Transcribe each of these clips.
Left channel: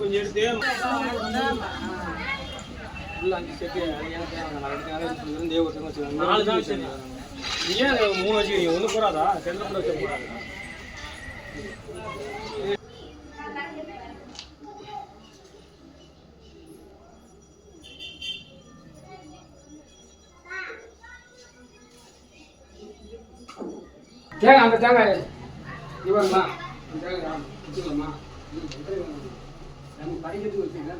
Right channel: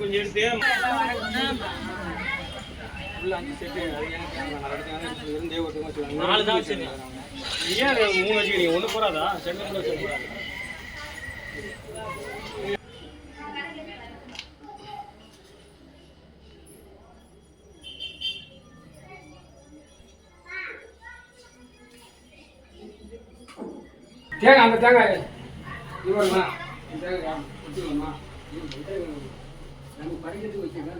கொஞ்சம் எடுத்து நாலு தான் வச்சுருங்க. ஏன் 3 வச்சுக்கிறீங்க? ஒன்று போறாதா? சென்டர் வச்சு போறாது. தேங்காய் அந்த தேங்காய் இவருமா தேங்காய் வச்சுக்கலாமா? நம்ம படிக்கிறதுக்கு வச்சுருக்கேன்.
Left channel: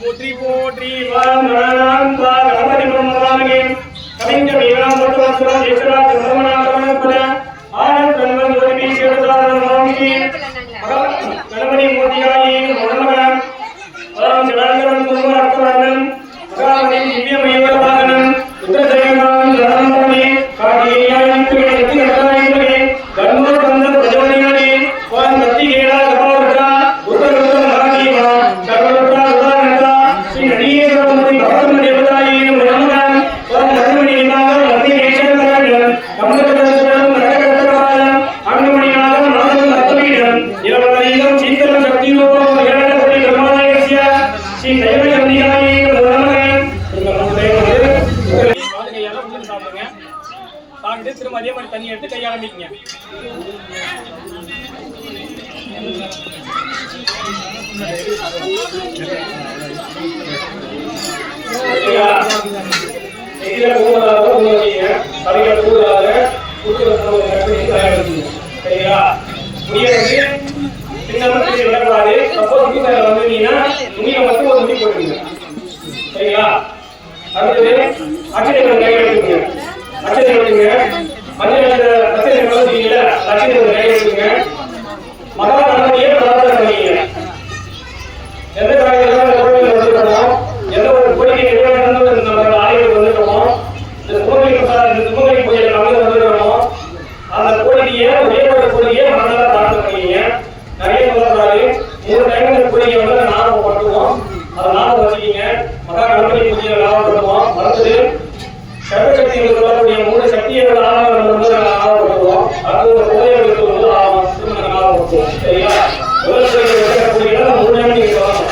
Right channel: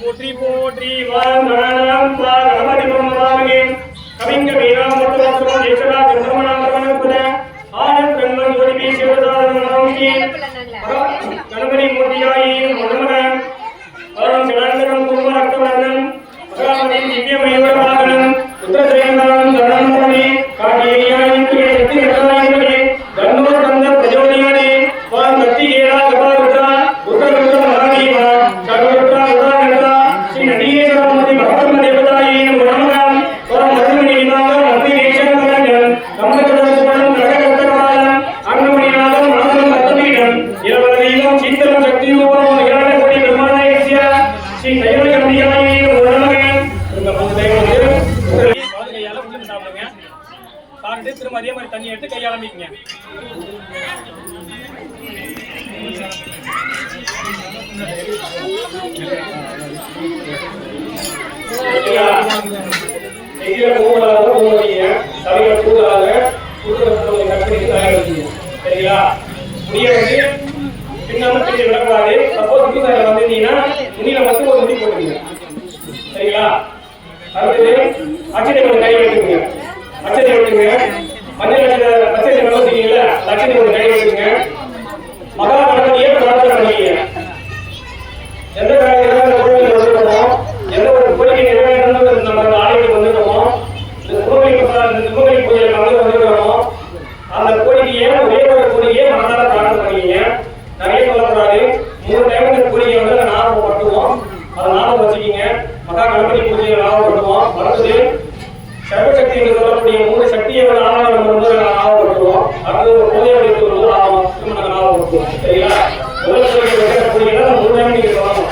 போற்றி போற்றி வாரம் கணபதி பிரம்மதானே கவிஞ வீராமுத்தரசுர தேசரா ஜன்மநாதனபுர ஆனந்த் பிரம்மன் ஜோதி சேவதானமாமி கணபதி மூர்த்தியாயி நமः ஓம் சரணம் குமரத்தவனம் காமணி திவ்யமயவராகனம் உத்தரஜயனாம் சரணமணி காகேயாயி சக்தி நடனாயினே கர்மோ பந்த பிரஜோதியானே ஓம் சக்தி கேலா கபாவதா உத்தரவுத்த மகாதேவா சர்வதா உதாரணதா ஸ்ரீ நடிகேஸ்வரமதி பகவன் தேவதாயி நமः ஓம் மன்மணிநாத மத்தியேஷனமலம் கமலதர்சனம் கடகதராய அன்னமணிநாதம் நாதம் அத்தமீடம் இலவனையம் சீதலம் சக்தியோகம் ஏழன கோடி பிரம்மாயஸ்ய ஸ்ரீ கைவல்யமணியாயி நமः இந்த மூதேவரே கையால உள்ள சாப்பிடுங்க. சாப்பிட்டு திரும்ப அதே மாதிரி தண்ணி எடுத்து கையால மீங்க. சரிங்களா? முடியாது சின்னமத்தில் விடக்கூடாது. சப்போஸ் புதுசாக வந்துட்டீங்கன்னா துணியில மட்டும் ஒரு முடி போட்டுருங்க. சரிங்களா? அடுத்தது அச்சனை ஒரு கை எடுத்துங்க. அச்சனை எடுத்துங்க. மஞ்சள் பச்சை வளர்த்தீங்களா? அச்சனை ஒரு கை எடுத்துங்க. மகா கணபதியே பிரார்த்தனை பண்ணிங்க. எந்த காலையில கோவிலுக்கு வந்துட்டோம், எந்த ஒரு கோயிலுக்கு எவ்வளவு நம்ம ஆலயத்துக்கு வந்துட்டோமோ, இந்த கோவில் இந்த சிவகங்கை பூஜையில் கலந்து வந்துட்டோமோ, அந்த கோயிலையே ஒரே ஒரு கோயிலையே மனதில் பிரார்த்தனை பண்ணிங்க. நிறைய சொல்லக்கூடாது. 3 டைம் இந்த கோயிலை வந்து ஞாபகம் பண்ணுவோம். அதை ஞாபகம் வச்சுக்கிங்க. மகா கணபதி பூஜையை ஞாபகப்படுத்துவோம். அடுத்தது சர்வசக்தி என்று சொல்லக்கூடிய 3 சக்தியை ஞாபகம் வந்து ஞாபகப்படுத்துவோம். அடுத்து ஒரு கோயிலுக்கு வந்து ஞாபகப்படுத்துவோம். சரியா? முதல் கோயிலுக்கு 3 டைம் நீங்க சொல்லணும்.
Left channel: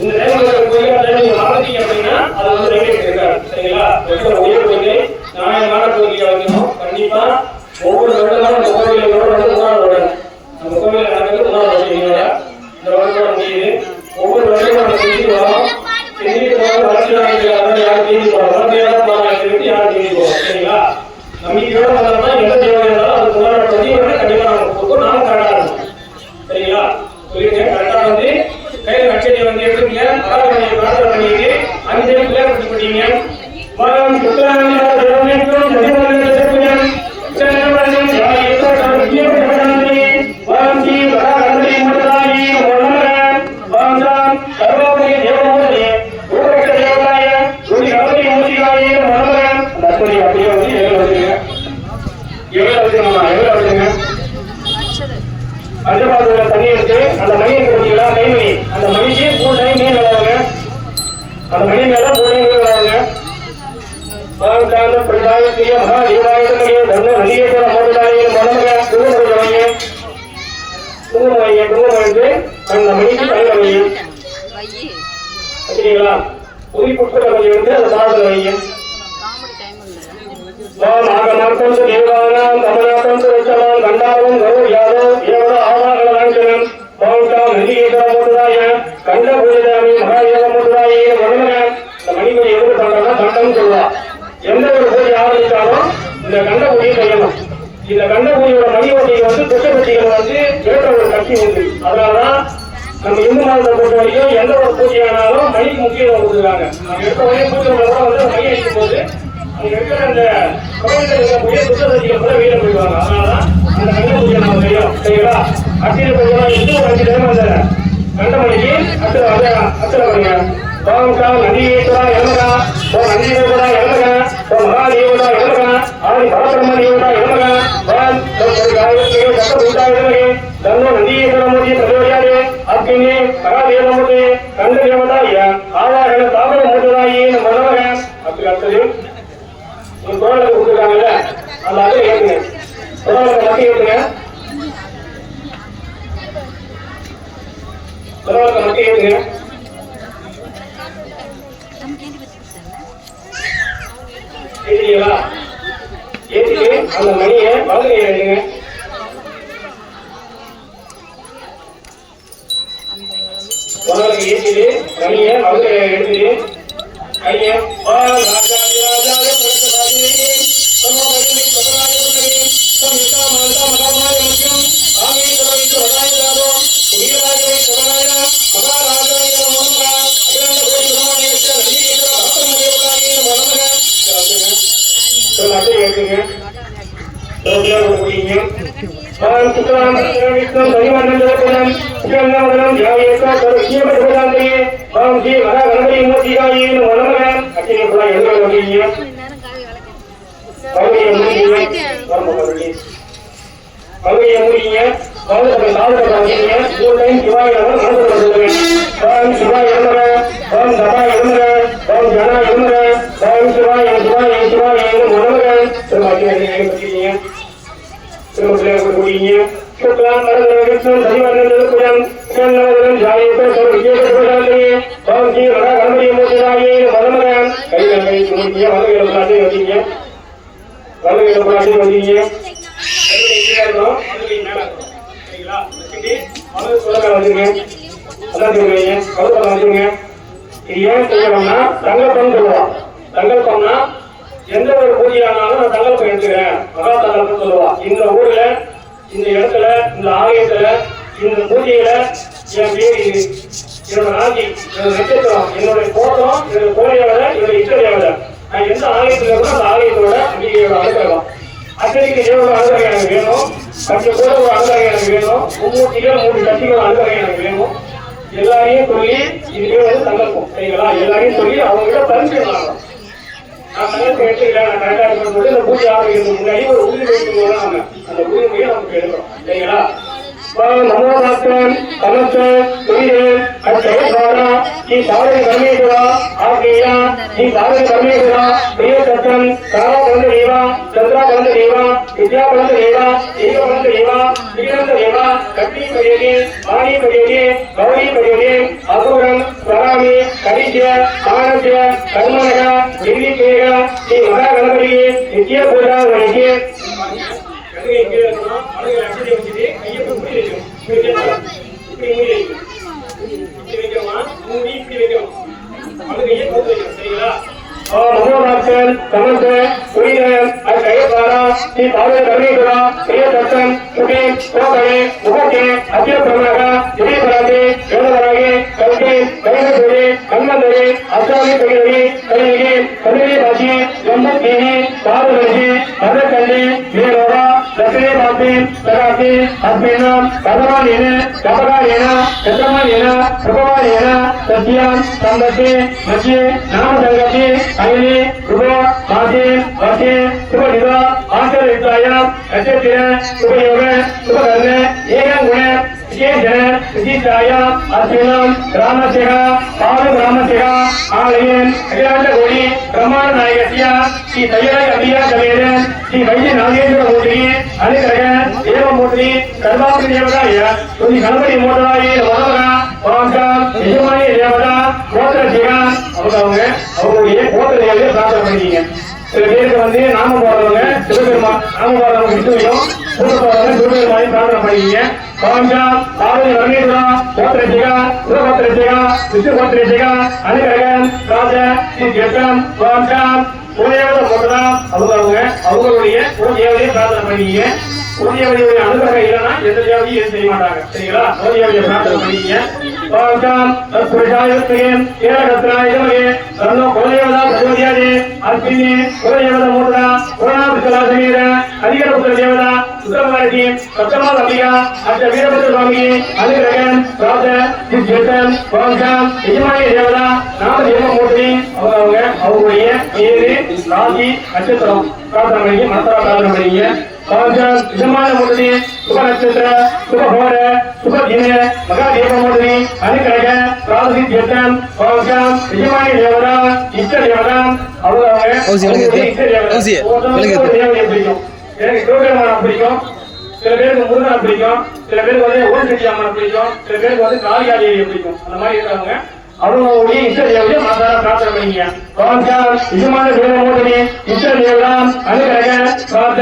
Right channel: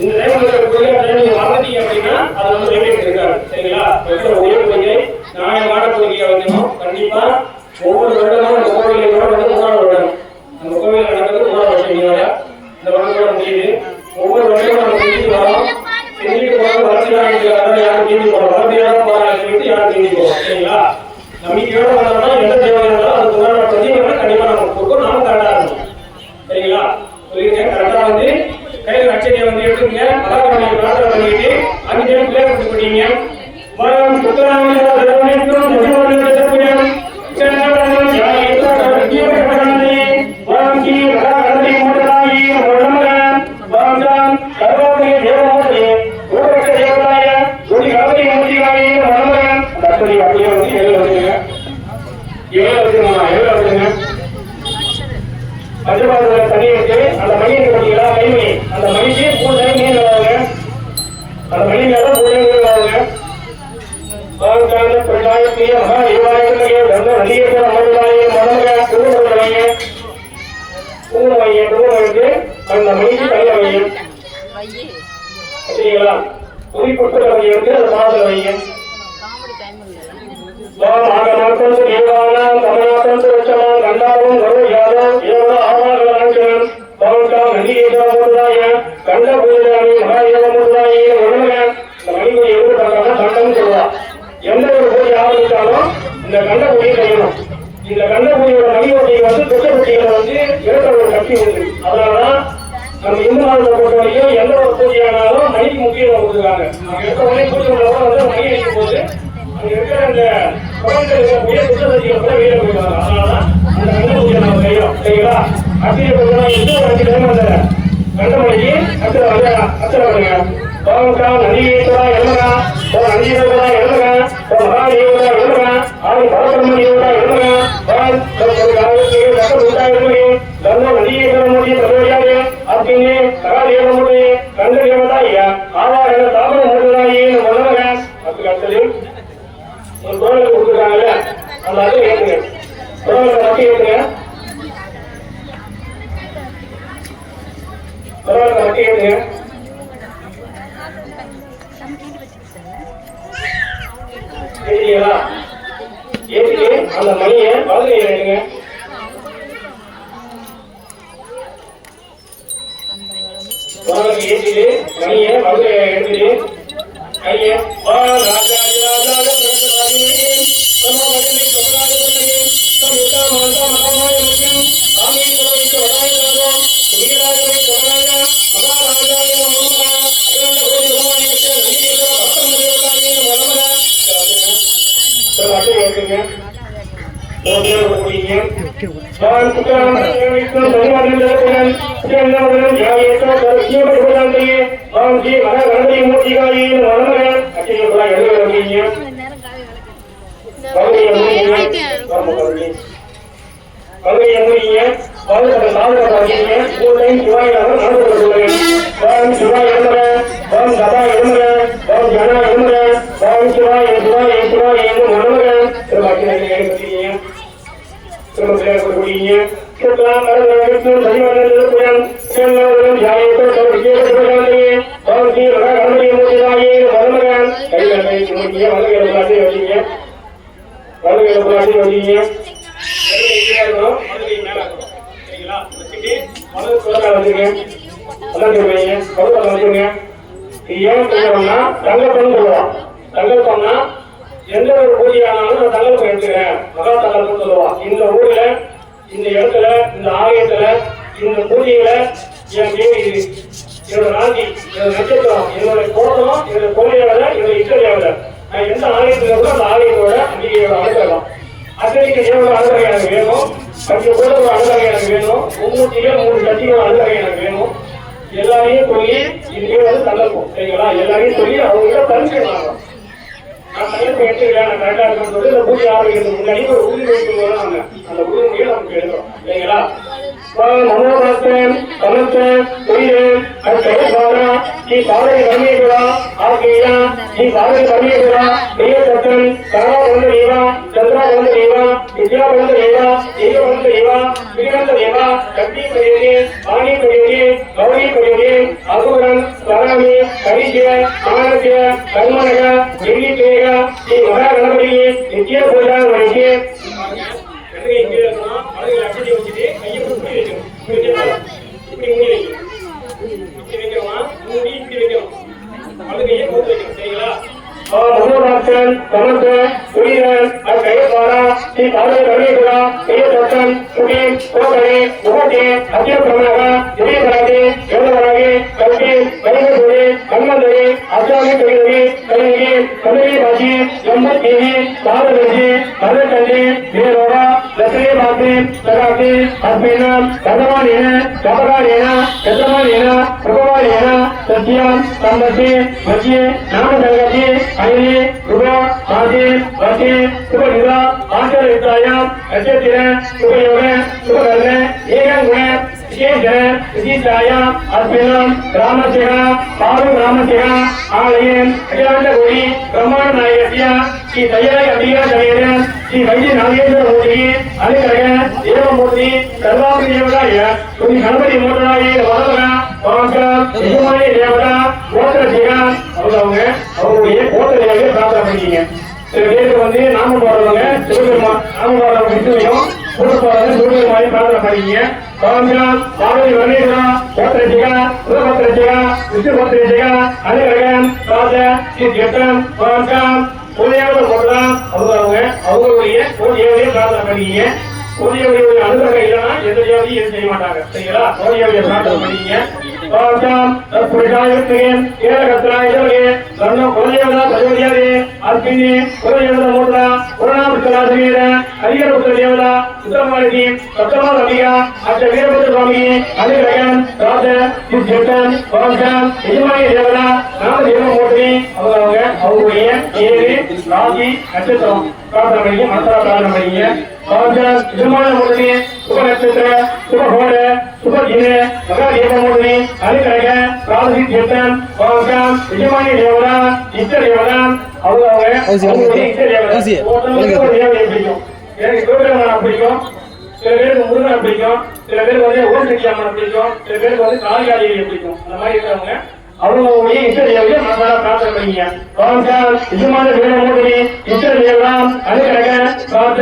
இந்த டைம் கோயிலை நீங்க மறந்துட்டீங்க அப்படின்னா அது வந்து ரெகுலேட் இருக்காது. சரிங்களா? ஒரே கோயிலை நியாயமான கோயிலை வைக்கணும். கண்டிப்பா ஒவ்வொரு வருடமும் கோவிலோட வந்து உணர்வு நம்ம கோவில நடந்து உணர்வு வச்சுக்கிறீங்களா? இந்த வருடம் முடியுது. ஒவ்வொரு வருடமும் நம்ம செஞ்சுட்டு வரோம். செஞ்சுட்டு போக வளர்ச்சி யாரும் தேடி போறோம். வளர்ச்சியாக யாரும் தேடி போறோம். சரிங்களா? நம்பிக்கையோட வந்தோம்னா எந்த தேவை இருந்தாலும் அதுக்கு உணர்வு செஞ்சு கண்டிப்பா நம்ம கொடுக்கும். நாம கரெக்டா இருக்கும். சரிங்களா? சொல்லிட்டு கரெக்டா வந்து கையில் அச்சடியை வந்து எடுத்துங்க. மகாகணபதியை பிரார்த்தனை பண்ணிட்டு 5 பிள்ளையார் கொடுத்து போட்டீங்க. மரம் சுத்தரான தண்ணி எடுத்து அந்த மையம் கொடுத்தீங்களா? கைமணி அந்த மையத்தை 3 டைம் மீன் வருவாங்க. அந்த மையம் மேல 3 டைம் மீன் வருவாங்க. பாவத்தான பிரதாயத்திய மகாதேவாலயத்திலே தர்ம நதியேஸ்வர மோதலாய மனோக குருமருடைய குருமருக்கு அந்த மணிக்கு தலைவரையும் சரிங்களா புவி புத்தகத்தை வந்து அந்த பாடல் வையும் ஆகமர்த்தம் தேவானாம் கமலாத்தம் உச்சமான் கண்டாவும் கரு யாரோ ஏவோ ஆவாகலாஞ்சனம் பௌத்தம் நதியேஸ்வர மோதலாய கண்ட புரிதாமி மகாதேவ மோதலாய மனோக மணிக்கு எழுபட்டாங்க சட்டம் சொல்லுவா எந்த ஒரு பூஜை ஆரம்பித்தாலும் இந்த கண்ட பூஜை செய்யணும் இந்த கண்ட பூஜையோட மணியோடைய வந்து துச்சபட்சிகளை வந்து ஏற்ற ஒரு கட்சி உண்டு அதனாலதான் நம்ம இந்து மதத்தை பொறுத்த வரைக்கும் எந்த ஒரு பூஜையானாலும் மணிக்கு முக்கியத்துவம் கொடுக்குறாங்க நம்ம எடுத்த உடனே பூஜை வந்து மணி அடிக்கும் போது அங்க இருக்கிற அந்த பூஜை துச்சபட்சிகளை கூட வெளியில போயிடுவாங்க அதனாலதான் அந்த கண்ட பூஜை நம்ம செய்யணும் சரிங்களா அச்சய பூஜை அந்த கண்ட மணிக்கு அச்சல பண்ணுங்க நதியேஸ்வரா எழுதுறா நதியேஸ்வரா எழுதுறா மகாதேவரா எழுதுறா ஆதி பரபிரம்மதேவரா எழுதுறா நதியேஸ்வரமுடைய தலைவரையாரு அப்படின்னு மகாதேவமுடைய கண்ட தேவதாய ஆவாரண தாமர மூலதாயே மனோக அதுக்கு அடுத்தது ஒரு குரலை கொடுத்துருக்காங்கல்ல அந்த அதை ஏற்றுங்க குரலை மட்டும் ஏற்றுங்க குரலை மட்டும் ஏற்றுங்க ஏற்றுக்கு அந்த மணியை வலது கையில ஏற்றிட்டு மணியை வலது எடுத்துட்டு கையை தங்கப்பம்னா எந்த ஒரு பூஜையானாலும் தங்கப்பம் எடுத்துக்கிறேன் மகா தங்கப்பம் சொல்லுவா இந்த ஊர்ல இந்த இடத்துல இந்த ஆலயத்துல இந்த பூஜையில என் பேர் என்னோட ராஜி என்னோட நட்சத்திரம் என்னுடைய போட்டோம் என்னோட கோயிலோட என்னோட இஷ்டதையோட நான் எந்த ஆலயத்துல கூட அந்த ஆலயத்தோட அங்கீகையோட அனுக்கலாம் அத்தனைக்கு தேவோட அனுகை எனக்கு வேணும் 10 கூட ஒரு அனுகை எனக்கு வேணும் 3 கட்டிகள் அனுகை எனக்கு வேணும் எல்லாரையும் சொல்லி இதுவே வந்து தங்கப்போம் சரிங்களா எல்லாரையும் சொல்லி அவங்க பரிசு வாங்கலாம் நான் தங்கப்பம் எடுத்துக்கிறேன் நான் கரெக்டா இருக்கும்போது இந்த பூஜை ஆரம்பிக்கிறதுக்கு முன்னாடி ஒரு உறுதிமொழி போடுவாங்க அந்த உறுதிமொழியை நமக்கு எடுக்கிறோம் சரிங்களா மனோரத்தன் கலத்தன் உயிரன் அச்சயபாரா ಈ ಕಾಲದ ಕರ್ಮೇಶ್ವರ ಆಕೆಯ ಈ ಕಾಲದ ಕರ್ಮೇಶ್ವರ ಪ್ರಿಯತನ್ ಕಾಲಬಂಧ ದೇವ ಚಂದ್ರಬಂಧ ದೇವ ವಿದ್ಯಾಬಂಧ ದೇವ ದೇವಬಂಧ ದೇವ ಶ್ರೀಗಂಧ ದೇವ ಕಟ್ಟಿ ಪಡೆಯಲಿ ವಾಣಿ ಪಡೆಯಲಿ ಗೌರಿ ಪಡೆಯಲಿ ಅಸುರನ್ ಸ್ವರಾಮಿ ಕವಿಜ್ಯ ಆನಂದ್ಯ ಕರ್ಮಣಗ ಗಿರಿಕೇಯ ಈ ಮಹಾಗಣಪತಿಗೆ ನಿತ್ಯ ಪೂಜಾ ವಹಿಸಿ இங்க இருக்கணும் மனதில் அச்சடி வச்சுட்டு கையை இப்படி வைக்கணும் இப்படி மூடி வைக்கணும் இப்படி வைக்கிறோமா மூடி இப்படி வைக்கணும் மனது கையை போட்டு வைக்கணும் சரிங்களா மனோராட்சன் கமல்தன் சுரீரன் அது கையப்பாரா ஸ்ரீ பாதக கருணேஸ்வரா பெரியதத்தன் சுடி கோகனே முகத்தே அத்தியபிரமணக திடீபராகே எழுதராகே கல்கி கருணேஸ்வரி கண்மந்தரி அச்சாமி கையரி கையரி கல்லூரி பாஷி எம்பத்தேவி பாரதேசி மதக்கண்ணி வீரோடா லட்சுமி பாத்தி சகாத்தி அஸ்மினாம் பகவானேன கபகானேன சஜமானேன சுபவானேன சத்யம் சம்பத்தி மச்சி நாமதங்கத்தி அயனி சுப மாசி வசி சுபநிதா ஆச்சரித்தாயாம் அச்சத்திர சுபயோக சுபகர்ண ஏகங்குண விசேஷ விசிஷ்டாய அர்ச்சனம் ராமசிக பாவ ராமசிக ஆலயம் அஜாண்டகோடி பிரம்மாண்ட நாயகசிய ஸ்ரீ தையர அடியா கலையரன் ஸ்ரீ வைத்திய நாகேந்திர மூர்த்தி அனுகிரக தேவமூர்த்தி சர்வாபி தேவதாய ஸ்ரீ கணபதி மூர்த்தாயே வரவரா பாகம் எஜமானி தேவதா கோத்திர சிவா அவங்களுடைய கோத்திர தேவையை பிரார்த்தனை பண்ணிக்கீங்க. சில பேருக்கு வந்து நாம போடுறவங்க சிவபெருமான் நாம போடுறவங்க விஷ்ணுவையும் சிவபெருமான் சிவபெருமானையும் பிரார்த்தனை பண்ணிக்கீங்க. பாகம் ஆலய வர்ணேஸ்வரா கோத்திர சிவா சிவகோத்திர சிவா விஷ்ணுகோத்திர சிவா அனுகிரகம் ராஜ ஸ்ரீ ஜெட்டம் பாகம் கோயவர் போடுறோம் அவங்களுடைய கோதியாவையே பிரார்த்தனை பண்ணிக்கீங்க. கோதியாவுடைய அனுகிரகம் இல்லைன்னா எந்த தேவையும் செய்ய மாட்டாங்க. சரிங்களா? கோதியாவுடைய பிரார்த்தனை பண்ணிக்கீங்க. பாகம் தற்புரிதாயத்தின் ஏகரத்னாயவே தன்னோ கோயவரா சர்வதியாதே அர்ப்பினி கோயவர மூர்த்தா புரணாபிசலாசமீர அதிகரபுத்திர தேவதா சுப்பிரமணியி சப்தமா ரவியா அச்ச வீரபுத்திர சுவாமி அனுகிரகம் ராஜ ஜெட்டம் பாகம் எஜமானி தேவதா நாம தேவமூர்த்தி அவங்களுடைய ஏழு ராசி நட்சத்திரம் பிரார்த்தனை பண்ணி மனசார பண்ணீங்க. பாகம் எஜமானமூர்த்தி சுப நட்சத்திர சுபஹோர சுபதின மகாதேவமூர்த்தி அனுகிரக ராசி ஜெட்டம் பாகம் எஜமானி தேவதா இஷ்ட தேவதா அவங்க பிடிக்கும். எனக்கு சிவபெருமான் பிடிக்கும், சில பேருக்கு முருகன் பிடிக்கும், சில பேருக்கு வந்து ஓம் சக்தி அம்மன் பிடிக்கும், சில பேருக்கு வந்து காளிகாதேவி பிடிக்கும். அந்த மாதிரி இருக்கிறவங்க அவங்களுடைய இஷ்ட தேவையை மனசார பிரார்த்தனை பண்ணீங்க. பாகம் எஜமான தேவமூர்த்தி இஷ்ட தேவதா அனுகிரக ராஜ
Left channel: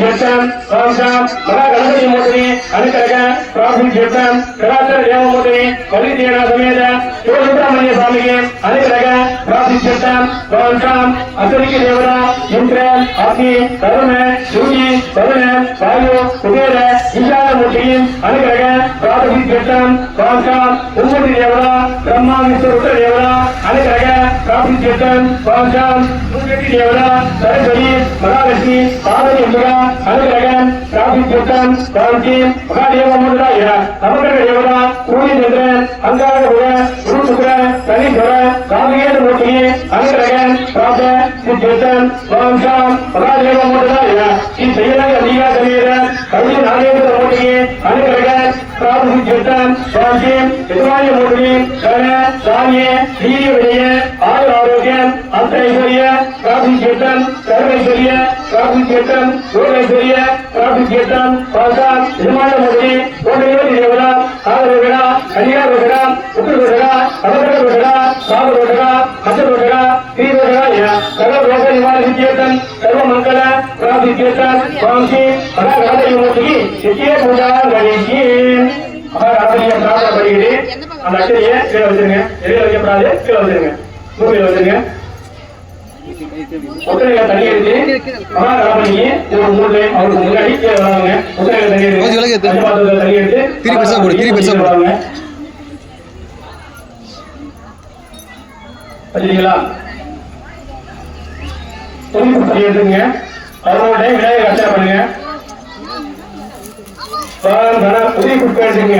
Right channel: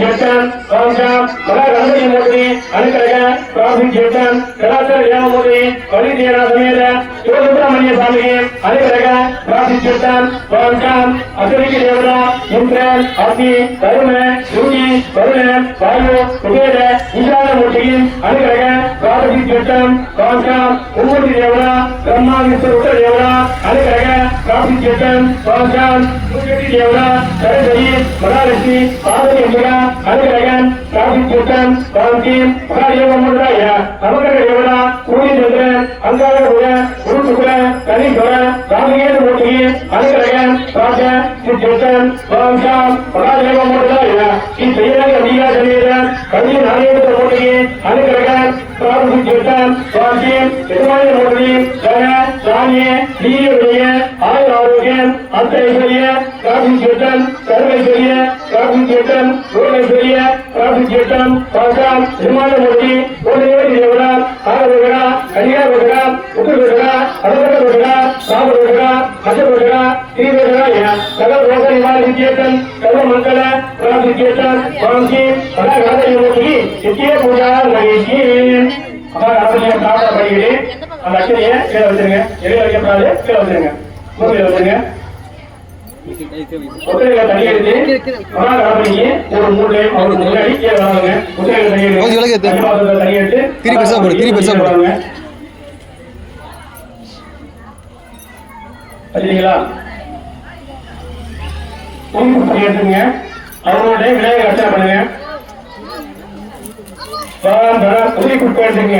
ஜெட்டம் பாகம் மகா கணபதி மூர்த்தி அனுகிரக ராசி ஜெட்டம் கலாச்சார தேவமூர்த்தி கலி தேவா சமேத சிவசுப்பிரமணிய சுவாமி அனுகிரக ராசி ஜெட்டம் பாகம் அசரிக்கு தேவதா இந்திரன் ஆசி தருண சூரி வருண வாயு குபேர ஈசானமூர்த்தி அனுகிரக ராசி ஜெட்டம் பாகம் உம்மூர்த்தி தேவதா பிரம்மா விஷ்ணு தேவதா அனுகிரக ராசி ஜெட்டம் பாகம் சூரியதி தேவதா சரஸ்வதி மகாலட்சுமி பார்வதி அம்புகா அனுகிரக ராசி ஜெட்டம் பாகம் மகாதேவமூர்த்தாய அமர்க தேவதா சூரியச்சந்திரன் அங்காரகுர குருசுகுர கணீஸ்வர ராமகேந்திர மூர்த்தி அனுகிரக ராஜ ஜெட்டம் பாகம் மகாதேவமூர்த்தாய ஸ்ரீ ஜெயராஜ அதிகா சமேத கல்வி நாகேந்திர மூர்த்தி அனுகிரக ராசி ஜெட்டம் பாகம் எஜமானி மூர்த்தி கர சாமிய தீயுடைய ஆயுள் ஆரோக்கியம் அத்தைஸ்வரிய ராசி ஜெட்டம் சர்வைஸ்வரிய ராசி ஜெட்டம் ரோகேஸ்வரிய ராசி ஜெட்டம் பாகம் எஜமானி மூர்த்தி கோடியோதி தேவதா ஆரோகரா கன்னியாரோகரா உத்தரரோகரா அமரோகரா சாமரோகரா அசரோகரா தீரோகரா சகல ரோக நிவாரண ஜெட்டம் சர்வ மங்கள ராசி ஜெட்டம் பாகம் மகாராஜ மூர்த்தி நித்திய பூஜா கணேஷி மகாராஜ்ய பிரார்த்தனை பண்ணிட்டு அந்த அட்டையை கீழே வச்சிருங்க. வெளியே வைக்கப்படாது, கீழே வச்சிருங்க. பூமியில வச்சிருங்க. ஒத்தையில தண்ணி எடுத்து மகாராஜ்ய ஒரு 3 டைம் அவருக்கு முன்னாடி கீழே வாங்க. ஒத்தையில தண்ணி எடுத்து தண்ணி எடுத்து திரி பெருசா போடுவாங்க. சரிங்களா? தண்ணி எடுத்துங்க. அவரோட விநாயகர் அர்ச்சனை பண்ணுங்க. உதவி கொடுத்துங்க.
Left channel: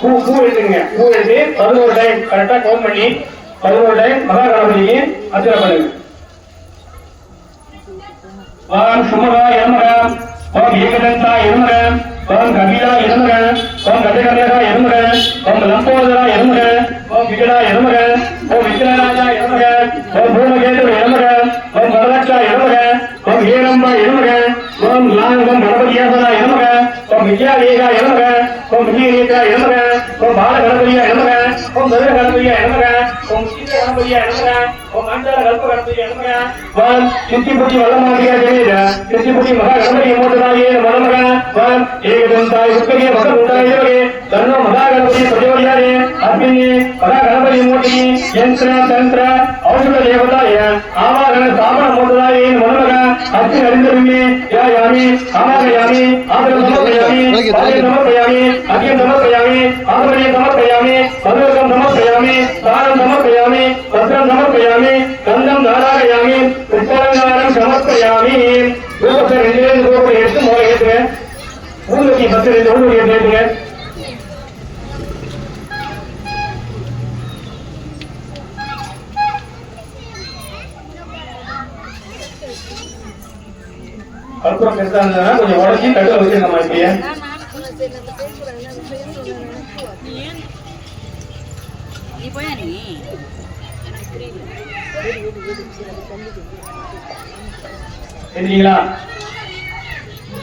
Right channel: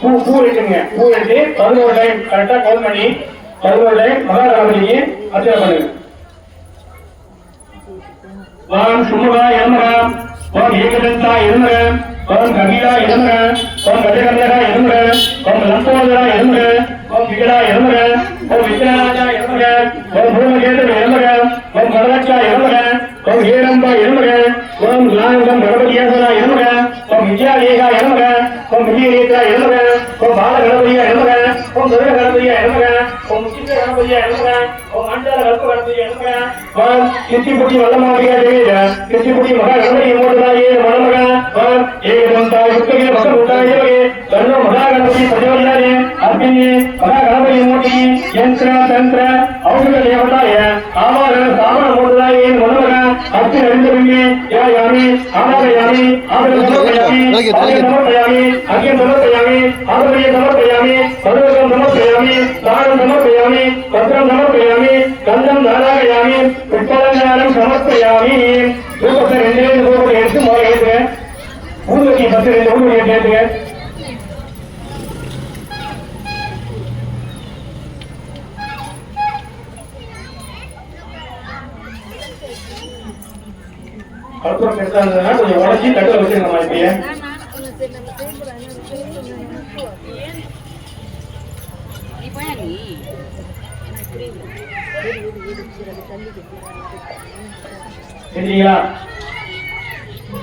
பூ எடுத்துங்க. பூ எடுத்து 11 டைம் கரெக்டா கவுண்ட் பண்ணி 11 டைம் மகாராஜிக்கு அர்ச்சனை பண்ணுங்க. வாம் சுமரா என்கிறேன், வாம் ஏகதந்தா என்கிறேன், வாம் கபிலா என்கிறேன், வாம் கபிலகா என்கிறேன், வாம் லம்போதரா என்கிறேன், வாம் விகடா என்கிறேன், வாம் விக்ரநாதா என்கிறேன், வாம் பூமகேந்திர என்கிறேன், வாம் வரதட்சா என்கிறேன், வாம் ஏரம்பா என்கிறேன், வாம் லாங்கம் கணபதியேசனா என்கிறேன், வாம் விஜயாலேகா என்கிறேன், வாம் விஜயரேகா என்கிறேன், வாம் பால கணபதியா என்கிறேன், வாம் துர்க கணபதியா என்கிறேன், வாம் சீத கணபதியா என்கிறேன், வாம் அண்டர கல்ப கணபதியா என்கிறேன், வாம் சித்திபுட்டி வல்லமாதிகா தேவியா சித்திபுட்டி மகா கணபதியை மூர்த்ததாயே மனமகா வாம் ஏகதந்தாய் சுக்கரிய பகவதாயே தன்னோ மகா கணபதி பிரஜோதியாயே அர்ப்பினி மகா கணபதி மூர்த்தி யந்திர தந்திர ஔஷத தேவதாய ஆவாரண சாமன மூர்த்ததாயே மனமகா அர்த்தி அறிந்தருமே யாயாமி ஆமாயாமி ஆபரம் சமர்ப்பயாமி ஆலயம் சமர்ப்பயாமி அகியம் சமர்ப்பயாமி ஆபரியம் சமர்ப்பயாமி சர்வகம் சமர்ப்பயாமி தாரம் சமர்ப்பயாமி பத்ரம் சமர்ப்பயாமி கந்தம் நாராயணாமி புஷ்பாலங்காரம் சமர்ப்பயாமி. ரூபத்தை 2 ரூபத்தை எடுத்து முதல்ல ஏற்றுவேன். ஊதுவத்தி 10 ஊதுவத்தி ஏற்றுவேன். அப்புறம் பெருசா இருந்ததுன்னா கொஞ்சம் உடச்சி கட்டில வச்சு நம்ம இப்படியே சரிங்களா?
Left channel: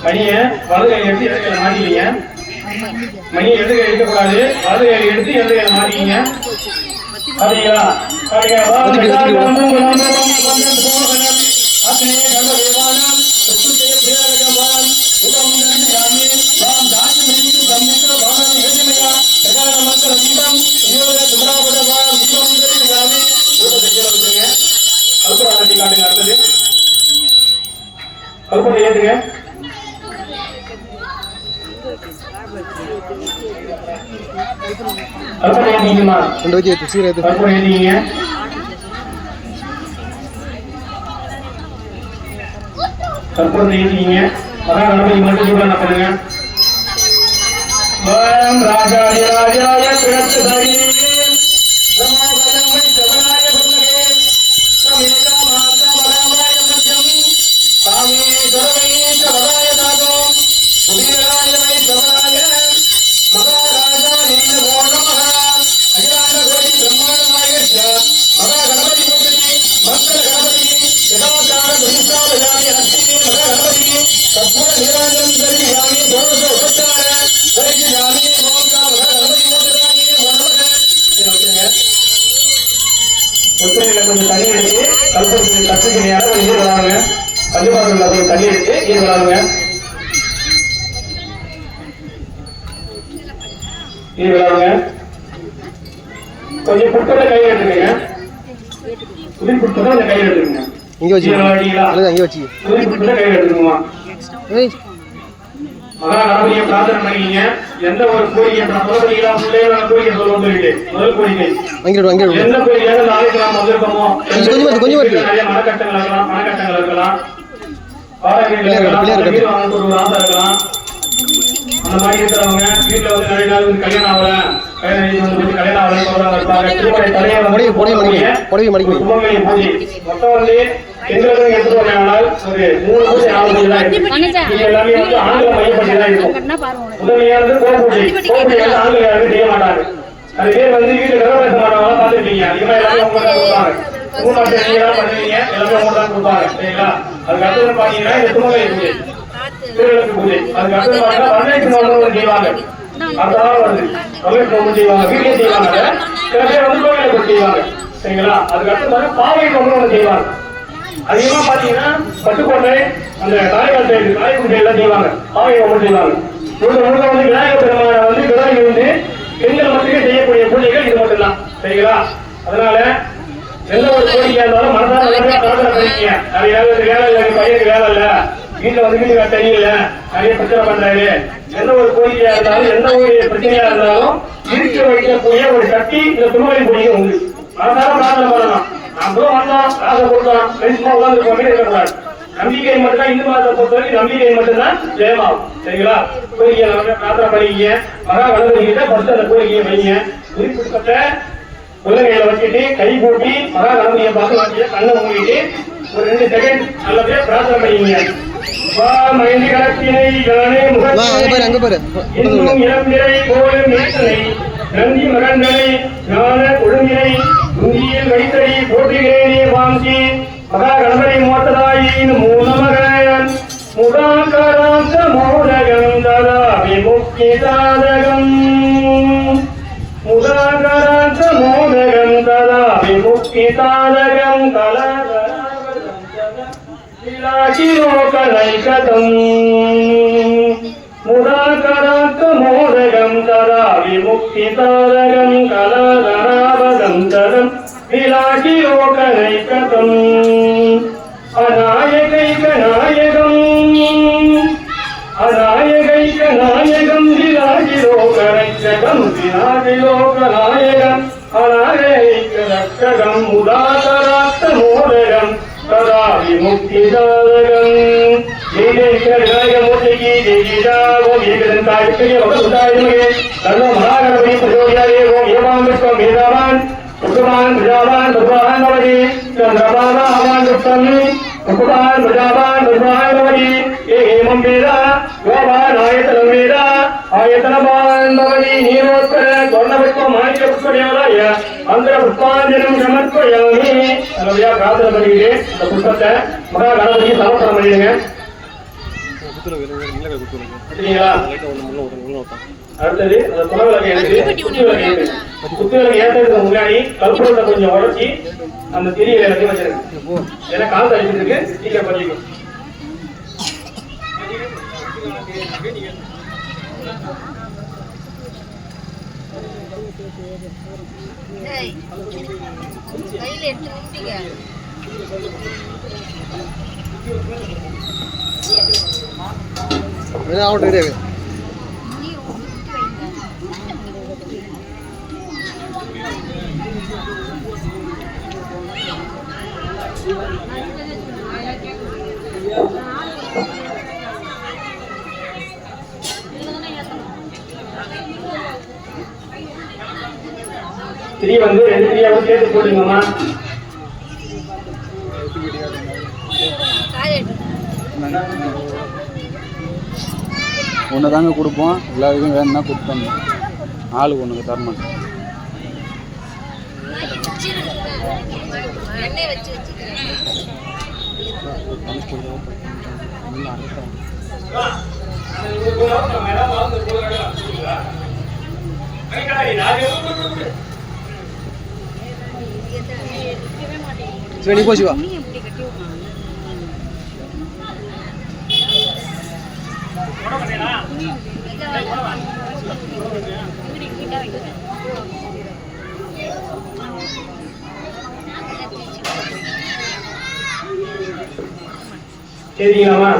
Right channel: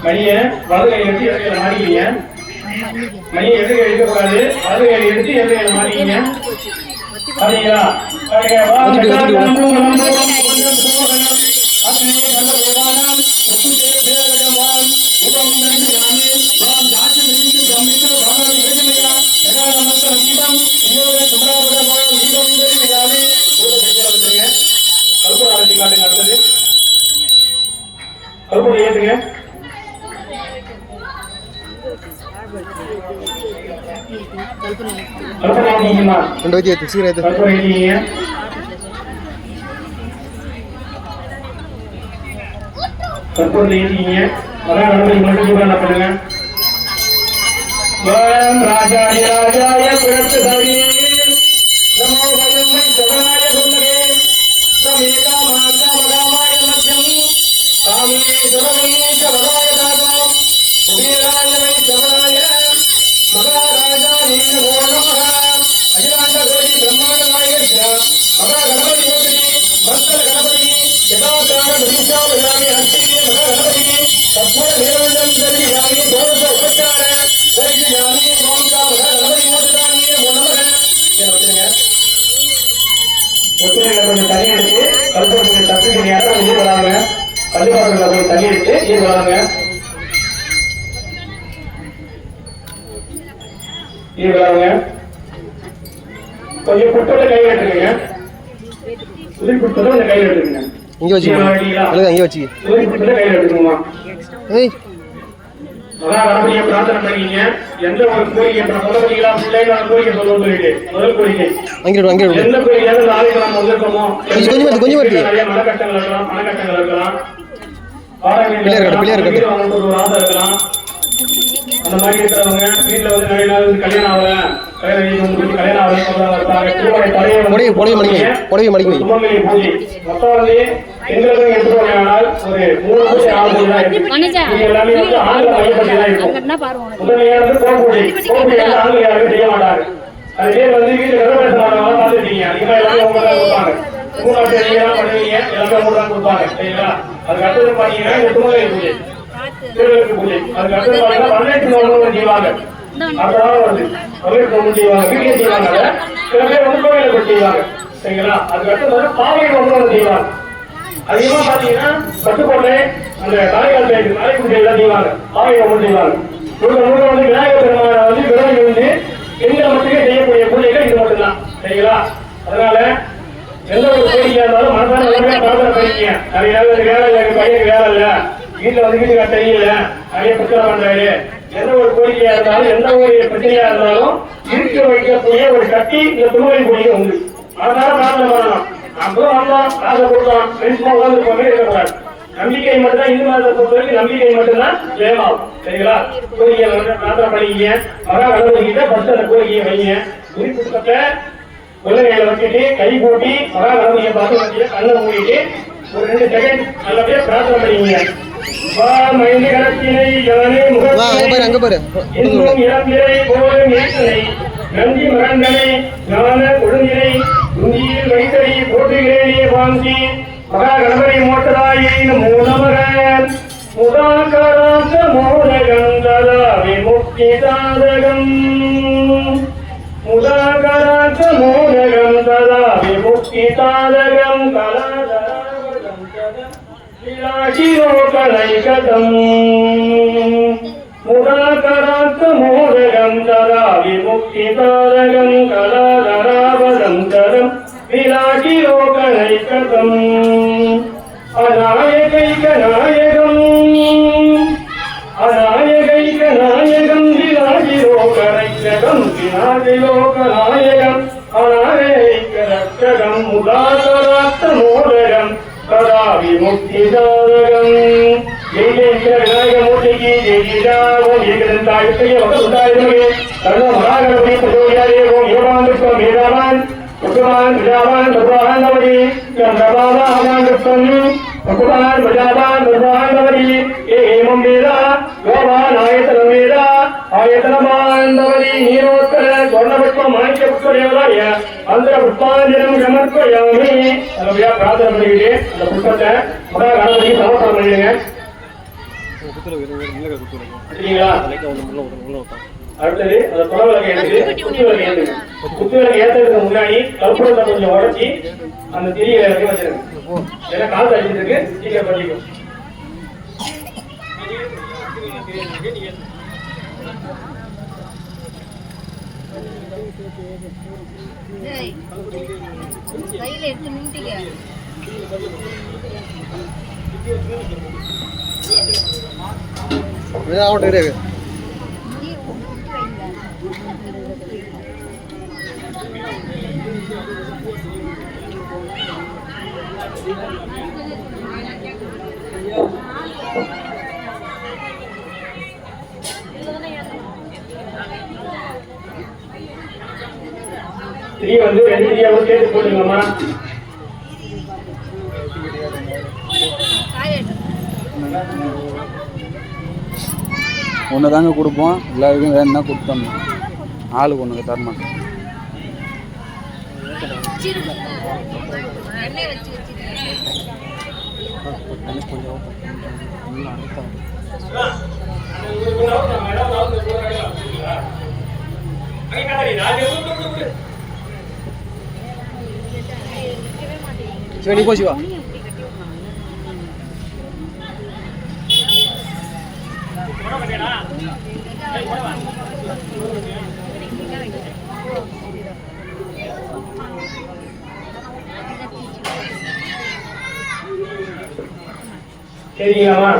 மணியை வலது கை எடுத்து இடத்துல மாட்டிக்கீங்க. மணியை எது எடுக்கக்கூடாது, வலது கை எடுத்து எது மாட்டிக்கீங்க. சரிங்களா? கல்பனை ஏற்றுங்க. கல்பனை ஏற்றிங்கம்மா. கல்பனை ஏற்றிங்க. கல்பனை ஏற்றிங்க. அதான் கல்பனை மட்டும் சொல்ல பண்ணுங்க. ராஜாய ராஜாய பிரச்சனை கொஞ்சம் தண்ணி எடுத்து கல்பனை தப்பு கிடையாது கொஞ்சம் வராங்க. கல்விவாசல்ல கொஞ்சம் தண்ணி எடுத்து இது வராங்க. இது வராங்க. கொஞ்சம் புட்டோட கையில் எடுத்துருங்க. உதிரி புட்டோட அந்த கையில் எடுத்துருங்க. இங்க வச்சு இங்க வச்சு உதிரி புட்டோட கையில் எடுத்துக்கோமா. மகாராஜியை பிரார்த்தனை பண்ணீங்க. எந்த ஒரு கோரிக்கை சொல்லுவீங்களா? பிள்ளைகள கோரிக்கை சொல்லுவோம் சொல்லிட்டு முதல் கோரிக்கை எந்த கோரிக்கை நாளைக்கு நாம் வந்திருக்கோமோ கொஞ்சம் மனக்கட்டங்கள் இருக்கலாம். ஒரு ஆசை இருக்கலாம். அந்த மாதிரி இருக்கிறவங்க வீட்டில் வந்து நிறைய நாள் கல்யாணம் ஆகல கல்யாணம் ஆகலை மொத்தம் வந்து எங்களுக்கு எடுத்து போனால் ஒரு 3 பூஜை 4 பூஜை எல்லாமே வந்து ஆண்களை மையப்பட்டு தான் இருக்கும். முதன்மையானது கோபூஜை ஆண்கள் யாரும் செய்ய மாட்டாங்க. அதுக்கே வந்து வீட்டில் கதவை மாட்டாங்க பார்த்துருக்கீங்க. எல்லாமே அவங்க தான் கொடுப்பாங்க. 3 நீங்க பண்ணுவீங்க எல்லாமே அவங்க தான் கொடுப்பாங்க. சரிங்களா? அதுக்கு அடுத்தது பார்த்தீங்கன்னா இந்த துணை பூஜை பூஜை அதுக்கு அடுத்தது பார்த்தீங்கன்னா வரவேற்பு நோக்கம் செய்வாங்க. அதான் வந்து வரவேற்பு நோக்கம் செய்வாங்க. வீட்டிலே செய்வாங்க. சில பேர் வந்து கோயிலுக்கு செய்வாங்க. சரிங்களா? அதுக்கு அடுத்தது பாவை நோக்கம் செய்வாங்க. அதிகமா பாத்தீங்கன்னா பட்டுக்கோட்டை அந்த தாய்கால் தாய்க்குடி எல்லாம் செய்வாங்க. பாவை நோக்கம் செய்வாங்க. முழுக்க வந்து விநாயகர் பெருமான வந்து விநாயகர் வந்து பெண்கள் மட்டுமே செய்யக்கூடிய பூஜைகள் இது மட்டும்தான். சரிங்களா? அதனால எந்த ஒரு கோரிக்கையா இருந்தாலும் மனசான பிரார்த்தனை பண்ணிக்க. நிறைய வேலை பையனுக்கு வேலை இல்ல, வீட்டுல வந்து வீட்டு தெரியல, நிறைய பிரச்சனை பண்றாரு. எந்த ஒரு கோரிக்கையா இருந்தாலும் எந்த ஒரு பிரச்சனையா இருந்தாலும் இருக்க வைக்கக்கூடிய ஒரு சக்தி இந்த திருமணி பூஜை உண்டு. அதனால பிரார்த்தனை பண்ணலாம். நம்பிக்கை மட்டும்தான் இந்து மதத்தை பொறுத்தவரைக்கும் நம்பிக்கை மட்டும்தான் ஜெயமாகும். சரிங்களா? கோரிக்கையை பிரார்த்தனை பண்ணிக்க. மகா கணபதிக்கிட்ட ஃபர்ஸ்ட் அந்த கோரிக்கையை வைங்க. குறிப்பிட்ட குழந்தைகளை வச்சுட்டு கை போட்டி மகா கணபதியை பார்த்து வச்சு கண்ணை மூடிட்டு ஒரு 2 செகண்ட் நல்லபடியா பிரார்த்தனை பண்ணிங்க. நந்தி மகன்களை ஞான கொடுநிலை உந்தியில் வைத்தறி போட்டுகிறேனே வாங்கி மகா கணபதி மோட்டதாயி மூலமகன் முகாங்கராந்த மோதகம் ததா விமுக்தி சாதகம் முகாங்கராந்த மோதகம் ததா விமுக்தி சாதகம் கலாதராவதம் சதா விலாசிலோகலைகதம் முகாங்கராந்த மோதகம் ததா விமுக்தி சாதகம் கலாதராவதம் சதம் விலாசிலோகலைகதம் அநாயகைக நாயகம் அநாயகைக நாயகம் விலாசிலோகலைகதம் விலாசிலோகநாயகம் அநாயகைக ரட்சகம் முதாகராத்த மோதகம் ததா விமுக்தி சாதகம் ஜெயஜெயமூர்த்திக்கு ஜெயிஜாவோம் ஏகதந்தாயத்தையே வசுதாயமே கர்ண மகாகணபதி பிரஜோயாயே ஓம் ஏகாமித்வம் வேதாவான் உக்குமான் பிரஜாவான் பிரபாண்டவதி சந்திரபாதாவான் ருத்தம் உக்குமான் பிரஜாவான் பிரபாண்டவதி ஏமம் வேதா கோபான் ஆயத்தனம் வேதா ஆயத்தனபாண்டவதி நீரோத்கர சொர்ணபுஷ்பம் மாணிக்க புஷ்பதேவராய மந்திர புஷ்பாஞ்சலிம் சமர்ப்பயாமி. நல்லபடியா பிரார்த்தனை பண்ணிக்கிட்டு இந்த புஷ்பத்தை மகா கணபதி சமர்ப்பணம் பண்ணிடுங்க. அடுத்தது அந்த குலவிளக்கு எடுத்து குத்து விளக்கு ஏற்றுங்க. குத்து விளக்கு ஏற்றதுக்கு முன்னாடி கற்பூரத்தை கொஞ்சம் உடச்சி அந்த திரி வச்சிருக்கு. ஏன்னா கால் அடிச்சிருக்கு சீக்கிரம் பண்ணிக்கும். திரி வந்து 2 திரியாவும் சேர்த்து போட்டுக்கோமா. ஒன்று தாங்க கொடுப்போம், எல்லாருக்கும் வேணும்னா கொடுத்தோம். ஆளுக்கு ஒன்றுக்கு தரமாட்டோம். சிவனி போ சிவா. சரிங்களாமா?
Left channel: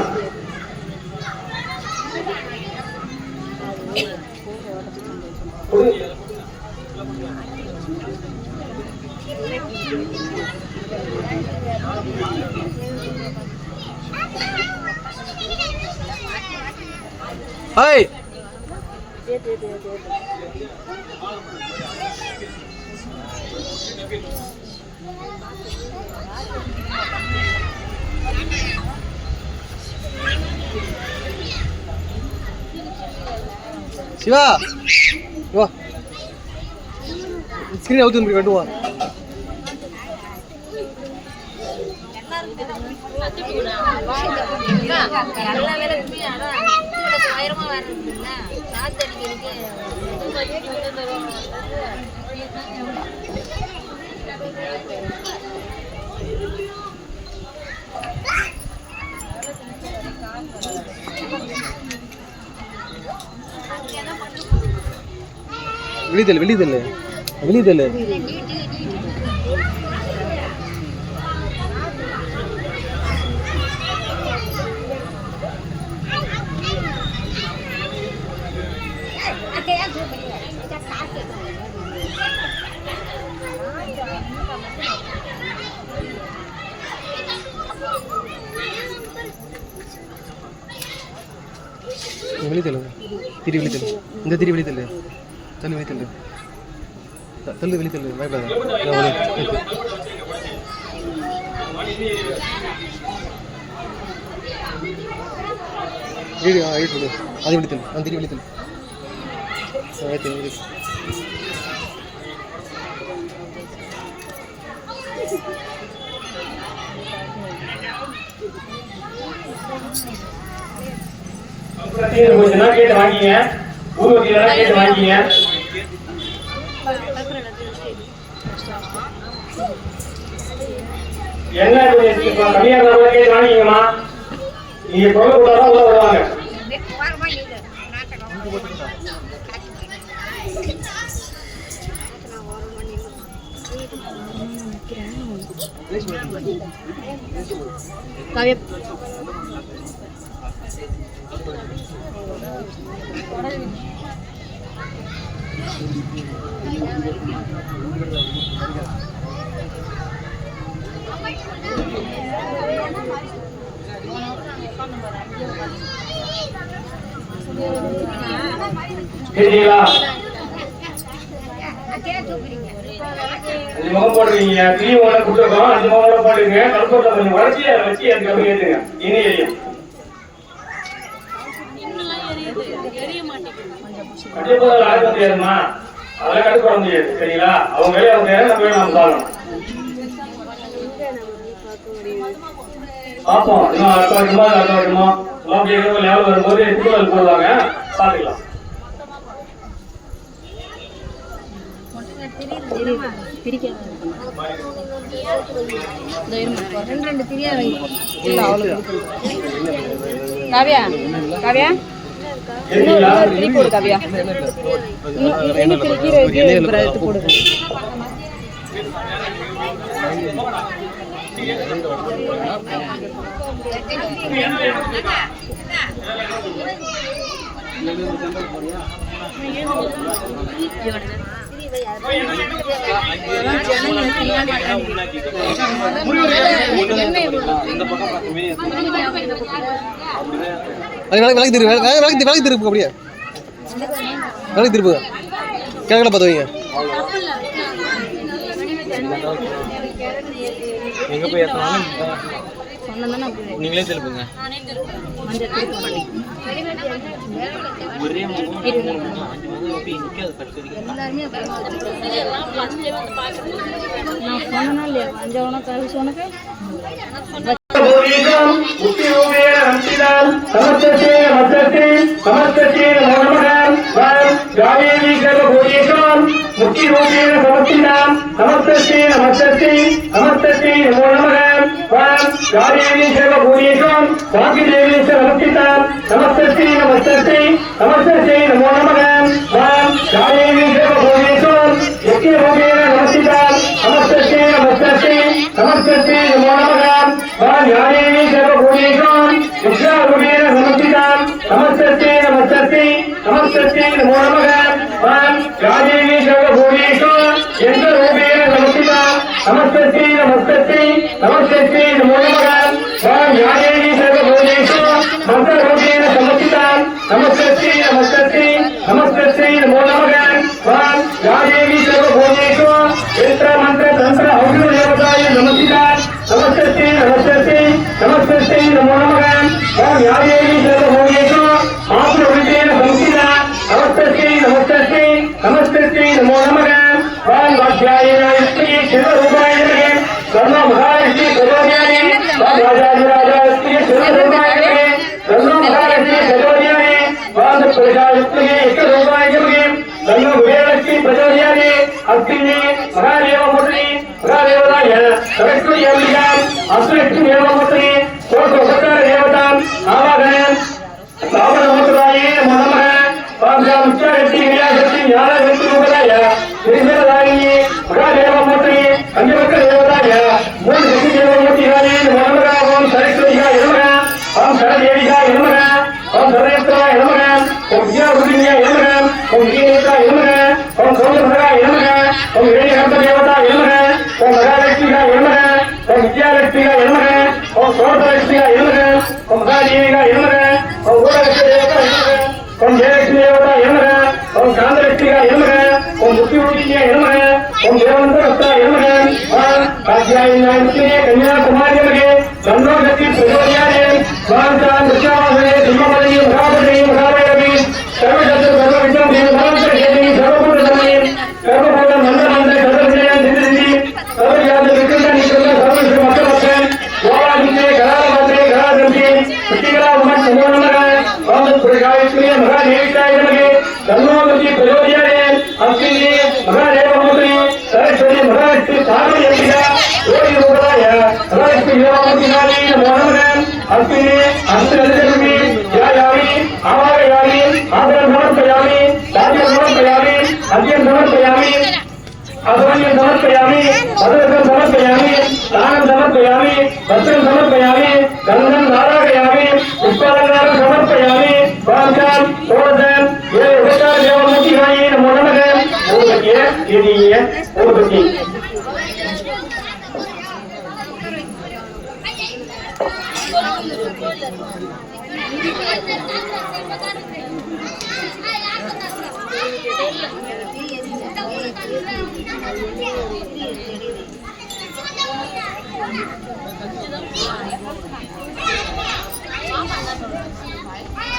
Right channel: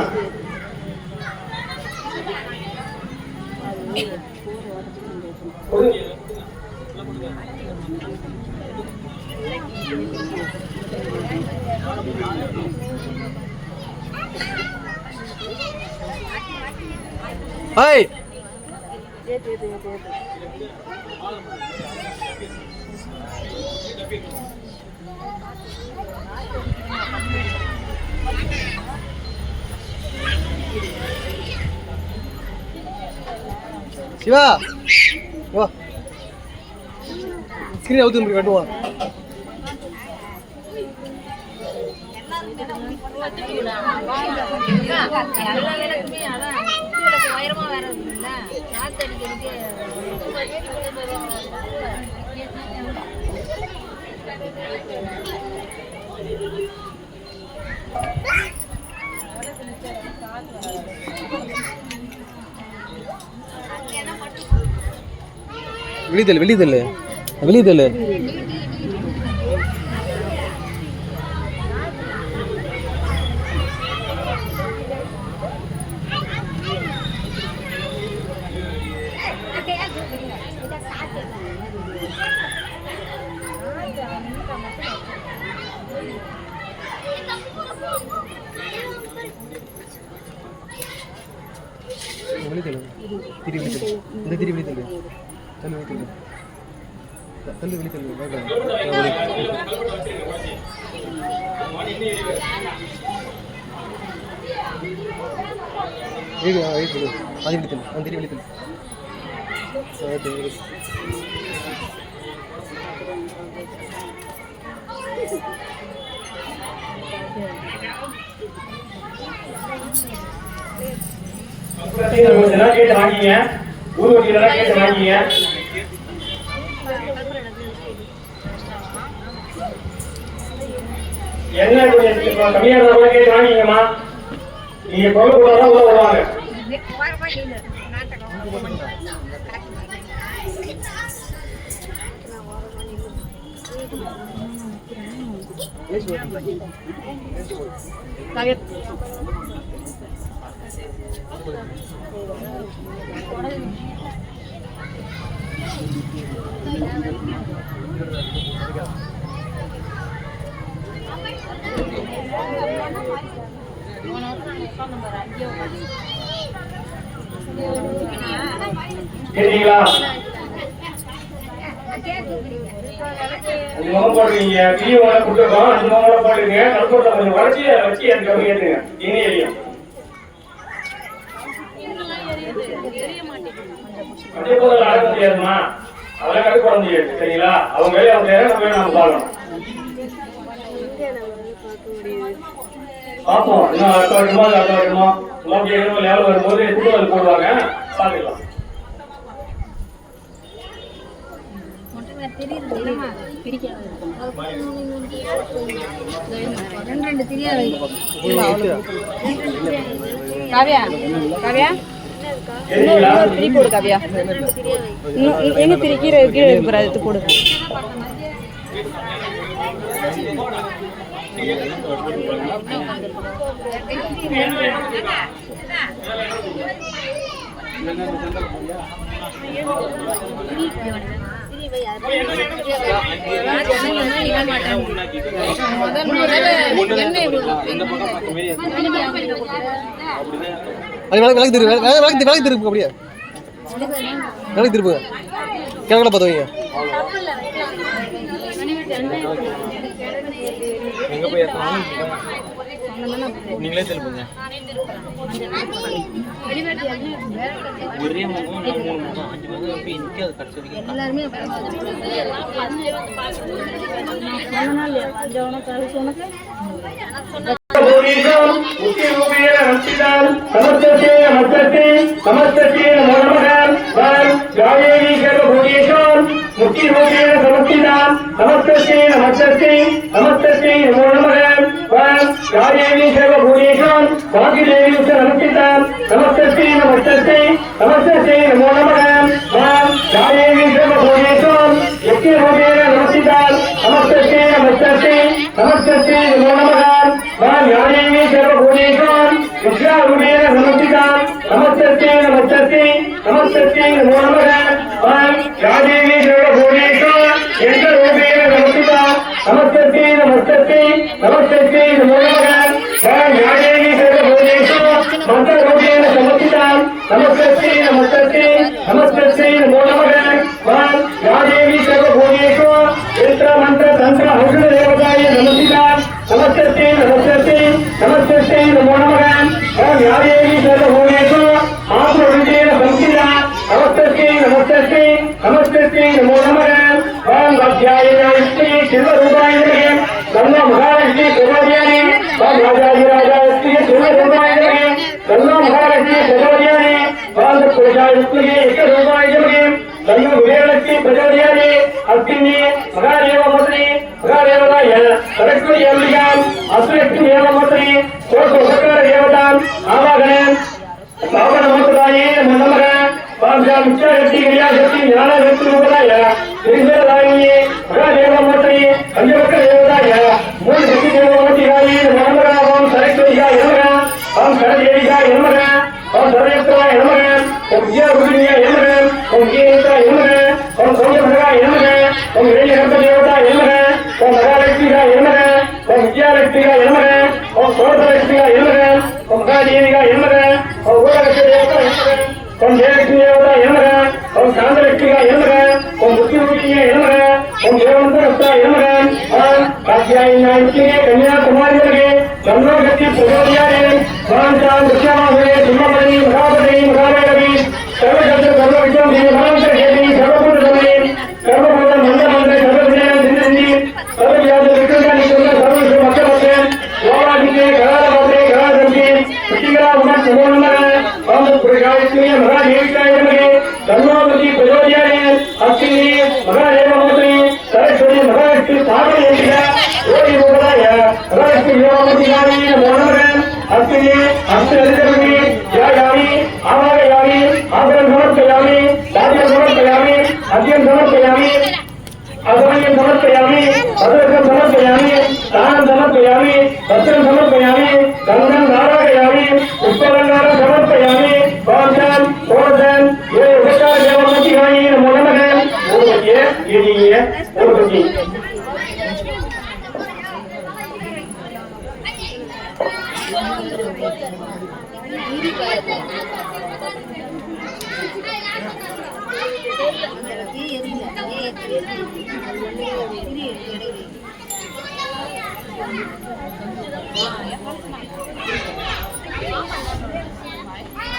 ஹாய் சிவா வா ஸ்கிரீன் அவுத்து வந்து கட்டுவா. வெளிதல் வெளிதல் வெளிதல் வெளிதல் திரி வெளிதல் இந்த திரி வெளிதல் தண்ணி வெளிதல் தள்ளு வெளித்தல் அது வெளித்தல் அந்த திரி வெளித்தல் கேட்டு வாங்கிங்க. ஊருக்கு கேட்டு வாங்கிங்க. என்ன கம்மியாக கேட்டு வாங்கிக்கமா. நீங்க பொருள் போட்டாதான் உள்ள வருவாங்க. சரிங்களா? போடுவீங்க கிளீன் கொடுத்துருக்கோம். அந்த மாதிரி போட்டுருங்க. கருப்பூரில் கொஞ்சம் வளர்ச்சி அதை வச்சு எனக்கு ஏற்றுங்க. என்ன ஏரியா அதே போல அழக முடியாதுமா. அழகா கட்டுப்பட முடியாது. சரிங்களா? அவங்க வேலையை அவங்க நம்ம நம்ம பார்க்கணும். பார்ப்போம். இன்னும் அடுத்த வருஷமா அப்படியே லேவல் வரும்போது திருவாரூர் போடுவாங்க, பார்க்கலாம். காவியா காவியா திரி போடு காவியா இன்னும் திரி கீரை எடுத்து போடுங்க. விளக்கு திருப்பு அப்படியே விளக்கு திருப்பு கிழக்கில் பார்த்து வைங்க. எங்க போய் ஏற்றினாலும் நீங்களே திருப்புங்க. ஒரே முகம் 3 முகம் 5 முகம் எப்படி இன்னைக்கு அது கட்டுறதுக்கு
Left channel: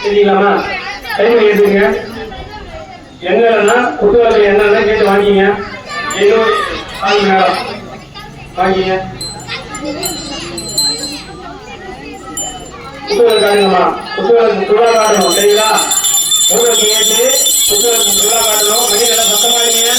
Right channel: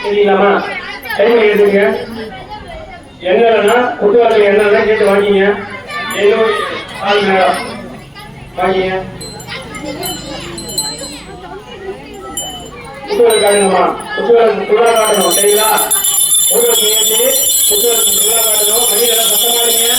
சரிங்களாமா? டைம் எடுத்துங்க. என்னன்னா குட்டுவாக்கு என்னன்னா கேட்டு வாங்கிங்க. ஏதோ ஆள் மேடம் வாங்கிங்க. குட்டுவாக்கு காட்டுங்கம்மா. குட்டுவாக்கு துளா காட்டணும் சரிங்களா? உங்களுக்கு ஏற்றி குட்டுவாக்கு துளா காட்டணும். மணிகளை சத்தம் காட்டுங்க.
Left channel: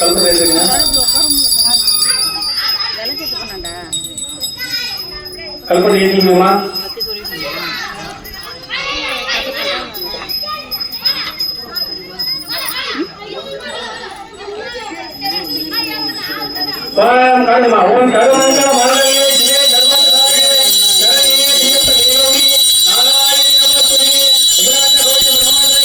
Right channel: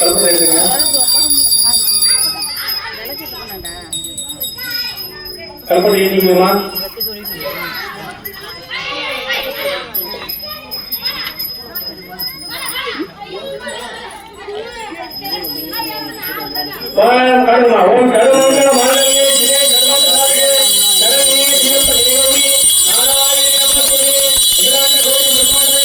கல்பத்தை எடுத்துங்க. கல்பனை ஏற்றிங்கம்மா. காணுமா ஓன் கருவங்க மலரையே ஜெய கர்மதாயே கரணியே ஜீவதேவி நாராயணபதே இரான கோடி பிரம்மதே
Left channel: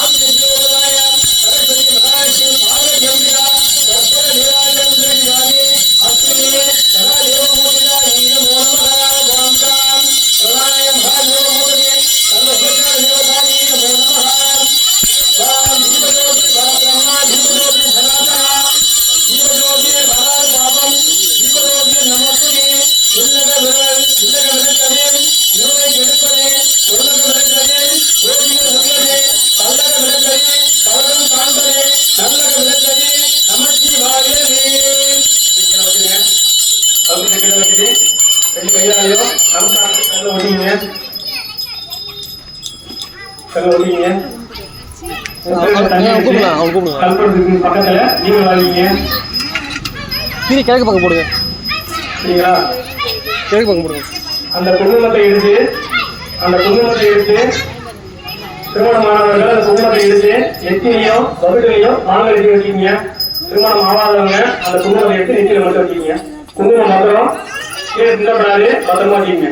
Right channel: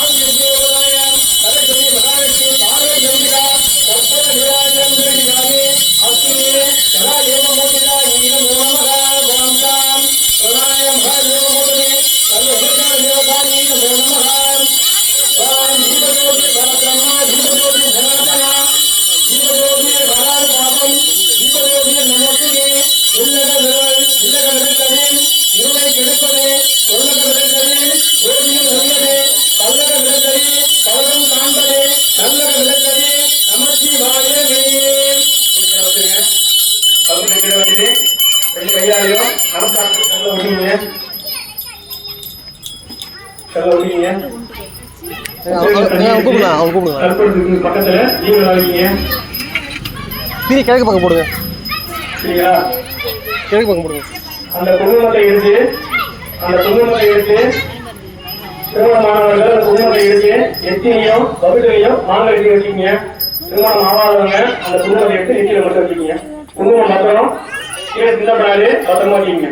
ஆதியோகராய கரதே மகாராஜே பாரதேந்திரா கர்ப்பர நிராஜந்திரே அஸ்மினே சராயோ மோதிரா ஈன மோமராய வாம்தாம் சராய மகாயோ மோதே கர்மபஜன நிராதானி மோமராய வாம் ஜீவயோதி பரபிரம்மா ஜீவயோதி சனாதனா ஜீவயோகிய பரார் பாபம் ஜீவயோகிய நமஸ்தே உள்ளக விரல் உள்ளக விரக்கமே நூலை கெடுப்பதே உள்ளக விரக்கமே யோகிய உள்ளதே கல்லக விரக்கமே கவலம் காண்பதே நல்லக விரக்கமே நமஸ்தி வாழவே அவங்க கிட்ட ரெண்டு கையாலையும் அரசாங்க கல்ல ஒட்டிங்க. கல்ல ஒட்டிங்க. பக்கத்துல நீங்க வாங்கிங்க. கிழக்கு பக்கம் போடுங்க. சரிங்களா? கிழக்கு பக்கம் போடுங்க. அந்த குடும்பத்தை எடுத்து திருமணமானவர்கள் அந்த குடும்பத்தை எடுத்து நெத்தியையும் கவிதையும் மாலை எழுதி வச்சுக்கீங்க. திருமணம் ஆகாதவங்க அந்த குடும்பத்தை எடுத்து நெத்தியில மட்டும் வச்சுக்கீங்க. குடும்பம் மாத்திரம் கீழே திட்டப்படாது பத்திரமா வச்சுக்கீங்க.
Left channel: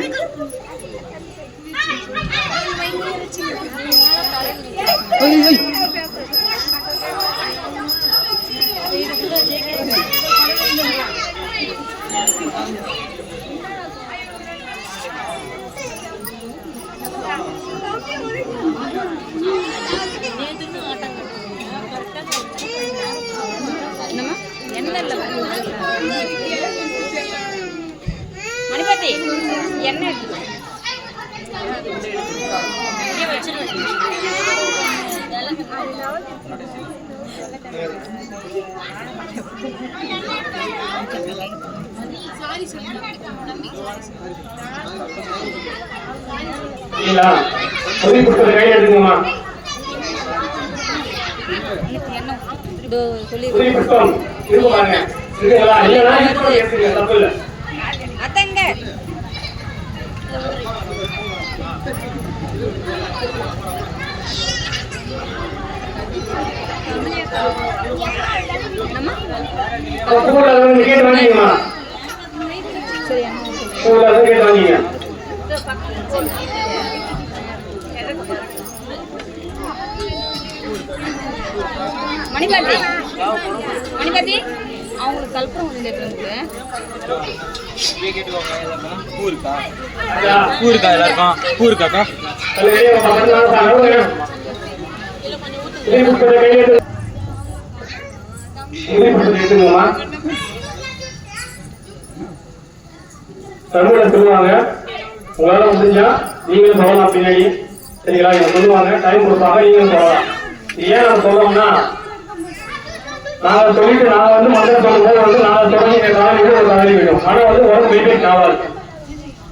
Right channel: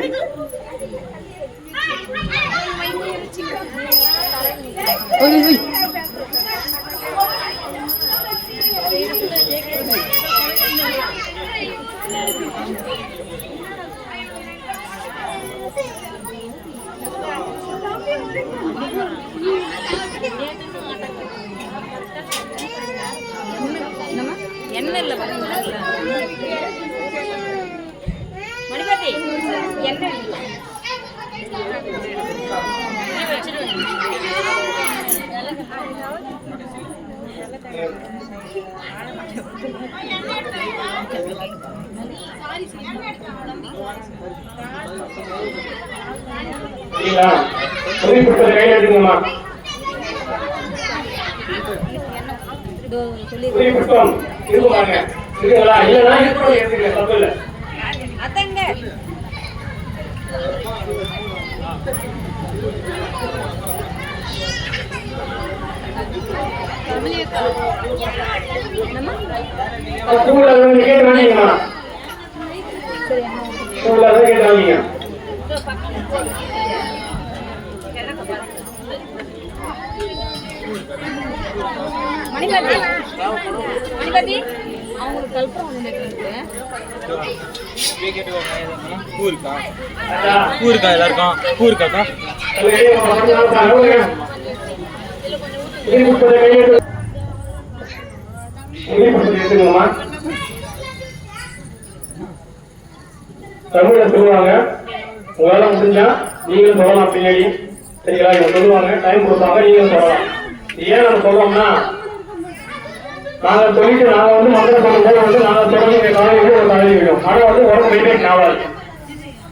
மணிபதி அவங்களுக்கு கல்பம் பூ இருக்கா எல்லாருக்கும்? பூ இருக்காக்கா? தமிழை சொல்லுவாங்க. உங்களால முடிஞ்சா நீங்களும் சொல்லலாம் பின்னாடி. சரிங்களா? இவங்க சொல்லுவாங்க, டைம் கொடுப்பாங்க, நீங்களும் சொல்லலாம். ஏன் நம்ம சொல்லுவோம்னா, நாங்க சொல்லிட்டு நாங்க மந்திரம் சொல்லும்போது நாங்க தொடர்ந்து கேட்டாலும் இது ஒரு தலைவி வேணும். ஆனா உடம்பு மெயின்டைன் ஆகாது.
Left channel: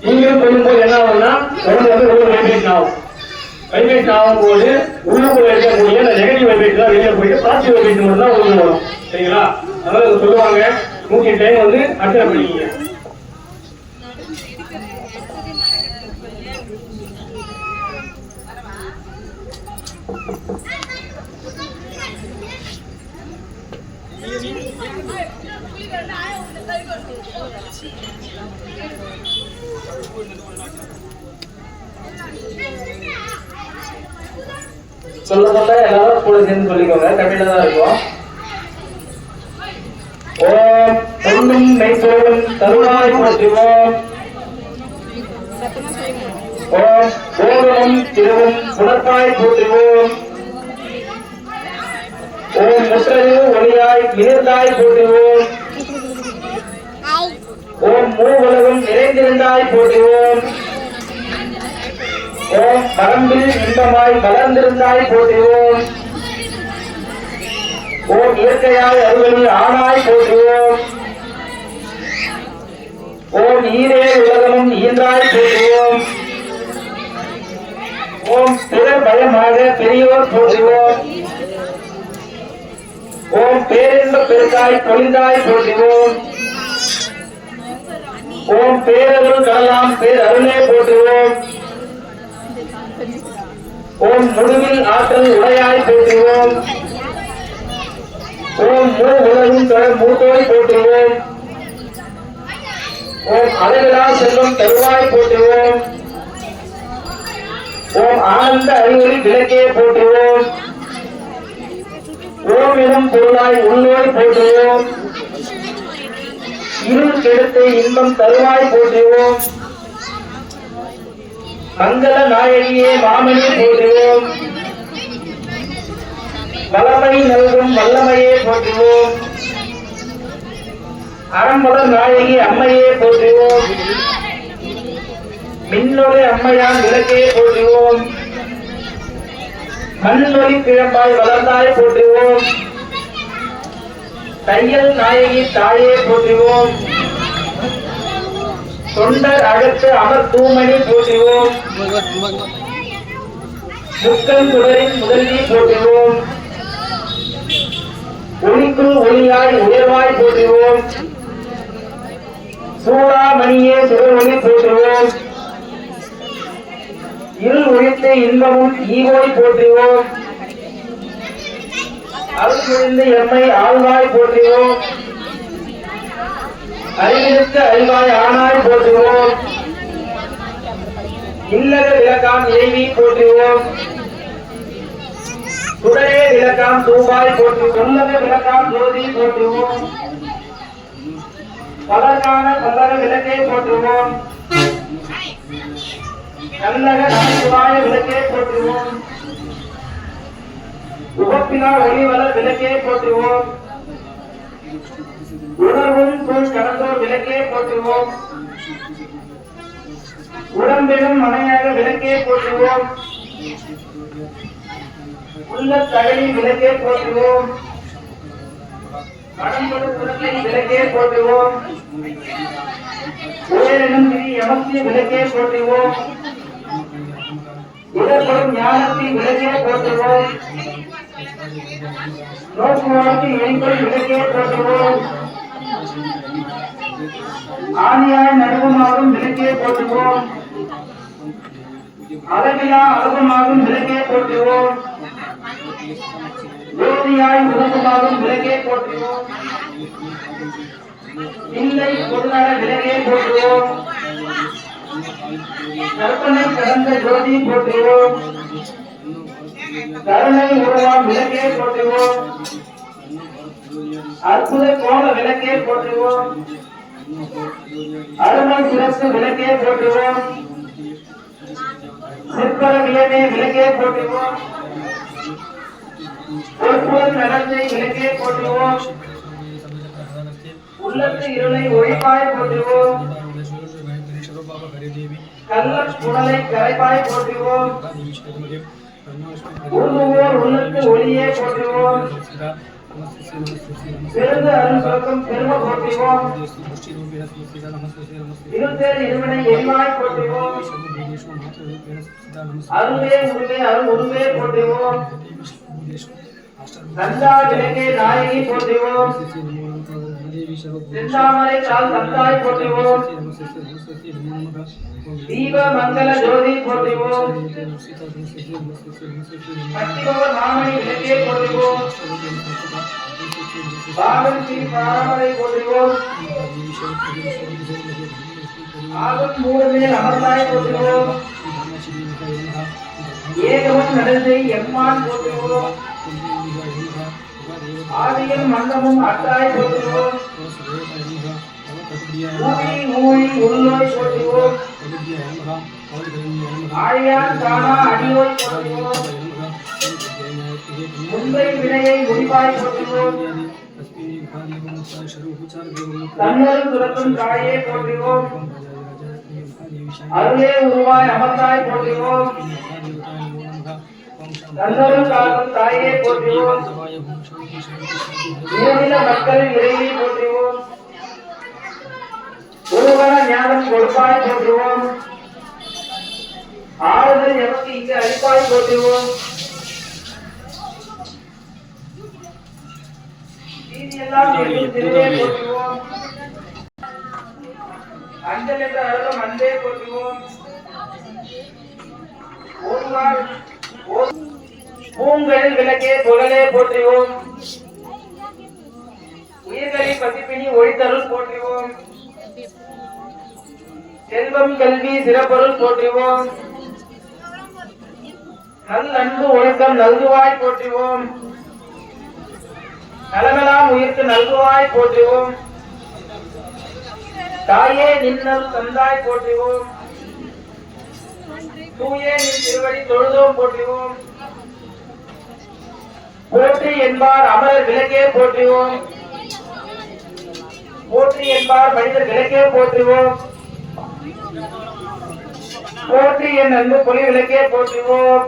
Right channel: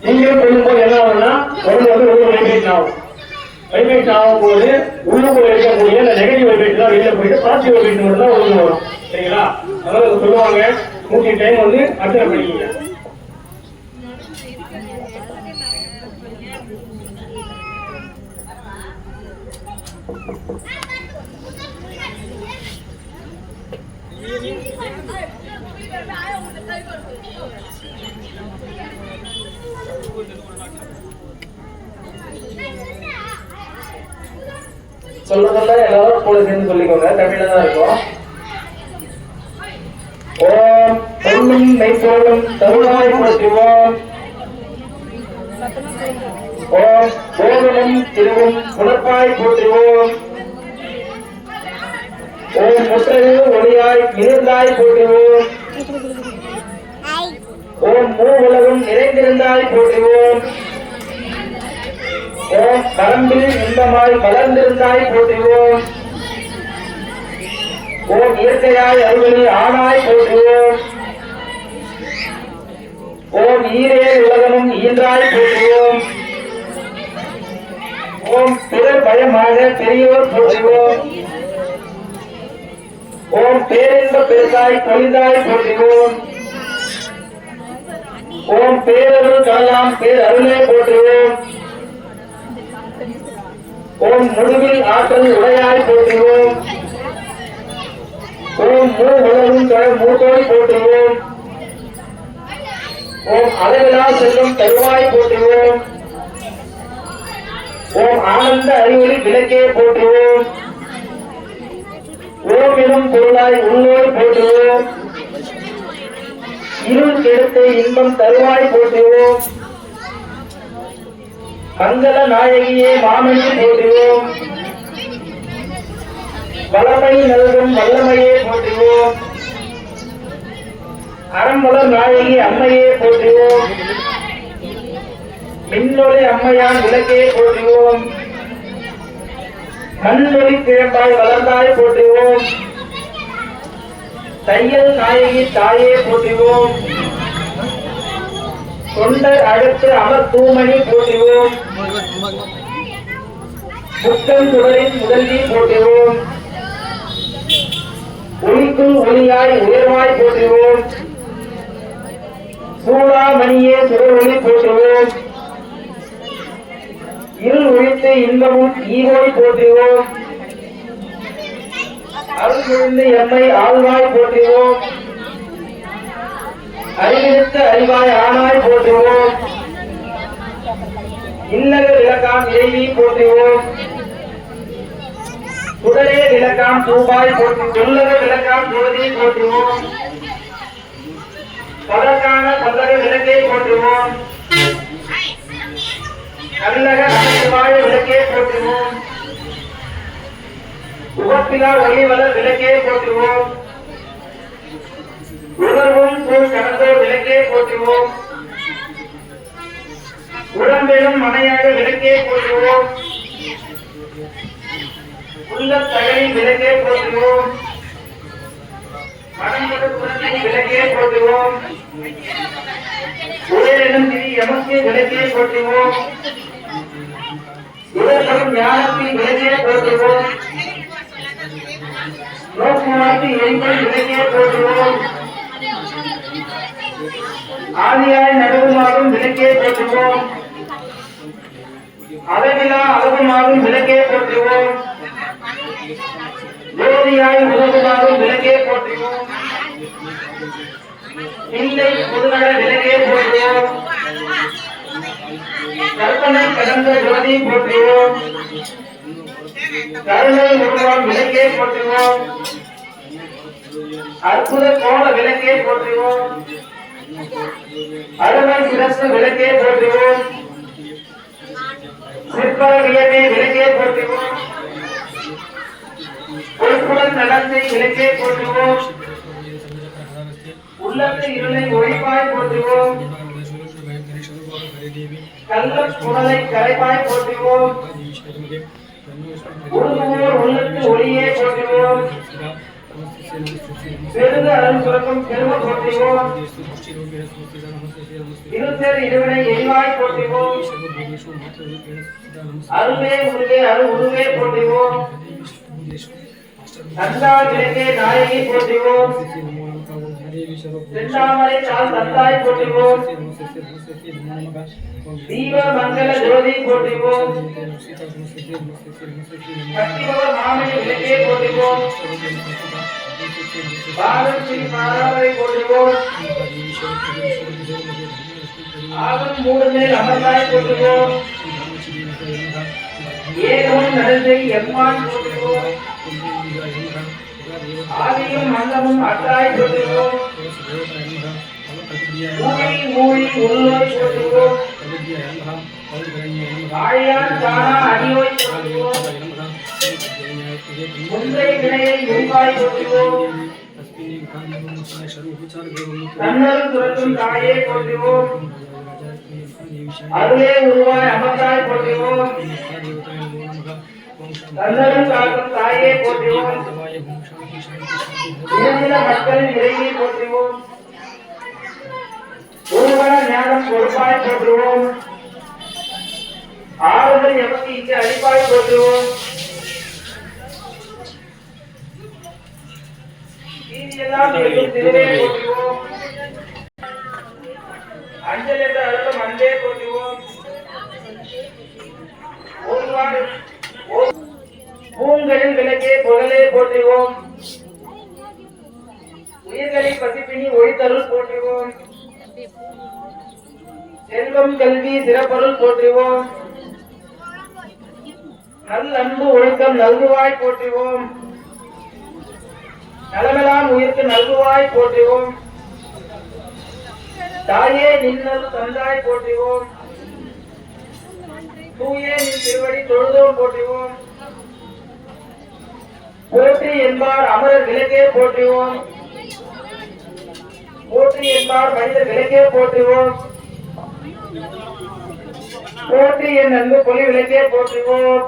நீங்களும் சொல்லும்போது என்ன ஆகும்னா உடம்பு ஒரு மெயின்டைன் ஆகும். மெயின்டைன் ஆகும்போது உள்ளுக்குள்ள இருக்கக்கூடிய இந்த நெகட்டிவ் வைப்ரேஷன் தான் வெளியில போயிட்டு பாசிட்டிவ் வைப்ரேஷன் தான் உள்ள வரும். சரிங்களா? அதாவது சொல்லுவாங்க 100 டைம் அட்ஜஸ்ட் பண்ணிக்கீங்க. சொல்ல எல்லாரும் கூட சேர்ந்து சொல்லிக்கோங்க. தமிழ்ல தான் இருக்கும். ஓம் பொன்னும் மெய்ப்பொருளும் தருணாய் போற்றுவோம். ஓம் கோவிலும் திருவும் புலப்பாய் போற்றுவோம். ஓம் முற்றறிவு ஒளியாய் மிளிர்ந்தாய் போற்றுவோம். ஓம் மூவுலகும் நிறைந்திருந்தாய் போற்றுவோம். ஓம் பரம்பில் இன்பமாய் மலர்ந்திருந்தாய் போற்றுவோம். ஓம் இயற்கையாய் அருள்வழி ஆனாய் போற்றுவோம். ஓம் ஈரே உலகமும் ஈந்தாய் போற்றுவோம். ஓம் பிறர் பயமாக பெரியோர் போற்றுவோம். ஓம் பேரின்ப பெருசாய் பொழிந்தாய் போற்றுவோம். ஓம் பேரருள் கடலாம் பேரருளே போற்றுவோம். ஓம் முடிவில் ஆற்றல் உடையாய் போற்றுவோம். ஓம் மூ உலகும் தொடர் மூத்தோய் போற்றுவோம். ஓம் அளவிலா செல்லும் தருவாய் போற்றுவோம். ஓம் ஆனந்த அறிவொளி விளக்கே போற்றுவோம். ஓம் எனும் பொருளாய் உள்ளோய் போற்றுவோம். இருள் கெடுத்து இன்பம் தருவாய் போற்றுவோம். மங்கள நாயகியே மாமனே போற்றுவோம். வளமை நல்கும் வல்லமையே போற்றுவோம். அறம்பல நாயகி அம்மையே போற்றுவோம். மின்னொளி அம்மையான் விளக்கே போற்றுவோம். மண்ணொளி கிழம்பாய் வளர்ந்தாய் போற்றுவோம். தையல் நாயகி தாயே போற்றுவோம். தொண்டர் அடுத்து அமர் தூமணி போற்றுவோம். முத்தம் சுடரின் முதல்வி போற்றுவோம். ஒளிக்குள் ஒளியாய் உயர்வாய் போற்றுவோம். சூடாமணியே சுடரொளி போற்றுவோம். இருள் ஒழித்து இன்பமும் ஈவோய் போற்றுவோம். அருள் புரிந்து எம்மை ஆழ்வாய் போற்றுவோம். அறிவித்து அறிவாய் ஆனாய் போற்றுவோம். இல்லக விளக்காம் இறைவி போற்றுவோம். சுடரே விளக்காம் தூபாய் போற்று சொல்லக விளக்காம் ஜோதி போற்றுவோம். பதற்கான பல்லக விளக்கே போற்றுவோம். நல்லக நமச்சிவாய விளக்கே போற்றுவோம். உகப்பிலா ஒளிவல விளக்கே போற்றுவோம். உணர்வும் சூழ் கடந்தோர் விளக்கே போற்றுவோம். உடம்பெரும் மனையாக விளக்கே போற்றுவோம். உள்ள தகலின் விளக்கே போற்றுவோம். மனமிகு புரட்சி விளக்கே போற்றுவோம். உயரெனும் திரி எமக்கு விளக்கே போற்றுவோம். உடற்படும் ஞானத்தில் விளக்கே போற்றுவோம். நோக்குவாய்க்கு எங்கள் விளக்கே போற்றுவோம். ஆதியாய் நடுவுமாகும் விளக்கே போற்றுவோம். அளவிலா அளவுமாகும் விளக்கே போற்றுவோம். ஜோதியாய் உலகமாகும் விளக்கே போற்றுவோம். இல்லை பொதுநல விளக்கே போற்றுவோம். கற்பனை கடந்த ஜோதி போற்றுவோம். கருணை உருவாம் விளக்கே போற்றுவோம். அற்புத கோல விளக்கே போற்றுவோம். அருமை சிரசு விளக்கே போற்றுவோம். சிற்பர வியமே விளக்கே போற்றுவோம். பொறுப்புடன் நடத்தை விளக்கே போற்றுவோம். உள்ளத்து இருளை ஒழிப்பாய் போற்றுவோம். கள்ள புகழை கரைப்பாய் போற்றுவோம். உருகுவோர் உள்ளத்து ஒளியே போற்றுவோம். பெருந்த அருள் சுரக்கும் பெருமை போற்றுவோம். இருத்தேர் இருவினை எரிவாய் போற்றுவோம். அருளே உருவே அருள் உருவே போற்றுவோம். தந்தா விளக்கே நாயகி போற்றுவோம். செந்தாமரை சால் தந்தாய் போற்றுவோம். தீப மங்கள ஜோதி போற்றுவோம். அத்திபவர் மாமணி விளக்கே போற்றுவோம். பாகம் ஸ்ரீ பாராமரை போற்றுவோம். ஆகும் மூடமே அமர்ந்தாய் போற்றுவோம். ஏகவன் நடந்தை எம்மான் போற்றுவோம். ஆதியும் மந்தமும் அத்தாய் போற்றுவோம் ஊழி உள்நோய் போற்றுவோம் ஆழியான் தானா அடியோய் போற்றுவோம் முந்தை வினையை முடிவாய் போற்றுவோம் தன்னரும் துறக்கும் தாயே போற்றுவோம் அருளே உருவாய் அமர்ந்தாய் போற்றுவோம் தன்னரும் காக்கும் தாயே போற்றுவோம் உயர்நில மக்கள் இறைவி போற்றுவோம் ஒருவர ஞானம் கொடுப்பாய் போற்றுவோம் ஆறுதல் எமக்கு இங்கு அளிப்பாய் போற்றுவோம் நீதியெல்லாம் திருவே போற்றுவோம் அஞ்சல் என்ற அழகும் அன்பே போற்றுவோம் பூங்களில் விளக்கே புகழே போற்றுவோம் உயிர்களில் பசிப்பினி ஒழித்தருள் போற்றுவோம் செல்வம் கல்வி சிறப்பருள் போற்றுவோம் நல் அன்பு ஒழுக்கம் நல்குவாய் போற்றுவோம் நலமெல்லாம் உயிர்க்கு நல்குவாய் போற்றுவோம் தாயே நின்னல் தந்தாய் போற்றுவோம் தூயே நின் திருவடி தொழுதோம் போற்றுவோம் போற்றி என்பார் அமரர் விளக்கே போற்றுவோம் போற்றி என்பார் மனிதர் விளக்கே போற்றுவோம் போற்றி என் அன்பு பொலி விளக்கே போற்றுவோம்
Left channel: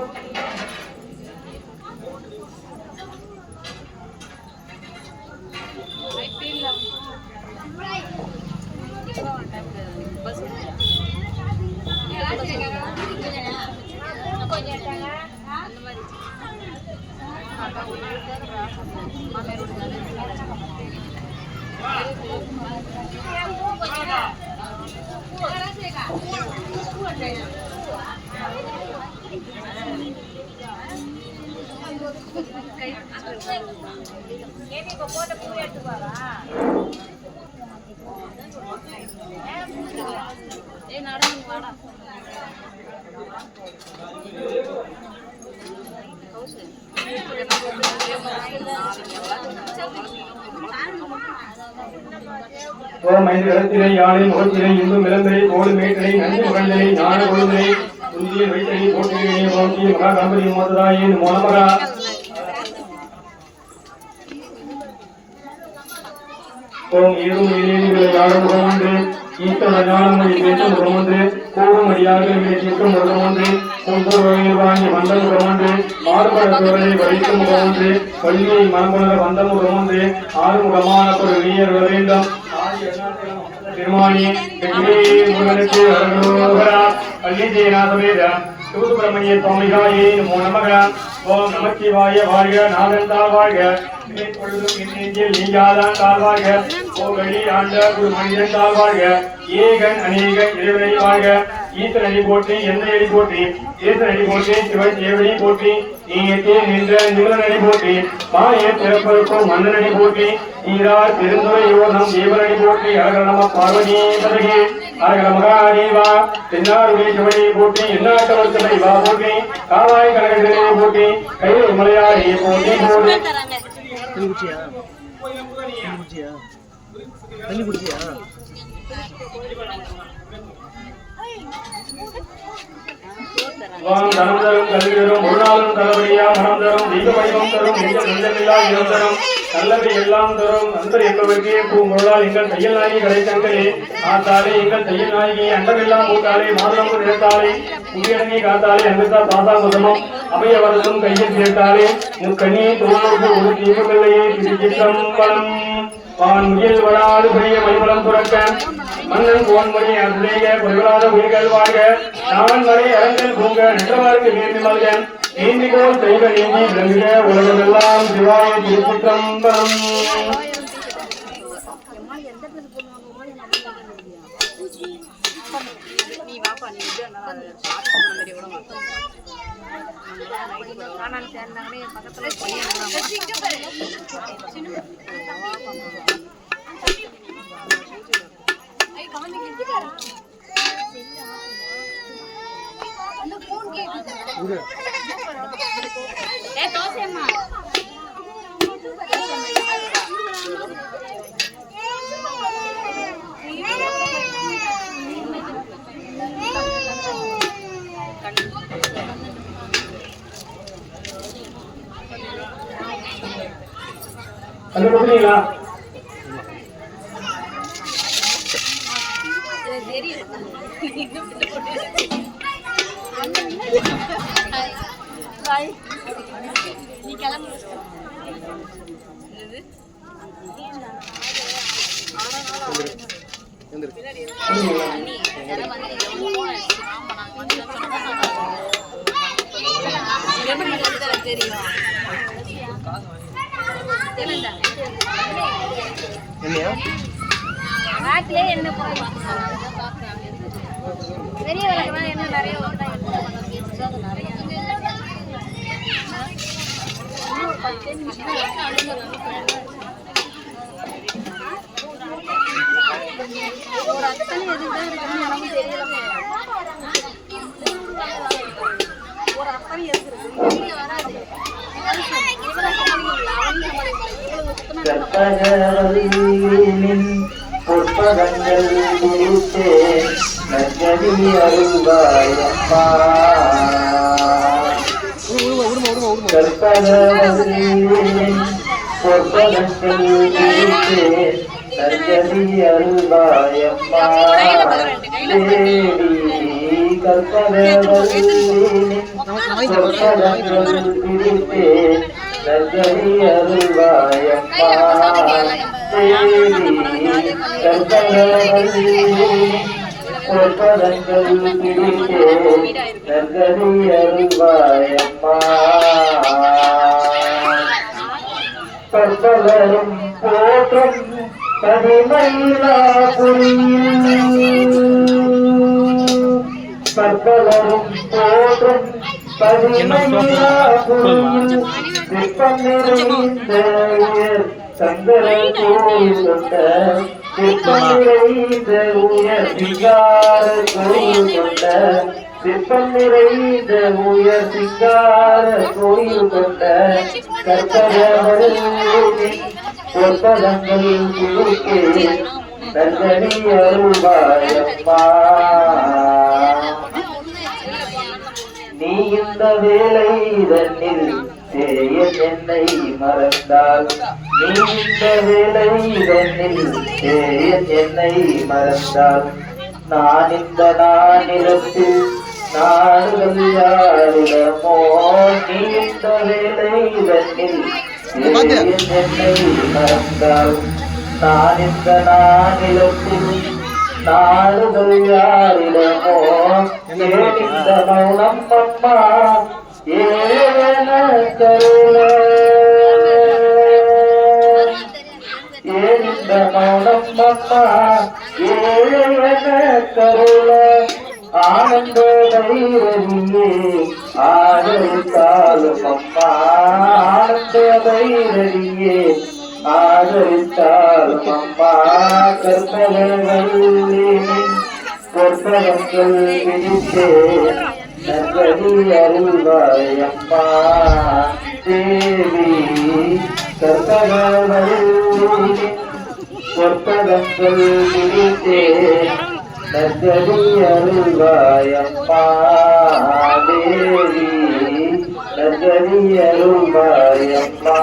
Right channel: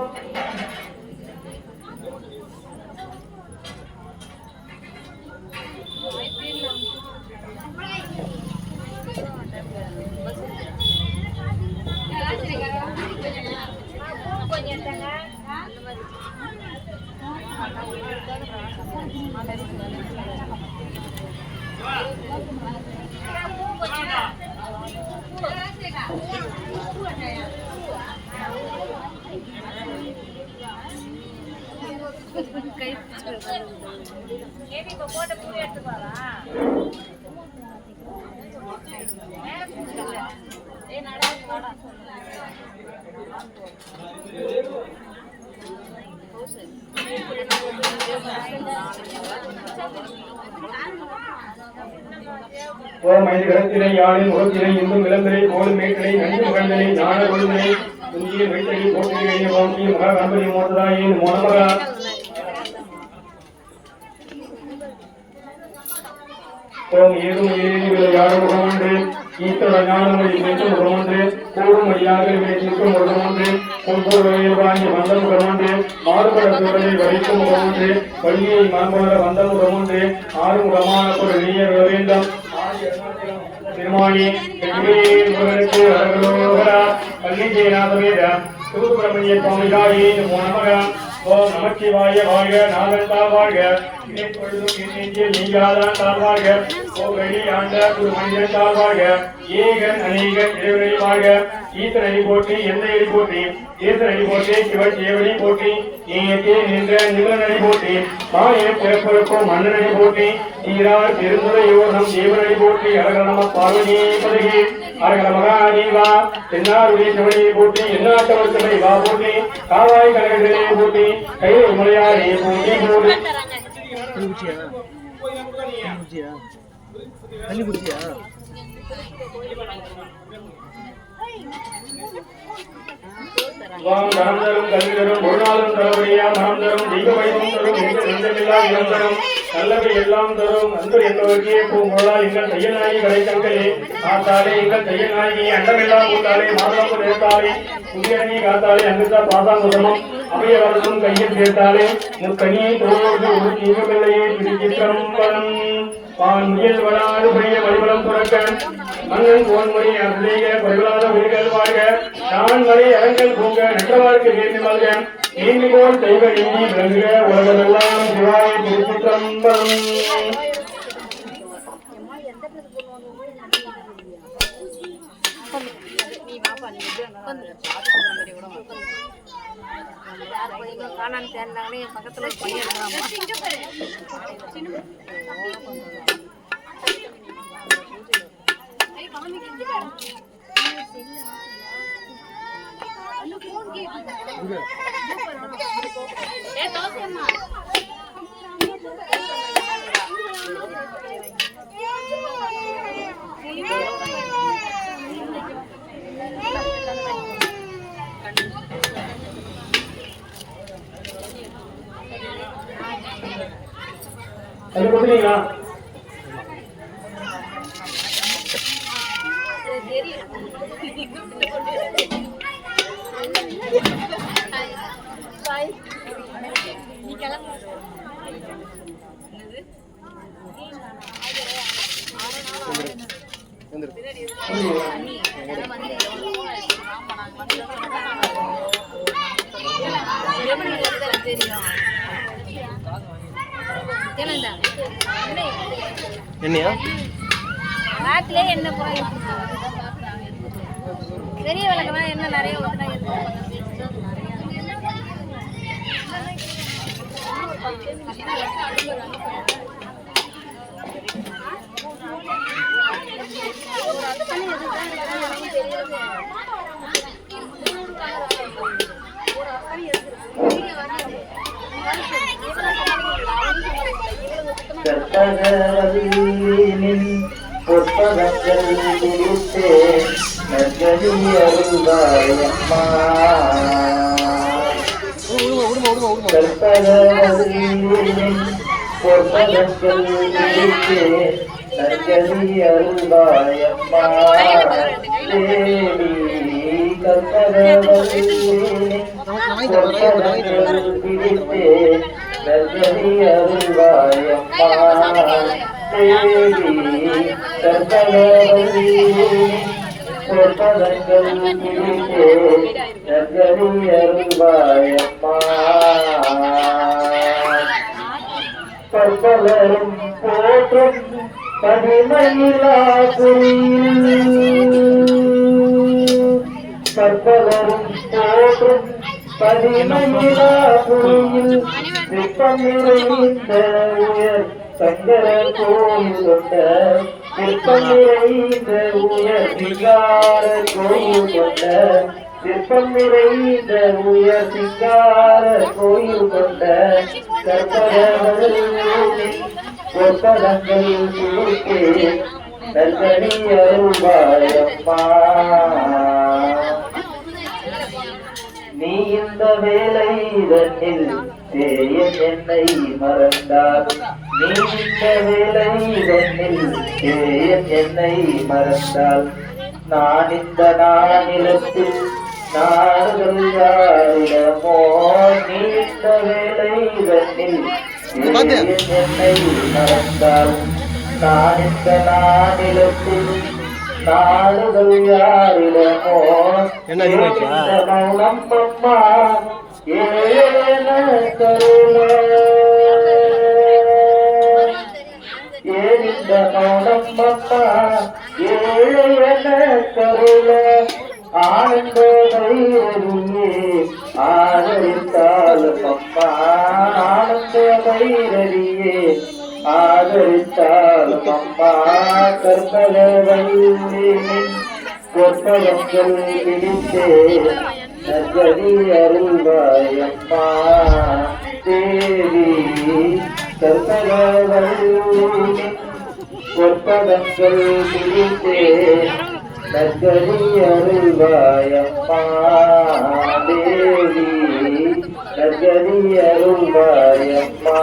ஓம் ஐந்து கரத்தினை யானை முகத்தினை இந்தும் விளம்பரை கோடு மேட்டனை நஞ்சு முகந்தனை ஞான கொழுந்தனை துஞ்சிய வைத்தனை போட்டுகிறே ஓங்கி மகா கம்பரி மோதராயே மோனமரா ஓம் ஏதும் இளைஞர்களை யாழ முகம் ஒன்று ஈஸ்வர ஞானமொழி பேசும் முகம் ஒன்று கூடும் அடியாக நிற்கும் முகம் ஒன்று ஒவ்வொரு வகையை மந்தம் முகம் ஒன்று மாறுபட சோழனை வலிக்கும் முகம் ஒன்று பள்ளியை மனமுள்ள வந்த முகம் ஒன்று ஆறு முகமான ஒரு இளைஞர் வேண்டும் திருமானி முருகனுக்கு அருளோகரா பள்ளி ஜெயநாதவேத சுப்பிரமணிய சுவாமிகாயே நமோ நமக ஓம் நமச்சிவாய வாழ்க நாதந்தா வாழ்க எப்பொழுதும் நெஞ்சில் நீயாதான் தாழ்வாழ்க ஓகடி ஆண்ட குரு மனிதன் தாழ்வாழ்க ஏகன் அநேகன் இறைவனை வாழ்க ஈசனடி போற்றி எந்தனடி போற்றி ஈசனடி போற்றி சிவச்சேவடி போற்றி நீயத்தே நின்ற நிவனடி போற்றி மாய பிறப்பிறக்கும் மன்னனடி போற்றி நீரார் பெருந்துரை யோகம் தேவனடி போற்றி அழக நம பார்வதி பதகி அழக மகாதேவா தென்னாருடைய சிவனை போற்றி எல்லாத்தவர்த்தனை வா போற்றி காவாய் கழகத்திலே போற்றி கைலை மலையாளே போற்றி போற்றி தண்ணி குடிச்சியா வாம் தனம் தரும் கல்வி தரும் ஒரு நாளும் தரபடியா மனம் தரும் தெய்வ வைபம் தரும் எங்கள் நெஞ்சமில்லா இடம் தரும் நல்லபடி எல்லாம் தரும் அந்தர் என்பவர்க்கே பூங்குழலால் எங்கள் தையல் நாயகி கடைத்தங்களே ஆத்தாலே எங்கள் தையல் நாயகி அண்டமெல்லாம் கூட்டாலே மாதளம்பு நிறுத்தாலே புதியணி காத்தாலே அமிர்தா பாதாமுதமும் அவைய வரதும் கையில் சேர்த்தாலே முக்கணியை தொழிலுக்கு ஒரு தீங்குமில்லையே திருச்சிற்றம்பலம் பான் முயல் வடாது பெரிய மணிமலம் புறக்க மன்னன் கோன்மொழி அருளைய குறைவாத உயிர்கள் வாழ்க நான் வரை அரங்கல் பொங்க நின்றவாருக்கு நேர்மி மல்க நீந்திகோள் தெய்வ நீங்கி விளங்குக உலகமெல்லாம் சிவாய திருச்சிற்றம்பலம் ஏ தோசைமா அது கொடுத்தீங்களா? நீ கிளம்பு. என்னையா நாட்டிலே என்ன போய் பெரிய விளக்குனா என்ன நிறைய புத்தகங்கள் குறித்து நற்கதி அருள்வாயம்மா. கற்பகவல்லின் புத்தகங்கள் குறித்து நற்கதி அருள்வாயம்மா. தேவி கற்பகவல்லின் புத்தகங்கள் குறித்து நற்கதி அருள்வாயம்மா. தேவி கற்பகவல்லின் புத்தகங்கள் குறித்து நற்கதி அருள்வாயம்மா. கற்பகரும் போற்றும் பதிமயிலாபுரியில் கற்பகரும் போற்றும் பதிமயிலாபுரியில் சிற்பம் நிறைந்த உயர் சங்கர கோயில் கொண்ட சிற்பம் நிறைந்த உயர் சிங்கார கோயில் கொண்ட சிற்பம் நிறைந்த உயர் சிங்கார கோயில் கொண்ட கற்பகவல்லின் பொற்பதங்கள் குழுக்கே நற்கதி அருள்வாயம்மா. நீ இந்த வேலை தன்னில் தேயன் என்னை மறந்தால் நீ இந்த வேலை தன்னில் தேயன் என்னை மறந்தால் நான் இந்த நானிலத்தில் நாடுகள் யாரிடமோ நீ இந்த வேலை தன்னில் தேயன் என்னை மறந்தால் நான் இந்த நானிலத்தில் நாடுகள் யாரிடமோ இந்த மௌனம் அம்மா ஏன கருள ஏனிந்த மௌனம் அம்மா ஏன கருள ஆனந்த வைரவியே ஆதரித்தாலும் அம்மா ஆனந்த வைரவியே ஆதரித்தாலும் அம்மா. கற்பகவல்லின் பொற்பதங்கள் விதித்தே நற்கதி அருள்வாயம்மா. தேவி கற்பகவல்லின் பொற்பதங்கள் விதித்தே நற்கதி அருள்வாயம்மா. தேவி நற்கதி அருள்வாயம்மா.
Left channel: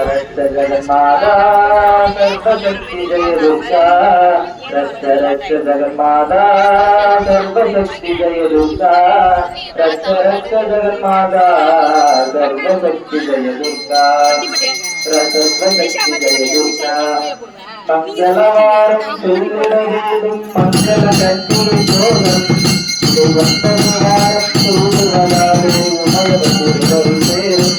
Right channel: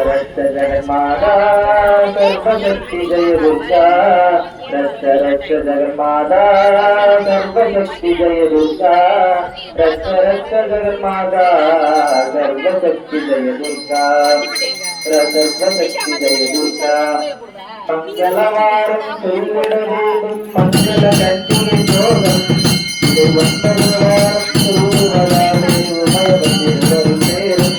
जगन्माता सर्वशक्ति जय दुर्गा रक्ष रक्ष जगन्माता सर्वशक्ति जय दुर्गा रक्ष रक्ष जगन्माता सर्वशक्ति जय दुर्गा சர்வசக்தி ஜெய துர்கா மங்களவாரம் சொல்லிடவேடும் மங்கள கண்டி சோகம் திருவந்தவாரம் சொல்லுவதாலே உமயவரும் சேரும்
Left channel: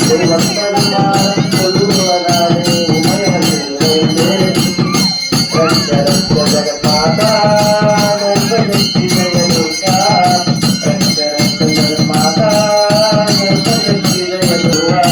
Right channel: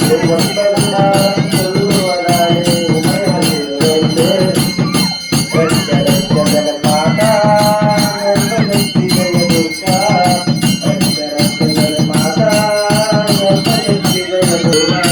திருவந்தவாரம் சொல்லுவதாலே உமயவரும் சேரும் ரட்ச ரட்ச ஜெகமாதா சர்வசக்தி ஜெய துர்கா ரட்ச ரட்ச ஜெகமாதா சர்வசக்தி ஜெய துர்கா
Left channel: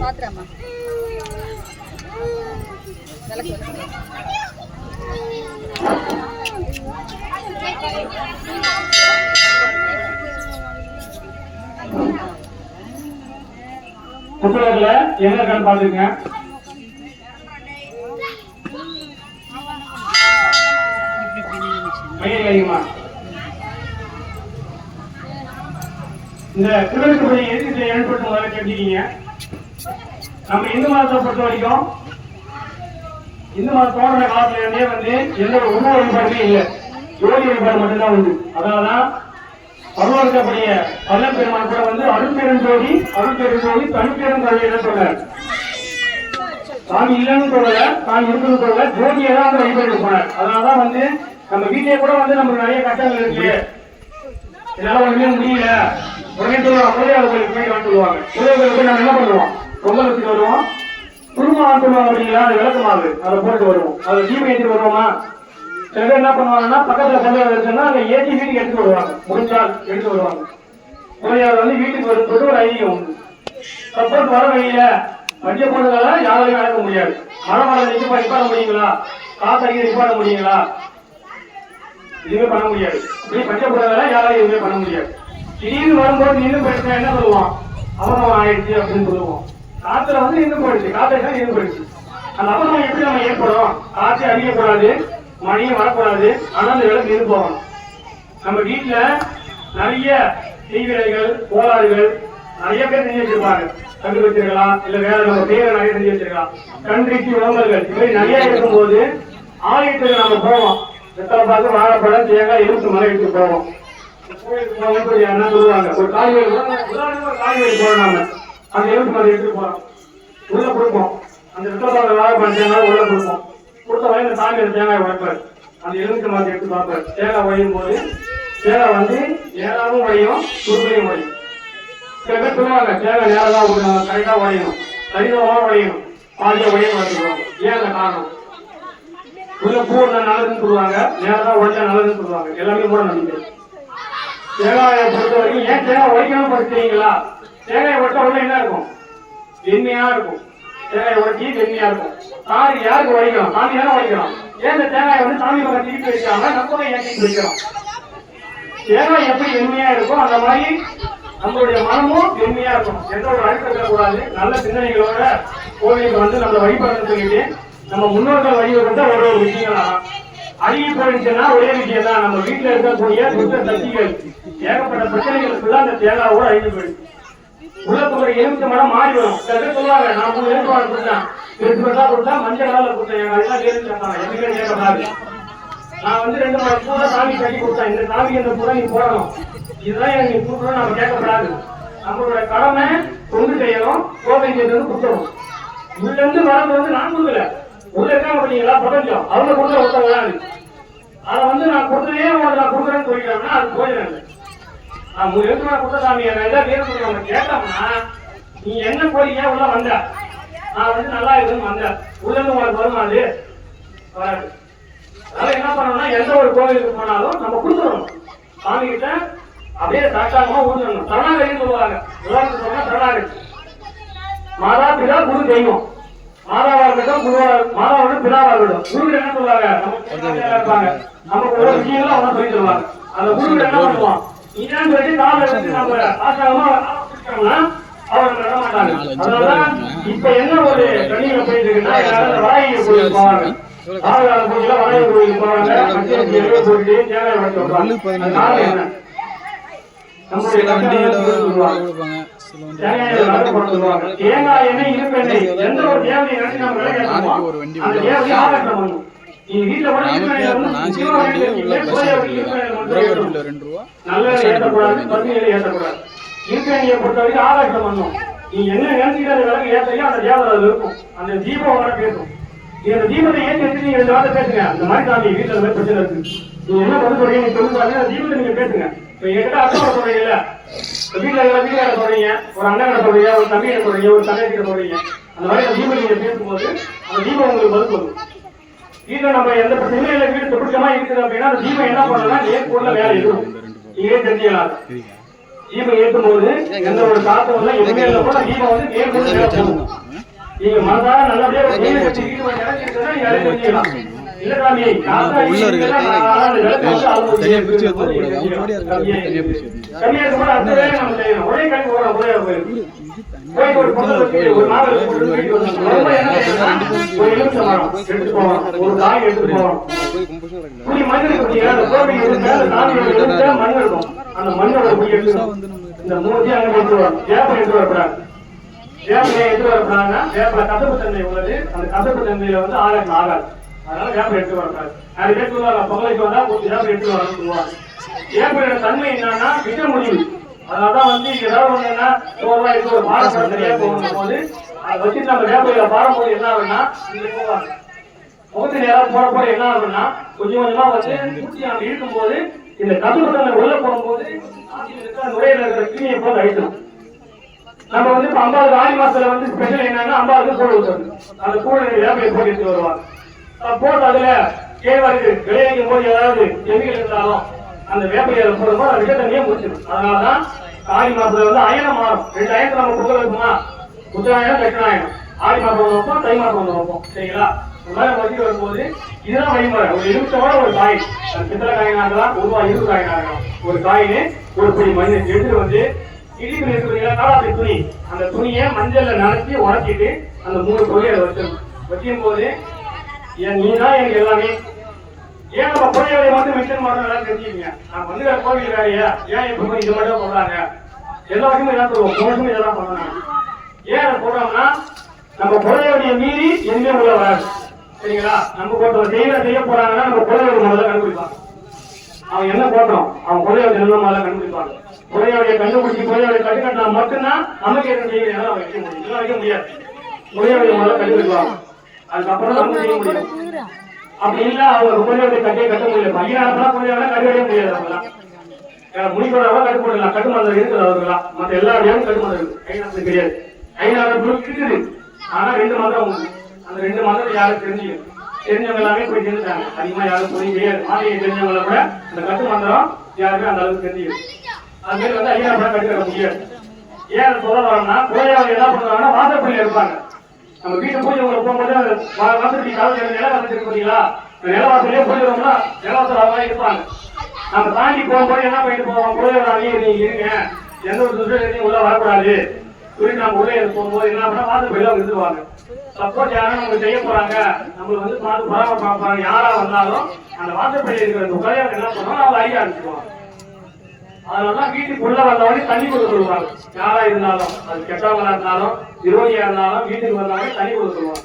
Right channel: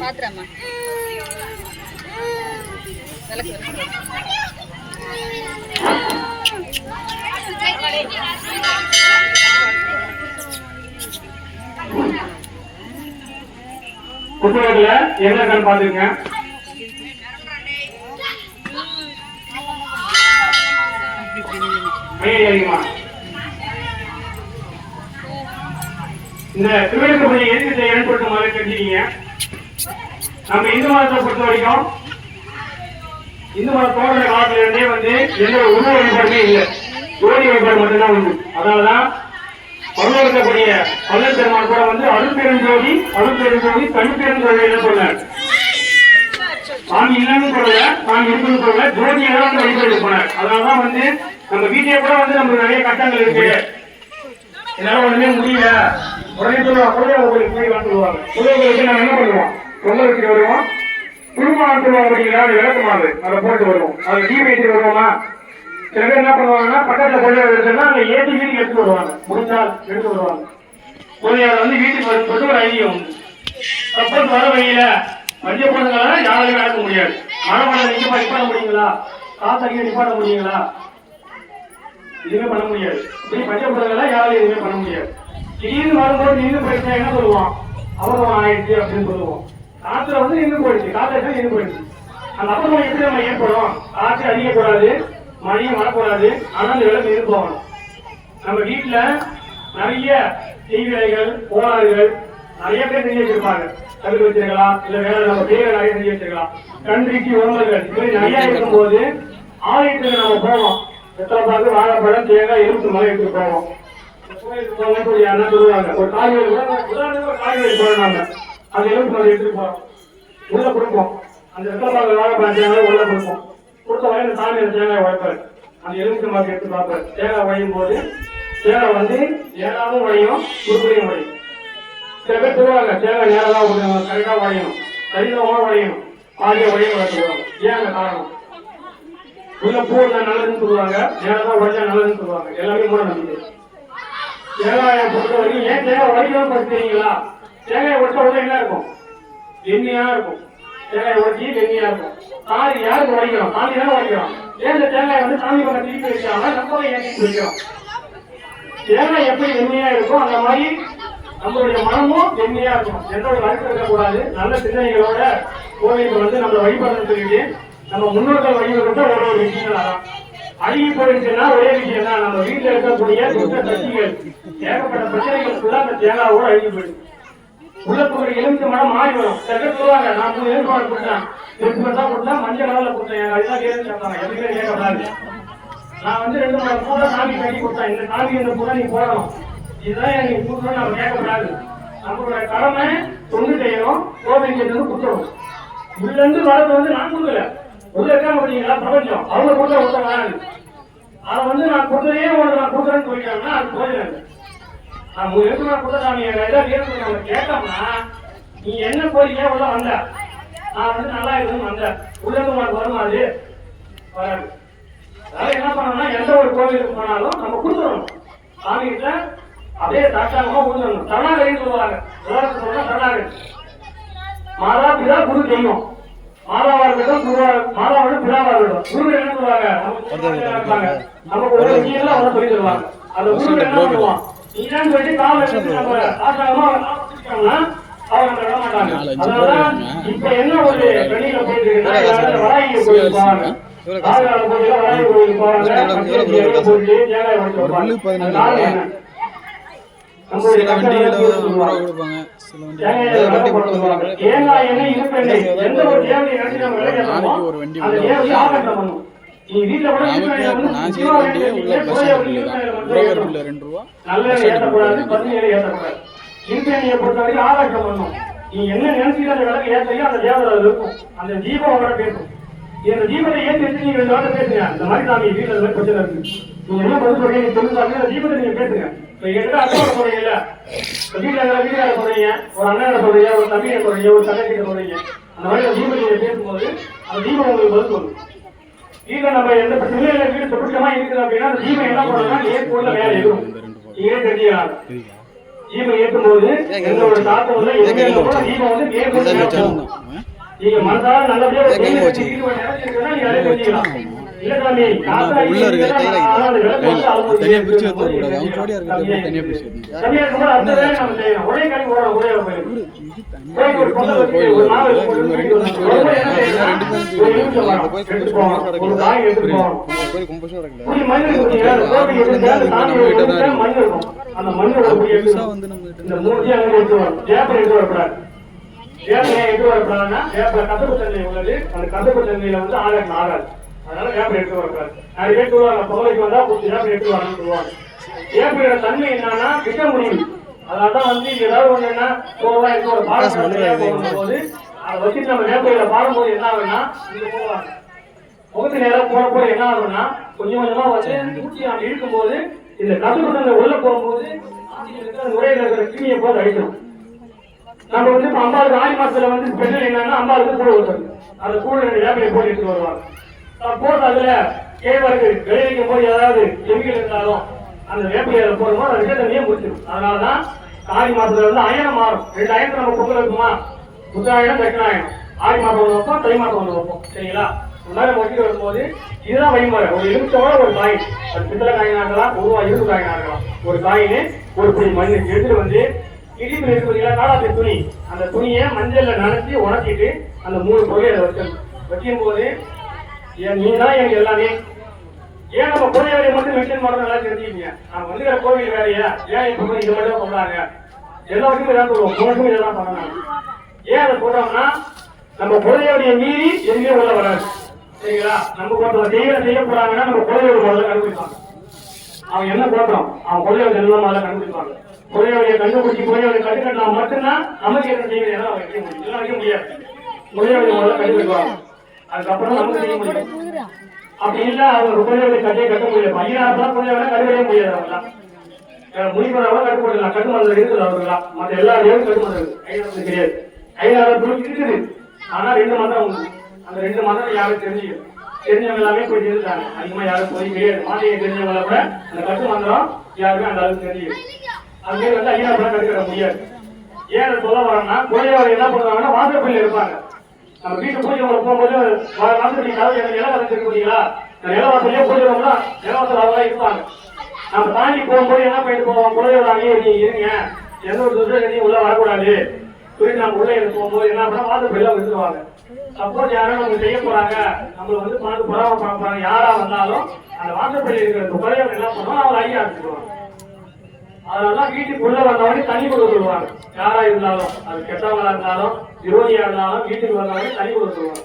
பாத்துறமா விளக்கு புத்தகத்துல என்ன கண் பாத்துருங்க. இந்த திருவிழா எதுக்கு ஏற்படுத்தும் மாதிரி தெரிஞ்சுக்கீங்க. நம்ம இந்து மதத்தை பொறுத்த வரைக்கும் இந்து மதம் தோன்ற காலத்துல இருந்தே வந்து எந்த உணவு வழிபாடுமே இல்லை, ஜோதி வழிபாடு மட்டும்தான் உண்டு. அதனாலதான் பல்லவர்களுடைய பல்லன் பெருமாள் கூட வந்து அருட்பெருஞ்சோதி தனிப்பெருஞ்சோதி சொன்னார். சாமி இல்லைன்னு சொல்லல, சாமி இருக்குன்னு சொல்லல, ஜோதியை தான் அந்த வழிபாடு போனார். அதனாலதான் வந்து நம்ம வீட்டிலே கூட வந்து நம்ம நிறைய கட்டங்கள் இருக்கு, என்னால ஒண்ணுமே முடியல உடனே சொல்லுவாங்க, குலதெய்வங்களுக்கு போய் சொல்லுவாங்க. குலதெய்வங்களுக்கு நாங்க என்ன பண்ணுவோம், பொங்கல் வச்சுட்டு வருவோம், குடும்பம் சொல்லுவாங்க அப்படிங்களா, அது விளக்கமாறு அதை போட்டு வருவோம், அதை டீம் ஏற்றி வருவோமா. சில பேர் என்ன பண்ணுவாங்கன்னா பக்கத்துல குழந்தைய இருக்குன்னா அதை ஏற்றி வீட்டுக்கு எடுத்து வருவாங்க, முடிஞ்சால் எடுத்து வருவாங்க. குழந்தைய வந்து வீட்டுக்கு வரும்போது ஒரு ஐடியா உண்டு. சப்போஸ் வர வழியில மத்திய பொருட்களை யாரையும் நடக்க முடியாது. மழை மழை நிச்சயமா நிப்பாட முடியுங்களா, காத்தடிக்க நிப்பாட முடியுங்களா, எதுவுமே பண்ண முடியாது. பச்சை பொருட்களை யாரையும் எதுவுமே பண்ண முடியாது. திடீர்னு வரும்போது நின்று போயிடுச்சா என்ன சொல்லுவோம், அவசரம் ஆயிடுச்சு அப்படின்னு சொல்லுவோம். காத்துல வந்து நின்று போயிடுச்சு, காத்துல தான் நின்று போயிடுச்சு. அந்த அவசரம் எப்படி நம்ம ஏற்படும், காற்று அடிக்கக்கூடாது, மழையும் வரக்கூடாது, ஆனா அந்த விளக்கு இருந்து போகணும். நம்ம வீட்டுல நிறைய தீவிரைகள் கோளாறுகள் நிறைய பேர் செஞ்சு வச்சிருப்பாங்க, தகுதி வச்சிருக்கலாம், இல்ல வேற நம்ம பேரை நிறைய செஞ்சு வச்சிருக்கலாம். கண்பிக்கு உணவுகள் இது மாதிரி நிறைய இருக்கும்போது ஆலயத்துக்கு நம்ம போவோம், பார்த்து வாழைப்பழம் தேங்காய் எலும்பு மலை எடுத்து போவோம். என்ன சொல்லுவாங்க, ஒரு காய்கறி போடுறாங்க, அந்த எலும்பு மலை எடுத்து போறோம், உள்ள கொடுப்போம். அந்த வாழைப்பழம் தேங்காய் உள்ள கொடுப்போம். கொடுத்த வயல சாமி அந்த தேங்காய் உழைப்பார், அந்த எலும்பு மாதிரி எடுத்து பார்ப்பார். தேங்காய் உழையும் போது தேங்காய் வந்து நேராகவும் உழையும், சுருளையும் உழையும். சில பேர் சொல்லுவாங்க தேங்காய் நேரம் கரெக்டா உழையணும், கடினமாக உழையணும், பாதியா உழையும் வளர்த்துருவாங்க. ஏன் அந்த காரணம், உள்ள பூர்ல நல்லதுன்னு சொல்லுவாங்க, நேரம் உழைச்சா நல்லதுன்னு சொல்லுவாங்க. எல்லாமே கூட நம்பிக்கை. தேங்காயை பொறுத்த வரைக்கும் ஏன் தேங்காய் உழைக்கணும் படுத்துறீங்களா, தேங்காயை ஒட்ட உடனே என்ன இருக்கும், வெண்மையா இருக்கும். தேங்காயை ஒட்டி வெண்மையா இருக்கும். சாமி யாருக்கு உழைக்கிறோம், சாமி தானே உழைக்கிறோம். ஏன் இந்த தேங்காய் வந்து சாமி பக்கம் தீட்டு வைக்காம நம்ம ஏற்றி வைக்கிறோம். தேங்காய் எப்படி வெண்மையா இருக்கும் அந்த மாதிரி நம்மளுடைய மனமும் வெண்மையா இருக்கும். எந்த ஒரு அழுத்தம் இருக்கக்கூடாது. நல்ல சிந்தனைகளோட கோவிலுக்கு வந்து நம்ம வழிபடுறது சொல்லிட்டு நம்ம முன்னோர்கள் வழிபடுறத ஒரு விஷயங்கள் ஆகும். அழுகி போயிடுச்சுன்னா ஒரே விஷயம் தான், நம்ம வீட்டுல இருக்கக்கூடிய துஷ்ட சக்திகள் ஏகப்பட்ட பிரச்சனைகளுக்குள்ள அந்த தேங்காவோட அழுகி போயிடுச்சு. உள்ளத்துறை எலும்பு மனம் மாறிடும். சில பேர் சொல்லுவாங்க, நான் 3 எலும்பு மாடு கொடுத்தேன், 2 வருஷா கொடுத்தா மஞ்சள் கலர்ல கொடுத்தேன், அதெல்லாம் கேள்வி கேட்டாங்க. எதுவுமே கேட்கப்படாது. நான் வந்து 2 மாடு கூட சாமி கட்டி கொடுத்தேன், இந்த சாமி இந்த கூட நீ போடணும், இதுதான் எனக்கு கொடுக்கணும், நம்ம கேட்கப்படாது. நம்மளோட கடமை தொண்டு செய்யணும், கோவிலுக்கு கொடுத்துரும். உள்ள இருந்து வரது வந்து நான் கொடுக்கல, உள்ள இருக்க முடியுங்களா பிரபஞ்சம், அவங்க கொடுக்க ஒருத்தர் வராது. அதை வந்து நான் கொடுத்ததே உனக்கு நான் கொடுக்குறேன்னு சொல்லிக்கிறேன்னா அது போயிடும் இல்லை. நான் 3 எழுத்து நான் கொடுத்த சாமி ஏதாவது வீரத்துக்கு கேட்டோம்னா நீ என்ன கோரிக்கையா உள்ள வந்த நான் வந்து நல்லா இருக்குன்னு வந்தேன் உள்ள இருந்து உனக்கு வருமா அது வராது. அதனால என்ன பண்ணணும்னா எந்த ஒரு கோவிலுக்கு போனாலும் நம்ம கொடுத்துடணும் சாமி கிட்ட அப்படியே சாட்டாம ஊந்துடணும். சரணாகரின்னு சொல்லுவாங்க. எல்லாருக்கும் சொன்னா சரணாகரி. மாதா பிதா குரு தெய்வம். மாதாவா இருக்கட்டும் மாதாவோட பிதாவா இருக்கட்டும். குரு என்ன சொல்லுவாங்க நம்ம கூட விஷயங்கள்லாம் அவங்க சொல்லி சொல்லுவாங்க. அந்த குரு என்ன பண்ணுவான் நீ ஏன்னு சொல்லி கால எடுத்து நம்ம ஆசாரமா அவங்க நட மாட்டாங்க. அதனால இப்ப என்ன ஒரு கண்ணியில போயிட்டு இருக்குன்னா வாய்க்கு கோயில் போவாங்க. ஆறுகால போயில வாய்க்கு கோயில் போவாங்க. போயிட்டு தேங்காய் வச்சு சில வண்டியில 50 ரூபா கொடுப்பாங்க, சில வண்டி தேங்காய் எண்ணெய் இருப்பேன் எந்த ஒரு தேவையை நினைச்சு நம்ம நாளைக்கு ஒரு வண்டி நான் செய்யற வண்டியே உள்ள பஸ் ஸ்டாண்டுல தான் உறவர் பிள்ளை 2 ரூபா இருக்கையை பொறுத்த வரைக்கும் ஆராய்ச்சி பண்ணணும். நீ என்ன நினைச்சுக்கிற விளக்கு ஏற்றையோ அந்த தேவதை அது இருக்கும். அந்த தீபம் அவரை பேசும். இந்த தீபத்தை ஏற்றி வச்சு நீங்க 2 வார்த்தை பேசுங்க. அந்த மாதிரி சாமி வீட்டுல பிரச்சனை இருக்கு. நீங்க என்ன பண்ண சொல்றீங்க சொல்லுங்க. அந்த தீபத்தை நீங்க பேசுங்க. இப்ப எங்க அர்த்தம் சொல்றீங்கல்ல வீட்டுல வீட்டுல சொல்றீங்க, ஒரு அண்ணன் சொல்றீங்க, ஒரு தம்பியை சொல்றீங்க, ஒரு தங்கை சொல்றீங்க. அந்த மாதிரி அந்த தீபம் நீங்க பேசும்போது அந்த தீபம் உங்களுக்கு பதில் சொல்லும். வீட்டுல நம்ம எந்த பிரச்சனையில வீடு சுற்றமா இருக்குது அப்படின்னா அந்த தீபம் என்ன பண்ணணும்னா ஏற்புள்ள வேலை இருக்கும். நீங்களே தெரிஞ்சுக்கலாம். தீபம் ஏற்றும் போது எந்த ஒரு தாக்கம் இல்லை. எங்க தீபம் வந்து ஏற்புள்ள நீங்க மனதார நல்லபடியா உள்ள இருக்கிற தனியா பிரிச்சு கூடாது. அவங்க ஜோடியா இருக்கிற தனியா பிரிச்சு ஆகாது. அதனால வேப்ப எடுத்து வரக்கூடாது. அது எடுத்து வருவாங்க பகலைக்கு வந்தா வேப்ப எடுத்து வரணும்னு சொல்லுவாங்க. வேப்பையோட தன்மை என்னன்னா விட முடியும். அதனாலதான் வந்து ஏதாவது ஒண்ணு என்ன ஒரு பாரம்பரிய போது அதை வச்சு நம்ம வேப்பையில பாரும்போது என்ன ஆகுன்னா இங்க போவாங்க முகத்து நேரம் போறப்போ என்ன ஆகுன்னா கொஞ்சம் கொஞ்சமா வந்து அப்படி இருக்கும்போது இந்த கட்டுப்பட்ட உள்ள போகும்போது நுரையில இருக்கிற கிணியை போது அழிக்கணும். நம்ம வந்து இப்ப 50 ஆடி மாசத்துல வந்து ஸ்பெஷல் என்னன்னா 50 கூழ் ஊற்றுறது. அந்த கூழ் வேப்பையை போட்டு வருவாங்க. போட்டு அதுல கேழ்வரகு விளைவிக்கும் போது ஏதாவது செவிகள் இருந்தாலும் அந்த வேப்பையில போடும்போது அது தண்ணியே முடிச்சிடும். அதனாலதான் ஆடி மாசத்துல வந்து அயனம் மாறும். 2 அயனத்தை நம்ம கொடுக்க வைப்போமா, உத்தராயணம் தட்சிணாயனம். ஆடி மாசம் ஒன்று வைப்போம், தை மாசம் ஒன்று வைப்போம். சரிங்களா? உங்களால வச்சு வரும்போது இதுதான் வழிமுறை. ஒரு எலுமிச்சோட ஒரு காய், அது பித்தளை காயினா இருக்கலாம், உருவா இரும்பு காயினா இருக்கலாம். ஒரு காயினு ஒரு பிடி மண் எடுத்து வந்து இடிப்பு இருக்கிறீங்களா காலாப்பி துணி, அந்த துணியை மஞ்சள்ல நனைச்சி உணர்த்திட்டு அந்த 3 பொருளை அதை வச்சிடணும். வைக்கும் போது நீதான் எனக்கு எல்லாமே. ஏன் நம்ம கோயிலை மட்டும் மிஷன் மட்டும் எல்லாம் தெரிஞ்சுக்கீங்க. நான் வந்து கோவில் வேலையா ஏன் இப்ப இது மட்டும் சொல்றாங்க எல்லாருக்குமே இதான் சொல்லுவோம். கோவிலுக்கும் இதெல்லாம் பண்ணணும். ஏன் அதை சொல்றோம்னா நம்ம குழந்தையுடைய மீறி எதுவுமே உள்ள வராது. சரிங்களா? நம்ம போட்டோம் செய்ய போறாங்கன்னா நம்ம குழந்தையோட முதல்ல கண்டுபிடிப்பாங்க. அவன் என்ன போட்டோம் அவன் குழந்தையோட என்ன முதல்ல கண்டுபிடிப்பாங்க. குழந்தையோடைய கண்டுபிடிச்சி குழந்தையோட கட்டுக்கட்டினா மட்டும்தான் நமக்கு என்ன செய்யணும் வைக்க முடியும். வைக்க முடியாது. குழந்தையோட முதல்ல கண்டுபிடிப்பாங்க. அதுக்கப்புறம் நம்ம செய்ய முடியும். அப்படி இல்ல அவங்க குழந்தையோட கட்டியை கட்ட முடியாது. 5000 குழந்தையோட கட்டுக்கவே முடியாது. அவங்களாம் முடிப்பதாக கட்டுப்படலாம். கட்டுமதில் இருக்குது அவர்களாம். மற்ற எல்லா இடமும் கட்டுமதில் இருக்கு. ஐநா கிடையாது. 5000 இருக்குது. ஆனா 2 மாதம் உண்டு. அந்த 2 மாதம் யாரும் தெரிஞ்சுக்கணும். தெரிஞ்சவங்க எல்லாமே போய் தெரிஞ்சாங்க. அதிகமா யாரும் போய் கிடையாது. மாநில தெரிஞ்சவங்கள கூட அந்த கட்டு மந்திரம் யாருமே அந்த அளவுக்கு தெரிஞ்சுக்கணும். அது பேர் வந்து 5000 கட்டுக்கிற முடியாது. ஏன் சொல்ல வரோம்னா குழந்தையோட என்ன பண்ணுவாங்கன்னா வாசப்பள்ளி இருப்பாங்க. நம்ம வீட்டு பூஜை போகும்போது வாசப்பள்ளி காலத்தில் நிலவாசல் இருக்கு பார்த்தீங்களா? நிலவாசலே போயிடுவோம்னா நிலவாசல் இருப்பாங்க. நம்ம தாண்டி போகும்போது என்ன பண்ணிட்டு போவோம், குழந்தையோட அணியை இருங்க, எந்த ஒரு துஷ்டையும் உள்ள வரக்கூடாது சொல்லி நம்ம உள்ளே போகும்போது என்ன பண்ணா வாசப்பள்ளி வந்துருவாங்க. சப்போஸ் யாரும் நம்ம செய்ய போறாங்க, நம்மளுக்கு வந்து பார்த்து பரவ பார்ப்பாங்க, யாரா வந்தாலும் அந்த வாசப்பள்ளி இருக்கிற குழந்தையோட என்ன பண்ணுவோம் அவங்க அழிய ஆரம்பிச்சிருவாங்க. அதனாலதான் வீட்டுக்கு உள்ள வந்தவங்க தண்ணி கொடுக்க சொல்லுவாங்க. யாரா இருந்தாலும் அது கெட்டவங்களா இருந்தாலும் விரோதியா இருந்தாலும் வீட்டுக்கு வந்தாலும் தண்ணி கொடுக்க சொல்லுவாங்க.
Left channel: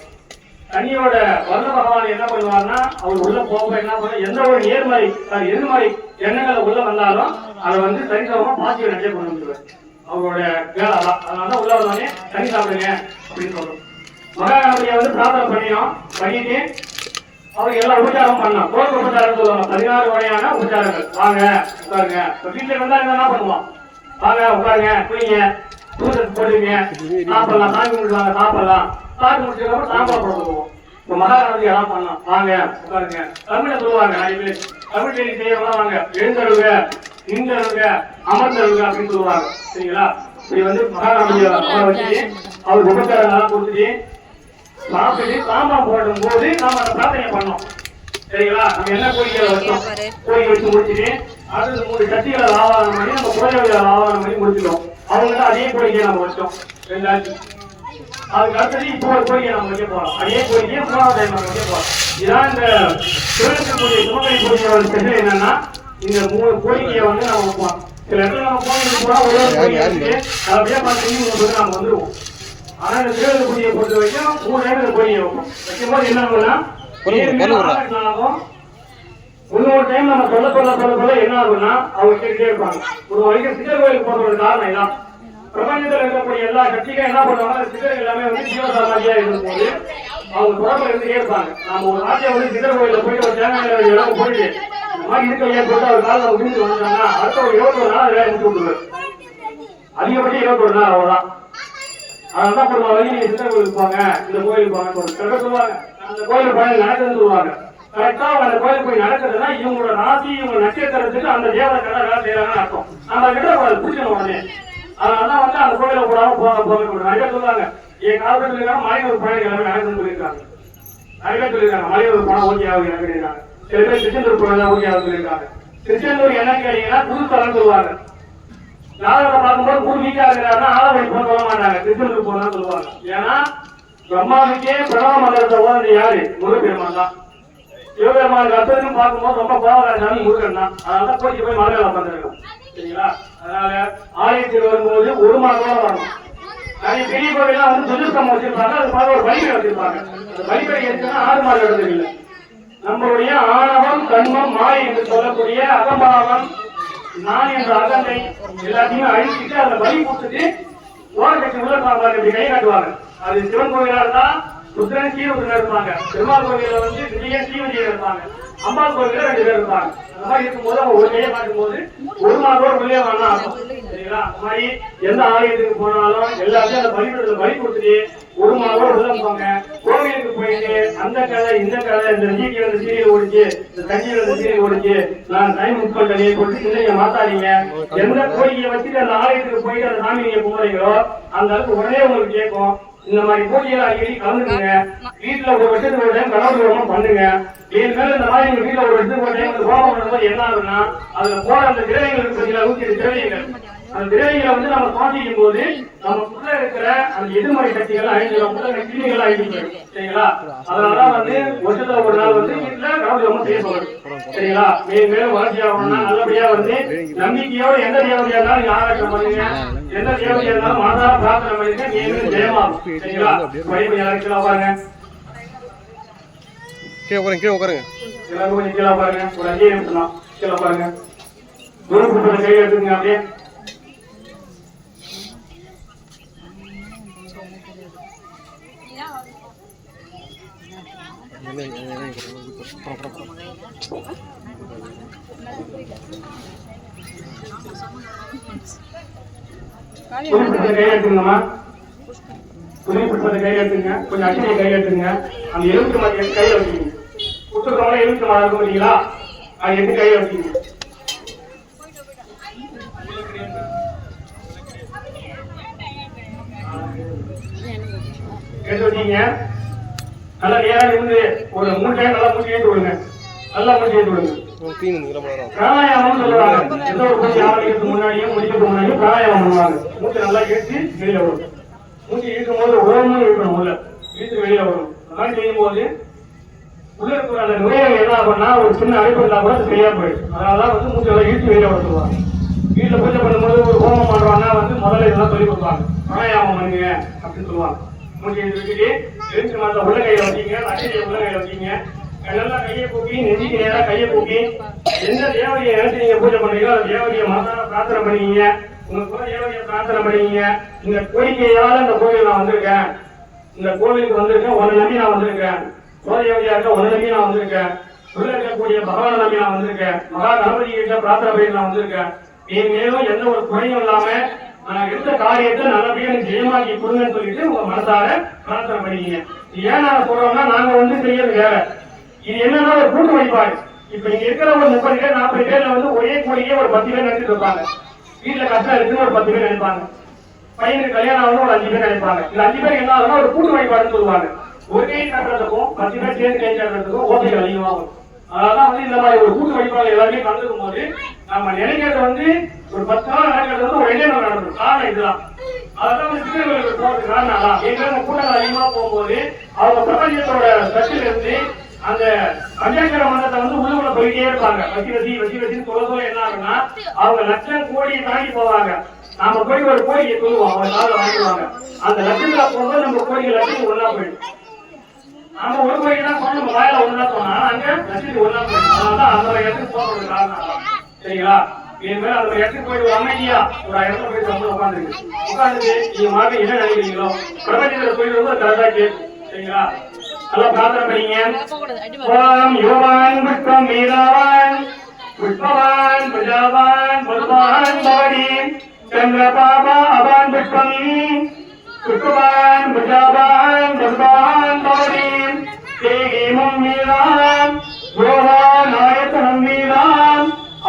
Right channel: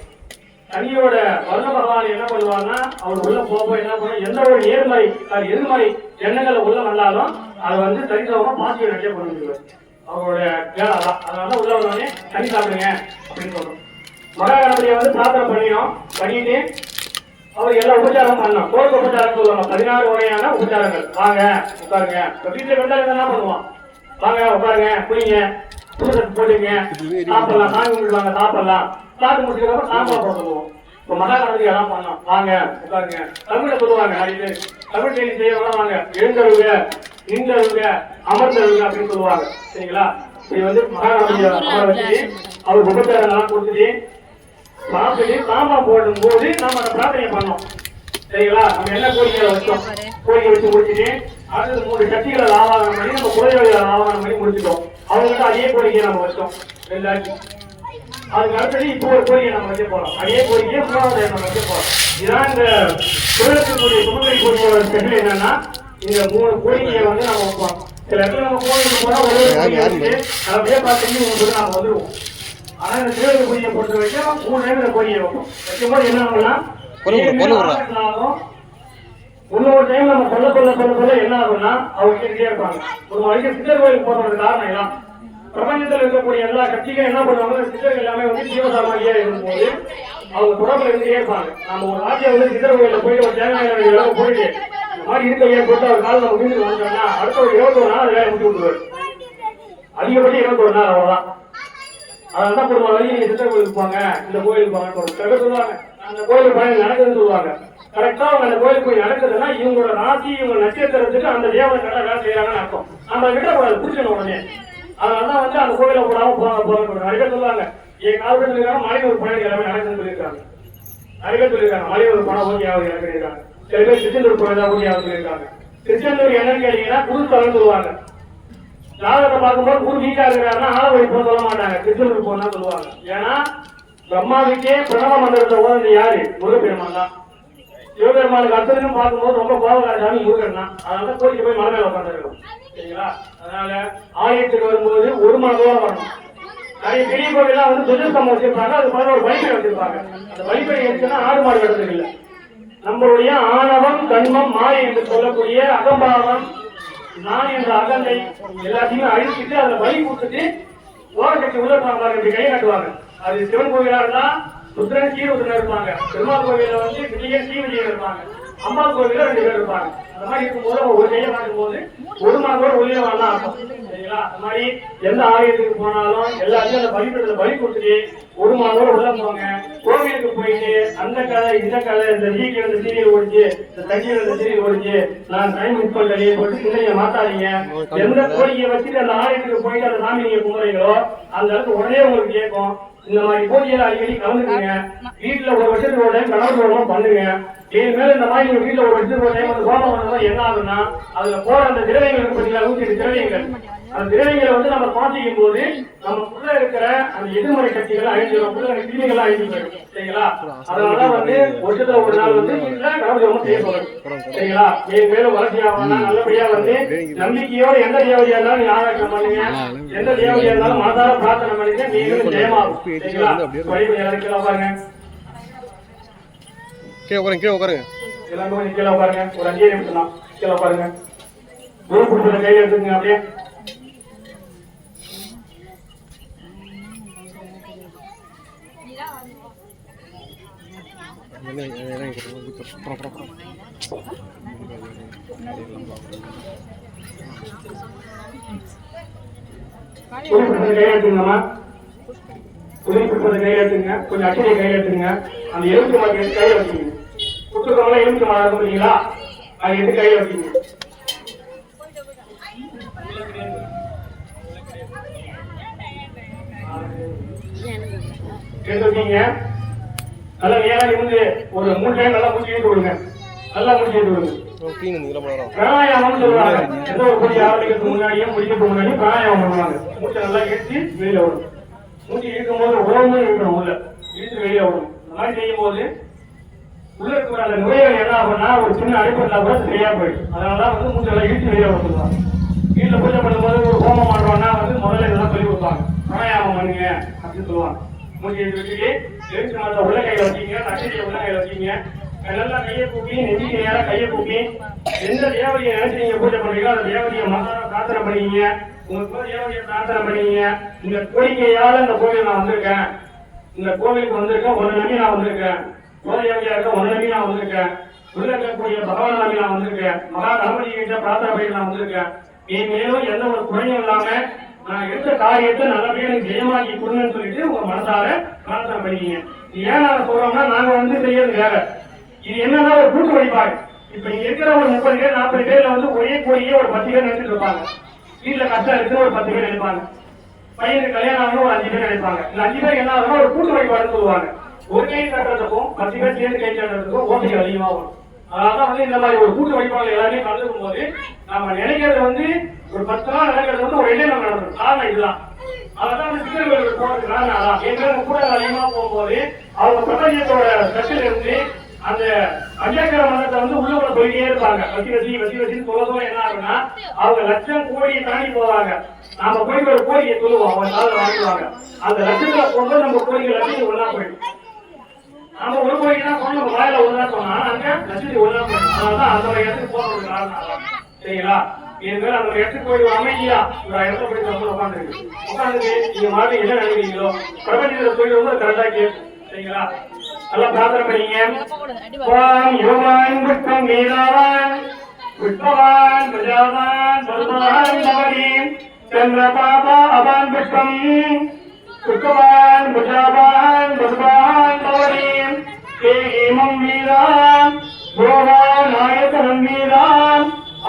தண்ணியோட வல்ல பகவான் என்ன பண்ணுவாங்கன்னா அவர் உள்ள போக என்ன பண்ண எந்த ஒரு எதிர்மறை எண்ணங்களை உள்ள வந்தாலும் அதை வந்து சரிசமமா பாசிட்டிவ் நிறைய பண்ண முடியாது. அவரோட அதனால உள்ள வந்தவனே தண்ணி சாப்பிடுங்க அப்படின்னு சொல்றோம். மகா கணபதியை வந்து பிரார்த்தனை பண்ணிட்டு அவங்க எல்லாம் உபச்சாரம் பண்ணலாம். கோயில் உபச்சாரம் சொல்லுவாங்க. 16 வகையான உபச்சாரங்கள். வாங்க உட்காருங்க. இப்ப வீட்டுல வந்தா என்ன பண்ணுவோம்? வாங்க உட்காருங்க, குடிங்க, பூஜை போடுங்க, சாப்பிடலாம், சாமி கும்பிடுவாங்க, சாப்பிடலாம். சாப்பிட்டு முடிச்சதுக்கப்புறம் சாம்பார் போட சொல்லுவோம். இப்ப மகாராஜி எல்லாம் பண்ணலாம். வாங்க உட்காருங்க. தமிழ்ல சொல்லுவாங்க நிறைய பேர். தமிழ் கேள்வி செய்யறவங்க வாங்க எழுந்தழுக, இந்தழுக, அமர்ந்தழுக அப்படின்னு சொல்லுவாங்க. சரிங்களா? இது வந்து மகாராஜிய வச்சு அவர் உபச்சாரங்கள்லாம் கொடுத்துட்டு சாப்பிட்டு சாம்பார் போடும் போது நாம அந்த பிரார்த்தனை பண்ணோம். சரிங்களா? நம்ம என்ன கோரிக்கை வச்சோம்? கோரிக்கை வச்சு முடிச்சுட்டு அடுத்தது 3 சக்திகளை ஆவாரம் பண்ணி நம்ம குறைகளை ஆவாரம் பண்ணி முடிச்சிட்டோம். அவங்களுக்கு அதே கோரிக்கையை நம்ம வச்சோம். எல்லாத்தையும் அதுக்கு அடுத்தது இப்போ ஒரு கோரிக்கை நம்ம வைக்க போறோம். அதே கோரிக்கையை 3வது நம்ம வைக்க போறோம். இதுதான் இந்த திருவள்ளக்கூடிய சுமங்கலி கோரிக்கையோட ஸ்பெஷல் என்னன்னா இந்த 3 கோரிக்கையை வந்து நம்ம வைப்போம். சில இடத்துல நம்ம கோரிக்கை போனா அப்படியே பார்த்து நம்ம வந்துருவோம். ஆனா இந்த திருவள்ளக்கூடிய பொறுத்த வரைக்கும் 3 நேரத்தில் கோரிக்கை வைப்போம். வைக்கும்போது என்ன ஆகும்னா இன்னொரு டைம் நம்ம சொல்ல என்ன ஆகும்னா அவங்க கேட்டே இருப்பாங்க. ஒரு வரைக்கும் சித்தர் கோயிலுக்கு போற காரணம் இதான். பிரபஞ்சத்தில் இருக்கக்கூடிய எல்லா கட்சிகளும் என்ன பண்ணுவாங்க? சித்தர் எல்லாமே வந்து ஜீவசாதியா இருக்கும்போது அவங்க தொடர்புல இருந்துட்டே இருப்பாங்க. நம்ம ஒரு நாட்டிய வந்து சித்தர் கோயில போயிட்டு ஒரு தேவையான இடம் போயிட்டு இந்த மாதிரி இருக்கையே போட்டு அவர் காலில் நம்ம வீட்டுக்கு வந்துட்டாங்கன்னா அடுத்த ஒரு 21 நாள் வேலை முடிச்சு விட்டுருவாரு. அதிகபட்சம் 21 நாள் அவ்வளவுதான். அதனால ஒரு வழி நீங்க சித்தர் கோயிலுக்கு போங்க, இந்த கோயிலுக்கு போங்க சொல்லுவாங்க. அந்த கோயிலுக்கு போய் நடக்குதுன்னு சொல்லுவாங்க. கரெக்டா அந்த கோயிலுக்கு போய் நடக்குதுன்னா இவங்களோட ராசி இவங்க நட்சத்திரத்துக்கு அந்த தேவதை கடை வேலை செய்யறாங்கன்னு அர்த்தம். நம்ம கிட்ட பிடிக்கணும் உடனே. அதனாலதான் வந்து அந்த கோயில போடாம போக நிறைய சொல்லுவாங்க. என் காலத்துல இருக்காங்க மலையூர் பணம் எல்லாமே நடக்குதுன்னு சொல்லியிருக்காங்க. நிறைய சொல்லியிருக்காங்க மலையூர் பணம் ஓகே ஆகுது இறங்கிருக்காங்க. சில பேர் திருச்செந்தூர் பணம் ஓகே ஆகுது சொல்லியிருக்காங்க. திருச்செந்தூர் என்னன்னு கேட்டீங்கன்னா புதுத்தலம் சொல்லுவாங்க. ஜாதகத்தை பார்க்கும்போது குரு வீக்கா இருக்கிறாருன்னா ஆளவை போக சொல்ல மாட்டாங்க, திருச்செந்தூர் போனா சொல்லுவாங்க. ஏன்னா பிரம்மாவுக்கே பிரணவ மந்திரத்தை ஓடுறது யாரு? முருகப்பெருமான் தான். சிவபெருமானுக்கு அர்த்தம் பார்க்கும்போது ரொம்ப கோபக்காரசாமி முருகன் தான். அதனால கோயிலுக்கு போய் மலை மேல உட்காந்துருக்கோம். சரிங்களா? அதனால ஆலயத்துக்கு வரும்போது ஒரு மாதம் வரணும். நிறைய பெரிய கோயிலாம் வந்து துர்தம் வச்சிருக்காங்க. அது மாதிரி ஒரு வழிமுறை வச்சிருக்காங்க. அந்த வழிமுறை எதுனா 6 மாத இடத்துக்கு இல்லை. நம்மளுடைய ஆணவம், கண்மம், மாயை என்று சொல்லக்கூடிய அகம்பாவம், நான் என்ற அகந்தை எல்லாத்தையுமே அழிச்சுட்டு அதை வழி கொடுத்துட்டு ஓரக்கட்சி உலக கை காட்டுவாங்க. அது சிவன் கோயிலா இருந்தா ருத்ரன் ஸ்ரீருத்ரன் இருப்பாங்க. பெருமாள் கோயில வந்து விஜயன் ஸ்ரீவிஜயன் இருப்பாங்க. அம்மா கோயில 2 பேர் இருப்பாங்க. அந்த மாதிரி இருக்கும்போது அவங்க ஒரு கையை பார்க்கும்போது ஒரு நாளோட உள்ளே வரலாம். சரிங்களா? அந்த மாதிரி எந்த ஆலயத்துக்கு போனாலும் எல்லாத்தையும் அந்த பலிபீடத்துல பலி கொடுத்துட்டு ஒரு நாளோட உள்ள போவாங்க. கோவிலுக்கு போயிட்டு அந்த கதை இந்த கதை இந்த சீக்கிரம் இந்த சீரியல் ஓடிச்சு, இந்த கட்சியில் இந்த சீரியல் ஓடிச்சு, நான் டைம் உட்கொள்ளே போட்டு இல்லைங்க மாத்தாதீங்க. எந்த கோரிக்கையை வச்சுட்டு அந்த ஆலயத்துக்கு போயிட்டு அந்த சாமி நீங்க போறீங்களோ அந்த அளவுக்கு உடனே உங்களுக்கு கேட்கும். இந்த மாதிரி போட்டியை அடிக்கடி கலந்துக்குங்க. வீட்டுல ஒரு வருஷத்துக்கு ஒரு டைம் கலந்து பண்ணுங்க. என் மேல இந்த மாதிரி நீங்க வீட்டுல ஒரு வருஷத்துக்கு ஒரு டைம் கோபம் பண்ணா என்ன ஆகுதுன்னா அதுல போற அந்த திரையங்களுக்கு பார்த்தீங்கன்னா 108 திரையங்கள். அந்த திரையங்களை வந்து நம்ம சுவாசிக்கும் போது நமக்குள்ள இருக்கிற அந்த எதிர்மறை சக்திகள் அழிஞ்சிடும், கிருமிகள் அழிஞ்சு போயிடும். சரிங்களா? அதனாலதான் வந்து வருஷத்துல ஒரு நாள் வந்து வீட்டுல கலந்து செய்யப்படும். சரிங்களா? என் மேலும் வளர்ச்சி ஆகணும்னா நல்லபடியா வந்து நம்பிக்கையோட எந்த தேவையா இருந்தாலும் ஞாபகம் பண்ணுங்க. எந்த தேவையா இருந்தாலும் மனதார பிரார்த்தனை பண்ணுங்க. நீங்களும் ஜெயமாகும். சரிங்களா? உட்காருங்க. கீழே உட்காருங்க. எல்லாரும் கீழே உட்காருங்க. ஒரு 5 நிமிஷம் தான் கீழே உட்காருங்க. தூரம் கொடுத்து கையில எடுத்துங்க. அப்படியே கையெழுத்துங்கம்மா. துணி புத்தகத்தை கையெழுத்துங்க. கொஞ்சம் அச்சடியை கையெழுத்துங்க. அந்த எலும்பு மாதிரி கையை வச்சுங்க. புத்தகம் எலும்பு மாறா இருக்கும் இல்லைங்களா? அது எடுத்து கையை வச்சுங்க. எடுத்து வச்சீங்க. நல்லா நேரம் இருந்து ஒரு 3 டைம் நல்லா மூச்சு ஏற்றி விடுங்க. நல்லா மூச்சு ஏற்றி விடுங்க. பிராணாயாமம் சொல்லுவாங்க. எந்த ஒரு பூஜை ஆரம்பிக்கிறதுக்கு முன்னாடியும் முடிக்கிறதுக்கு முன்னாடியும் பிராணாயாமம் பண்ணுவாங்க. மூச்சு நல்லா ஏற்றி வெளியில வரும். மூச்சு இழுக்கும் போது உடம்பு இருக்கணும். உள்ள இழுத்து வெளியே வரும். அந்த மாதிரி செய்யும் போது உள்ள இருக்கிற அந்த நுரையீரல் என்ன ஆகும்னா ஒரு சின்ன அடைப்பு இருந்தா கூட சரியா போயிடும். அதனாலதான் வந்து மூச்சு எல்லாம் இழுத்து வெளியே வர சொல்லுவாங்க. வீட்டுல பூஜை பண்ணும்போது ஒரு ஹோமம் பண்றோம்னா வந்து முதல்ல இதெல்லாம் சொல்லி கொடுப்பாங்க. பிராணாயாமம் பண்ணுங்க அப்படின்னு சொல்லுவாங்க. மூச்சு எடுத்துக்கிட்டு எழுத்து மாத்திர உள்ள கையில வச்சீங்க, நட்சத்திர உள்ள கையில வச்சீங்க. அதெல்லாம் கையை கூப்பி நெஞ்சிக்கு நேரம் கையை கூப்பி எந்த தேவதையை நினைச்சு நீங்க பூஜை பண்றீங்களோ அந்த தேவதையை மகான பிரார்த்தனை பண்ணீங்க. உங்களுக்கு தேவதையை பிரார்த்தனை பண்ணீங்க. இந்த கோரிக்கையால இந்த கோவில் நான் வந்திருக்கேன், இந்த கோவிலுக்கு வந்திருக்கேன், உன்னை நம்பி நான் வந்திருக்கேன். குலதேவதையா இருக்க ஒன்னு நம்பி நான் வந்திருக்கேன். உள்ள இருக்கக்கூடிய பகவான் நம்பி நான் வந்திருக்கேன். மகா கணபதி கிட்ட பிரார்த்தனை பண்ணி நான் வந்திருக்கேன். நீ மேலும் எந்த ஒரு குறையும் இல்லாம நான் எடுத்த காரியத்தை நல்லபடியா எனக்கு ஜெயமாக்கி கொடுங்கன்னு சொல்லிட்டு உங்க மனசார பிரார்த்தனை பண்ணிக்கீங்க. ஏன் நான் சொல்றோம்னா நாங்க வந்து செய்யறது வேற. இது என்னன்னா ஒரு கூட்டு வழிபாடு. இப்ப இங்க இருக்கிற ஒரு 30 பேர் 40 பேர்ல வந்து ஒரே கோரிக்கையே ஒரு 10 பேர் நினைச்சிட்டு இருப்பாங்க. வீட்டுல கஷ்டம் இருக்கு ஒரு 10 பேர் நினைப்பாங்க. பையனுக்கு கல்யாணம் ஆகணும் ஒரு 5 பேர் நினைப்பாங்க. இந்த 5 பேர் என்ன ஆகும்னா ஒரு கூட்டு வழிபாடுன்னு சொல்லுவாங்க. ஒரு கை கட்டுறதுக்கும் 10 பேர் சேர்ந்து கை கட்டுறதுக்கும் ஓசைகள் அதிகமாகும். அதான் வந்து இந்த மாதிரி ஒரு கூட்டு வழிபாடு எல்லாருமே கலந்துக்கும் போது நம்ம நினைக்கிறது வந்து ஒரு 10 நாள் நடக்கிறது வந்து ஒரு 2 நாள் நடக்கும். காரணம் இதுதான். அதான் வந்து சித்தர்களுக்கு போறதுக்கு காரணம் அதான். எங்க கூட அதிகமா போகும்போது அவங்க பிரபஞ்சத்தோட சத்துல இருந்து அந்த பஞ்சாட்சர மந்திரத்தை வந்து உள்ளுக்குள்ள போயிட்டே இருப்பாங்க. வசின்னு சொல்லவும் என்ன ஆகுன்னா அவங்க லட்சம் கோடியை தாண்டி போவாங்க. நாம போய் ஒரு கோடியை சொல்லுவோம், அவங்க காலில் வாங்கிடுவாங்க. அந்த லட்சத்துல போகும்போது நம்ம கோடிகள் லட்சத்துக்கு ஒன்னா போயிடும். நம்ம ஒரு கோடினா நம்ம வாயில ஒன்னா போனா அங்க லட்சத்துக்கு ஒன்னா போயிடும். அதனாலதான் அந்த இடத்துக்கு போறது காரணம். சரிங்களா? என் மேல அந்த இடத்துக்கு போய் அமைதியா ஒரு இடத்துல போய் வந்து உட்காந்துட்டு நீங்க மாதிரி என்ன நினைக்கிறீங்களோ பிரபஞ்சத்துல போய் ரொம்ப கரெக்டா கேட்கும். சரிங்களா? நல்லா பிரார்த்தனை பண்ணீங்க. ஓம் யோகான் விஷ்ணம் வேதாவான் விஷ்ணவான் பிரஜாவான் பகவான் பவனி சந்திர பாபா அவான் விஷ்ணம் விஷ்ணவான் பிரஜாவான் பகவான் பவனி தேகிமம் வேதான் யோகான் ஆயத்தனம் வேதான்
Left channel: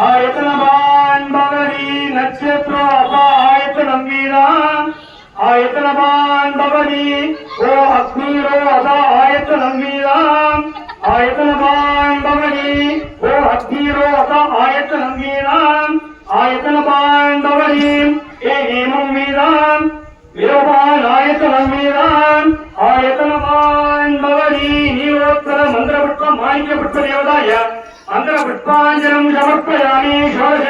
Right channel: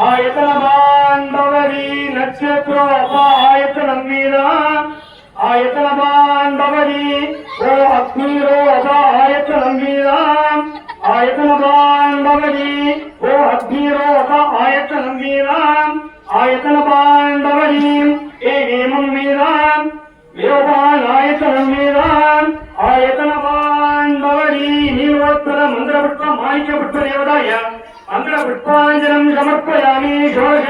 ஆயத்தனவான் பவனி நட்சத்திர ஆயத்தனம் வேதான் ஆயத்தனவான் பவனி ஓ அக்னிரோ அதா ஆயத்தனம் வேதாம் ஆயத்தனவான் பவனி ஓ அக்னிரோ அதா ஆயத்தனம் வேதாம் ஆயத்தனவான் பவனி ஏ ஹேமம் வேதாம் விரோபான் ஆயத்தனம் வேதாம் ஆயத்தனவான் பவனி நீவோத்தர மந்திரவிட்பம் மாணிக்கப்பட்ட தேவதாய மந்திரவிட்பாஞ்சலம் சமர்ப்பயாமி ஷோடச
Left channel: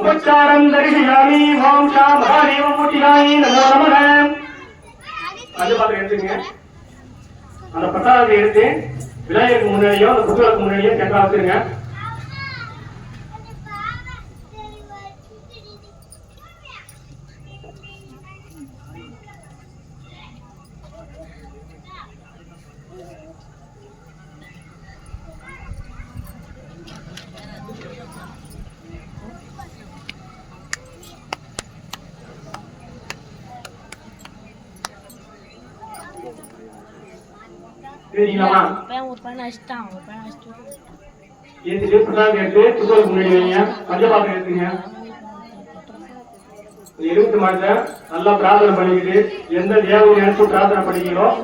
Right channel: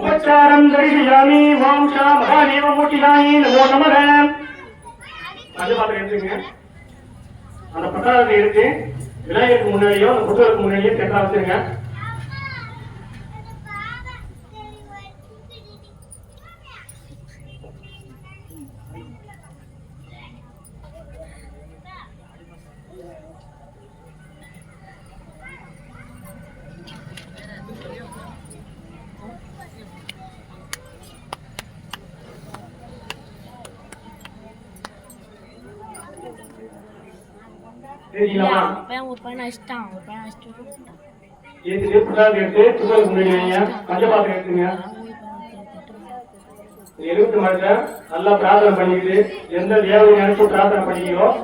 உபச்சாரம் தரிசயாமி வாம்சா மகாதேவ மூர்த்தியாயி நமோ நமக. எடுத்துங்க. அந்த பட்டாளத்தை எடுத்து விநாயகருக்கு முன்னாடியோ அந்த புத்தகத்துக்கு முன்னாடியோ கேட்டா வச்சிருங்க.我本来是这样，我本来是这样。எடுத்து புத்தகத்துக்கு முன்னாடி வைங்க. பஞ்சபாத்திரம் எடுத்துங்க. 20 மாதத்தை நல்லா பிரார்த்தனை பண்ணிக்கிட்டு எந்த தேவையை நினைச்சு பிரார்த்தனை பண்ணிக்கிறோம்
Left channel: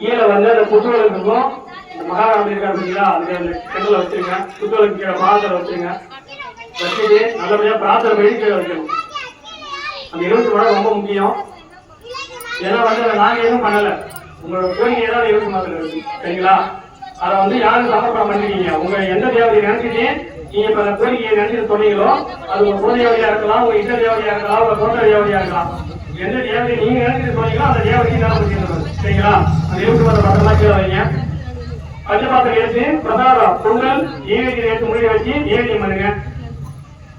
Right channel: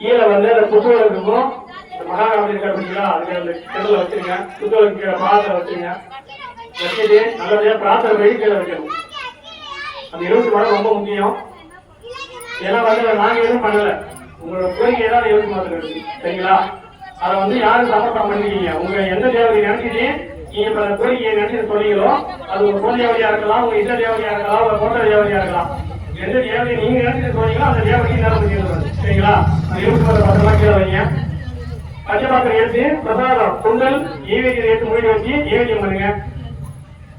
கீழே வந்து அந்த புத்தகத்துக்கும் இந்த மகாராஜா இருக்கா அப்படிங்களா அதுக்கு அந்த கிணத்துல வச்சுருங்க. புத்தகத்துக்கு கீழே பாதத்தில் வச்சுருங்க. வச்சுட்டு நல்லபடியா பிரார்த்தனை பண்ணி கீழே வைக்கணும். அந்த 20 மாதம் ரொம்ப முக்கியம். ஏன்னா வந்து நாங்க எதுவும் பண்ணல, உங்களோட கோரிக்கை ஏதாவது 20 மாதத்துல இருக்கு. சரிங்களா? அதை வந்து யாரும் சமர்ப்பணம் பண்ணிருக்கீங்க. உங்க எந்த தேவதையை நினைச்சிட்டு நீங்க இப்ப அந்த கோரிக்கையை நினைச்சிட்டு சொன்னீங்களோ அது உங்க குல தேவதையா இருக்கலாம், உங்க இஷ்ட தேவதையா இருக்கலாம், உங்க தோட்ட தேவதையா இருக்கலாம். எந்த தேவதையை நீங்க நினைச்சிட்டு சொன்னீங்களோ அந்த தேவதையை தான் முடிக்கிறது. சரிங்களா? 20 மாதம் பக்கமாட்டியா வைங்க. பஞ்சபாத்திரம் எடுத்து பிரசாதம் பொங்கல் நெய்வேத்தியம் எடுத்து முடிவு வச்சு நெய்வேத்தியம் பண்ணுங்க.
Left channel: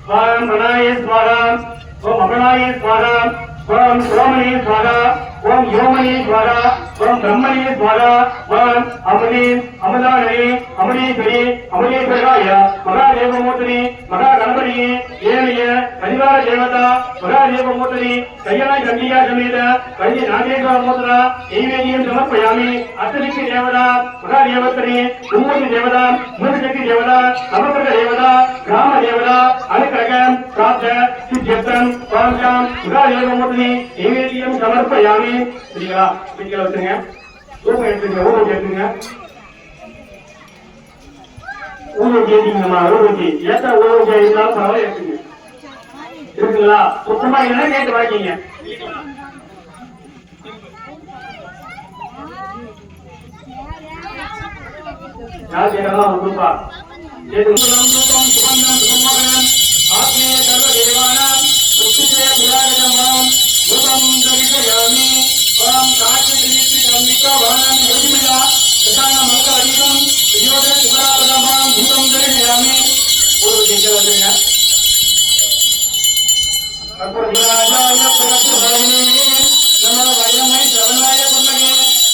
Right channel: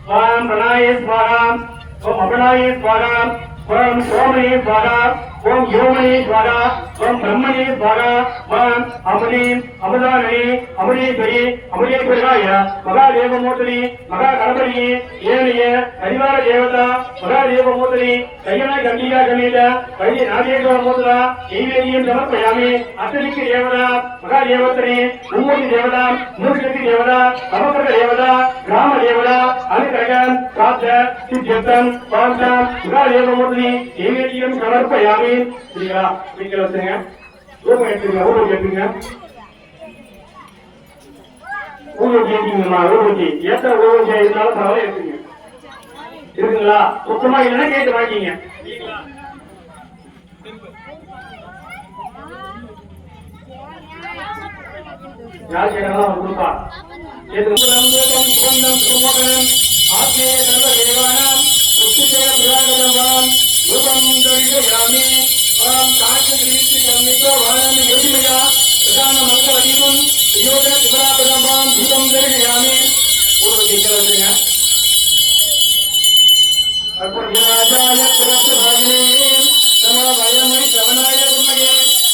ஸ்வாகம் பிரணாய ஸ்வாகம் ஓம் அபிநாய ஸ்வாகம் ஓம் சோமனே ஸ்வாகம் ஓம் யோமனே ஸ்வாகம் ஓம் பிரம்மனே ஸ்வாகம் ஓம் அமுனே அமுதானே அமுனேஸ்வரி அமுனேஸ்வராய மகாதேவமூர்த்தனே மகா கணபதியே ஏனைய கரிவார தேவதா மகாதேவமூர்த்தனே கையன கண்டிகா சமேத கல்வி நாகேஸ்வர மூர்த்தா நெய்வேதியம் சமர்ப்பயாமி அத்தனிக்கு தேவதா மகாதேவத்தனே மும்மூர்த்தி தேவதா மூர்த்தி தேவதா சமஸ்கிருத தேவதா ராம தேவதா அனுக்கிரகம் பிராப்த சித்தியத்தம் பாந்தம் மகாதேவமூர்த்தி நெய்வேதியம் சமர்ப்பயாமி. சரிங்களா? வீட்டில் வச்சுருங்க. ஊருக்கு எடுத்துங்க. ஊருக்கு எடுத்துங்க. ஊருக்கு ஏற்றிங்கம்மா. ஊருக்கு ஏற்ற ஊருக்கு இருந்தாலும் பரவாயில்ல எடுத்துங்க. இருக்குங்களா? சுத்தமா இல்லைன்னா கேட்டு வாங்கிங்க. யார் கேட்கலாம் கொடுப்பா. ஆத்மீய கர்ம தேவானம் சுத்திரே புராகதம் ரூபம் தரிசயாமி ஓம் காட்சி கர்மிகோ வானாமி யோகியா பிரதான மந்திர அதீதம் யோக சுபராபதமாம் தீபம் தரிசயாமி. ஒரு கேட்கறீங்க. அப்புறமாய பிரபுதானே நமோ வயமை சரணாய குணகே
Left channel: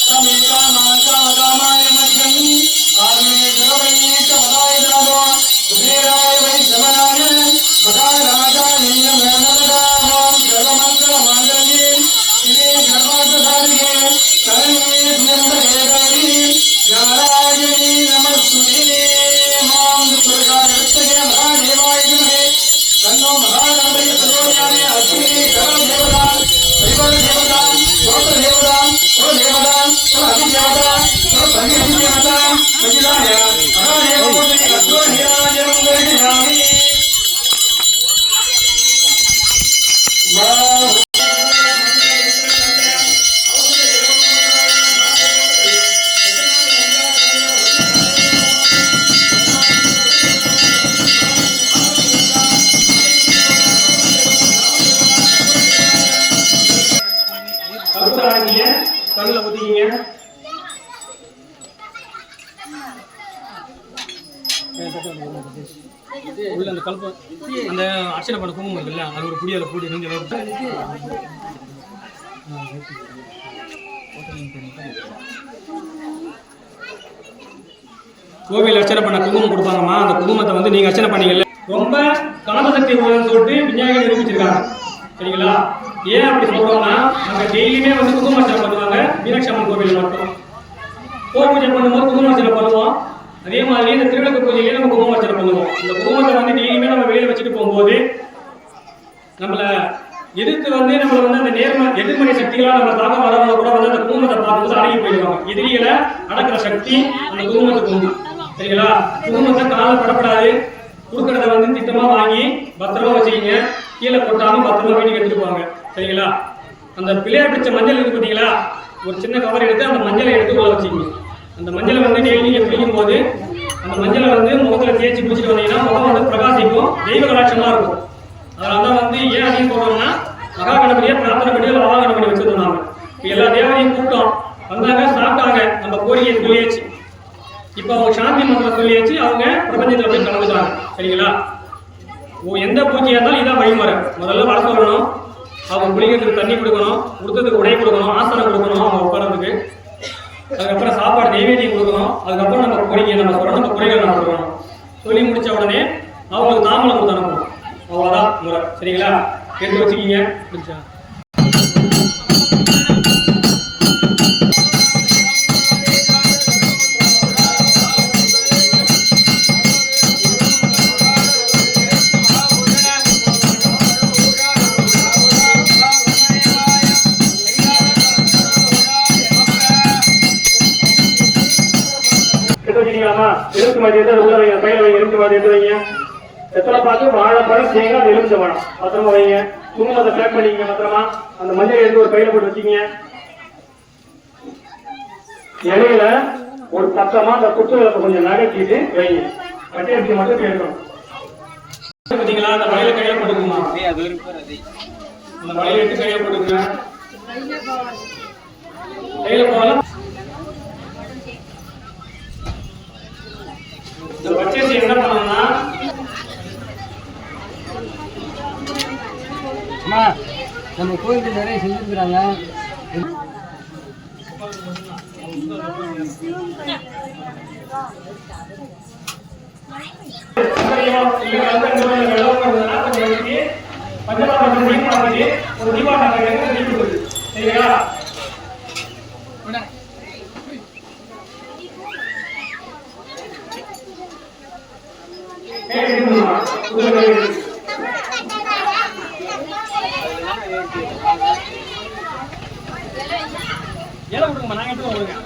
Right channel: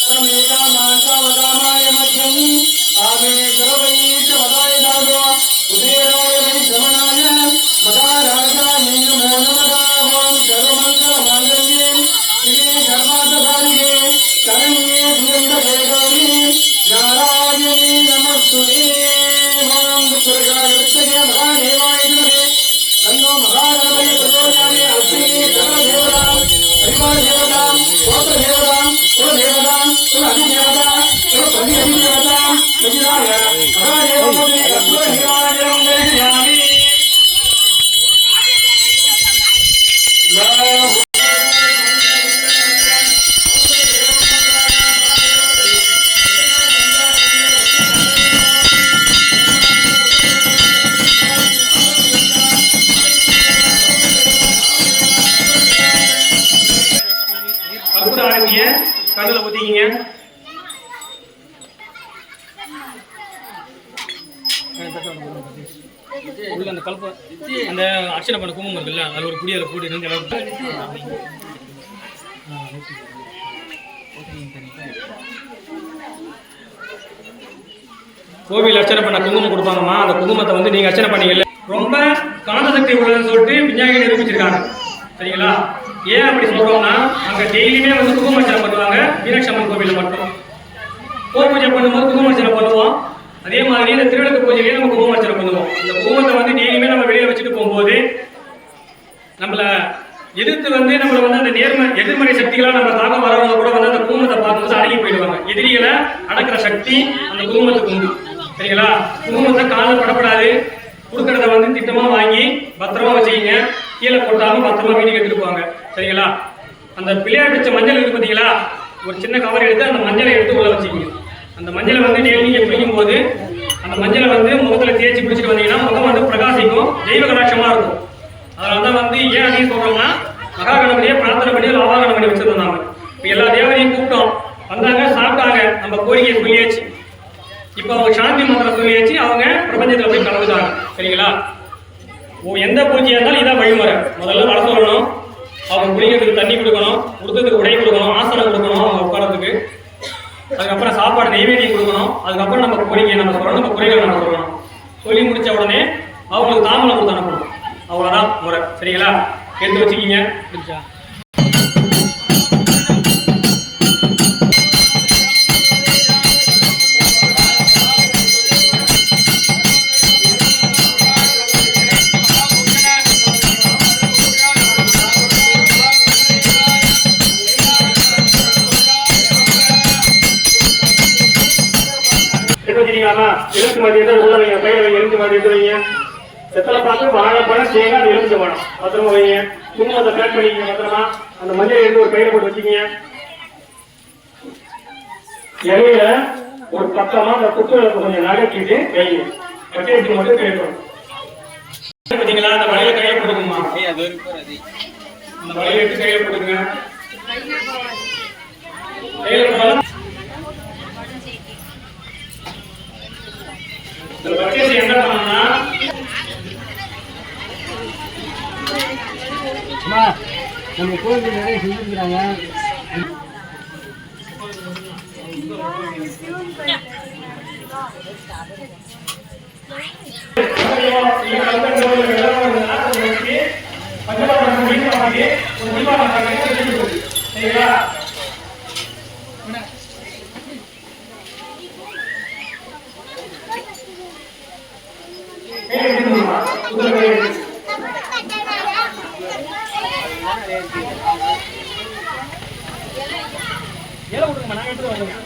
தமேகா மானசாவதாமாய மத்யம் கற்பூர ஆரம்பிங்க, கண்ணுல ஊத்திக்கிங்க. உள்ள அந்த கல்ப அந்த அர்ச்சனை பண்ண குங்குமம் இருக்குல்ல, அது ஒரு புடி அதில் போட்டு இருந்து கோவில் அர்ச்சனை பண்ண குங்குமம் கொடுப்பாங்கம்மா. அந்த குங்குமத்தை வந்து நீங்க அர்ச்சனை பண்ணீங்கல்ல, ரொம்ப காந்த சக்தி உள்ளதுன்னு சொல்லிட்டு விஞ்ஞானி நிரூபிச்சிருக்காங்க. சரிங்களா? ஏன் அப்படி சொல்றோம்னா, அங்க டெய்லியுமே வந்து குங்குமார்ச்சனை பண்ணுவாங்க. மீனாட்சி அம்மன் கோவிலில் மட்டும் போர் பூஜை பண்ணும்போது குங்குமார்ச்சனை பண்ணுவோம். அதே மாதிரி இந்த திருவிளக்கு பூஜையிலேயே நம்ம குங்குமார்ச்சனை பண்ணுவோம். இந்த குங்குமத்தை வந்து டெய்லியுமே நம்ம வெளியில வச்சுட்டு போகும்போது நம்மள எதிர்த்து வந்து நம்மள வந்து அந்த எதிர்மறை சக்திகளாக நம்ம தாக்கம் வரவங்க கூட வந்து அந்த குங்குமத்தை பார்க்கும்போது அடங்கி போயிடுவாங்க. எதிரிகளை அடக்கிற சக்தி அந்த குங்குமத்துக்கு உண்டு. சரிங்களா? குங்குமத்தை காலில் படப்படாது. கொடுக்கறத வந்து திட்டமா வாங்கி பத்திரமா வச்சுக்கிங்க. கீழே கொட்டாம பத்திரமா வீட்டுக்கு எடுத்துட்டு போவாங்க. சரிங்களா? அந்த பிள்ளையார் பிடிச்ச மஞ்சள் இருக்கு பார்த்தீங்களா, ஒரு சின்ன கவர் எடுத்து அந்த மஞ்சளை எடுத்து உள்ள வச்சுக்கிங்க. அந்த மஞ்சளை வந்து நீங்க பிடிக்கும் போது அந்த மஞ்சளை வந்து முகத்தில் தேய்ச்சி பிடிச்சிட்டு வந்தீங்கன்னா முகம் வந்து பிரகாசிக்கும், தெய்வ கடாட்சமா இருக்கும். அதனால தான் வந்து ஏன் அப்படின்னு சொல்றோம்னா, மகா கணபதியை பிரார்த்தனை பண்ணி ஒரு அவா கணபதி வச்சிருந்தாங்க. இப்போ எல்லா தேவதையும் கூப்பிட்டோம், வந்தாங்க, சாப்பிட்டாங்க, நம்ம கோரிக்கையை சொல்லியாச்சு. இப்போ அவங்க சாந்தி மந்திரம் சொல்லியாச்சு, அவங்க பிரபஞ்சத்தில் போய் கலந்துட்டாங்க. சரிங்களா? எந்த பூஜையாக இருந்தாலும் இதான் வழிமுறை. முதல்ல வர சொல்லணும், அவங்க குளிக்கிறதுக்கு தண்ணி கொடுக்கணும், கொடுத்ததுக்கு உடை கொடுக்கணும், ஆசனம் கொடுக்கணும் அவங்க உட்காரத்துக்கு. அதுக்கப்புறம் சாப்பாடு நெய்வேதியம் கொடுக்கணும். அதுக்கப்புறம் நம்ம கோரிக்கை நம்ம சொல்லணும், நம்ம குறைகளை நம்ம சொல்லணும். சொல்லி முடிச்ச உடனே அவங்களுக்கு தாம்பலம் கொடுத்து அனுப்பணும். அவ்வளோதான் முறை. சரிங்களா? எடுத்து வச்சுக்கிங்க. எலுமிச்சை மதியத்தை உள்ள வைங்க, கையில வைங்க. எலுமிச்சை மதியத்தை வைங்க. எத்தனை பார்த்து வாழைப்பழம், தேங்காய், எலுமிச்சை பழம் பத்திரமா வைங்க. குங்குமத்தை பேக் பண்ணிக்கங்க பத்திரமா. அந்த மஞ்சள் எடுத்து ஒரு கையில போட்டு வச்சுக்கிங்க. இலையில ஒரு பக்கமா அந்த குத்து விளக்கு கொஞ்சம் நகர்த்திட்டு வைங்க. வட்டியத்துக்கு மட்டும் கேட்கணும். பார்த்தீங்களா? அந்த வலையில கையில போட்டுக்குமா, அந்த வலையை எடுத்து கையில போட்டுக்குங்க. கையில போட வச்சேசி என்ன பண்ணணும்னா, நம்ம கோயிலுக்கு நிறைய செஞ்சுருக்கிறாங்க. ஏழை கொடுங்கம்மா, நான் எடுத்து வருவேன்.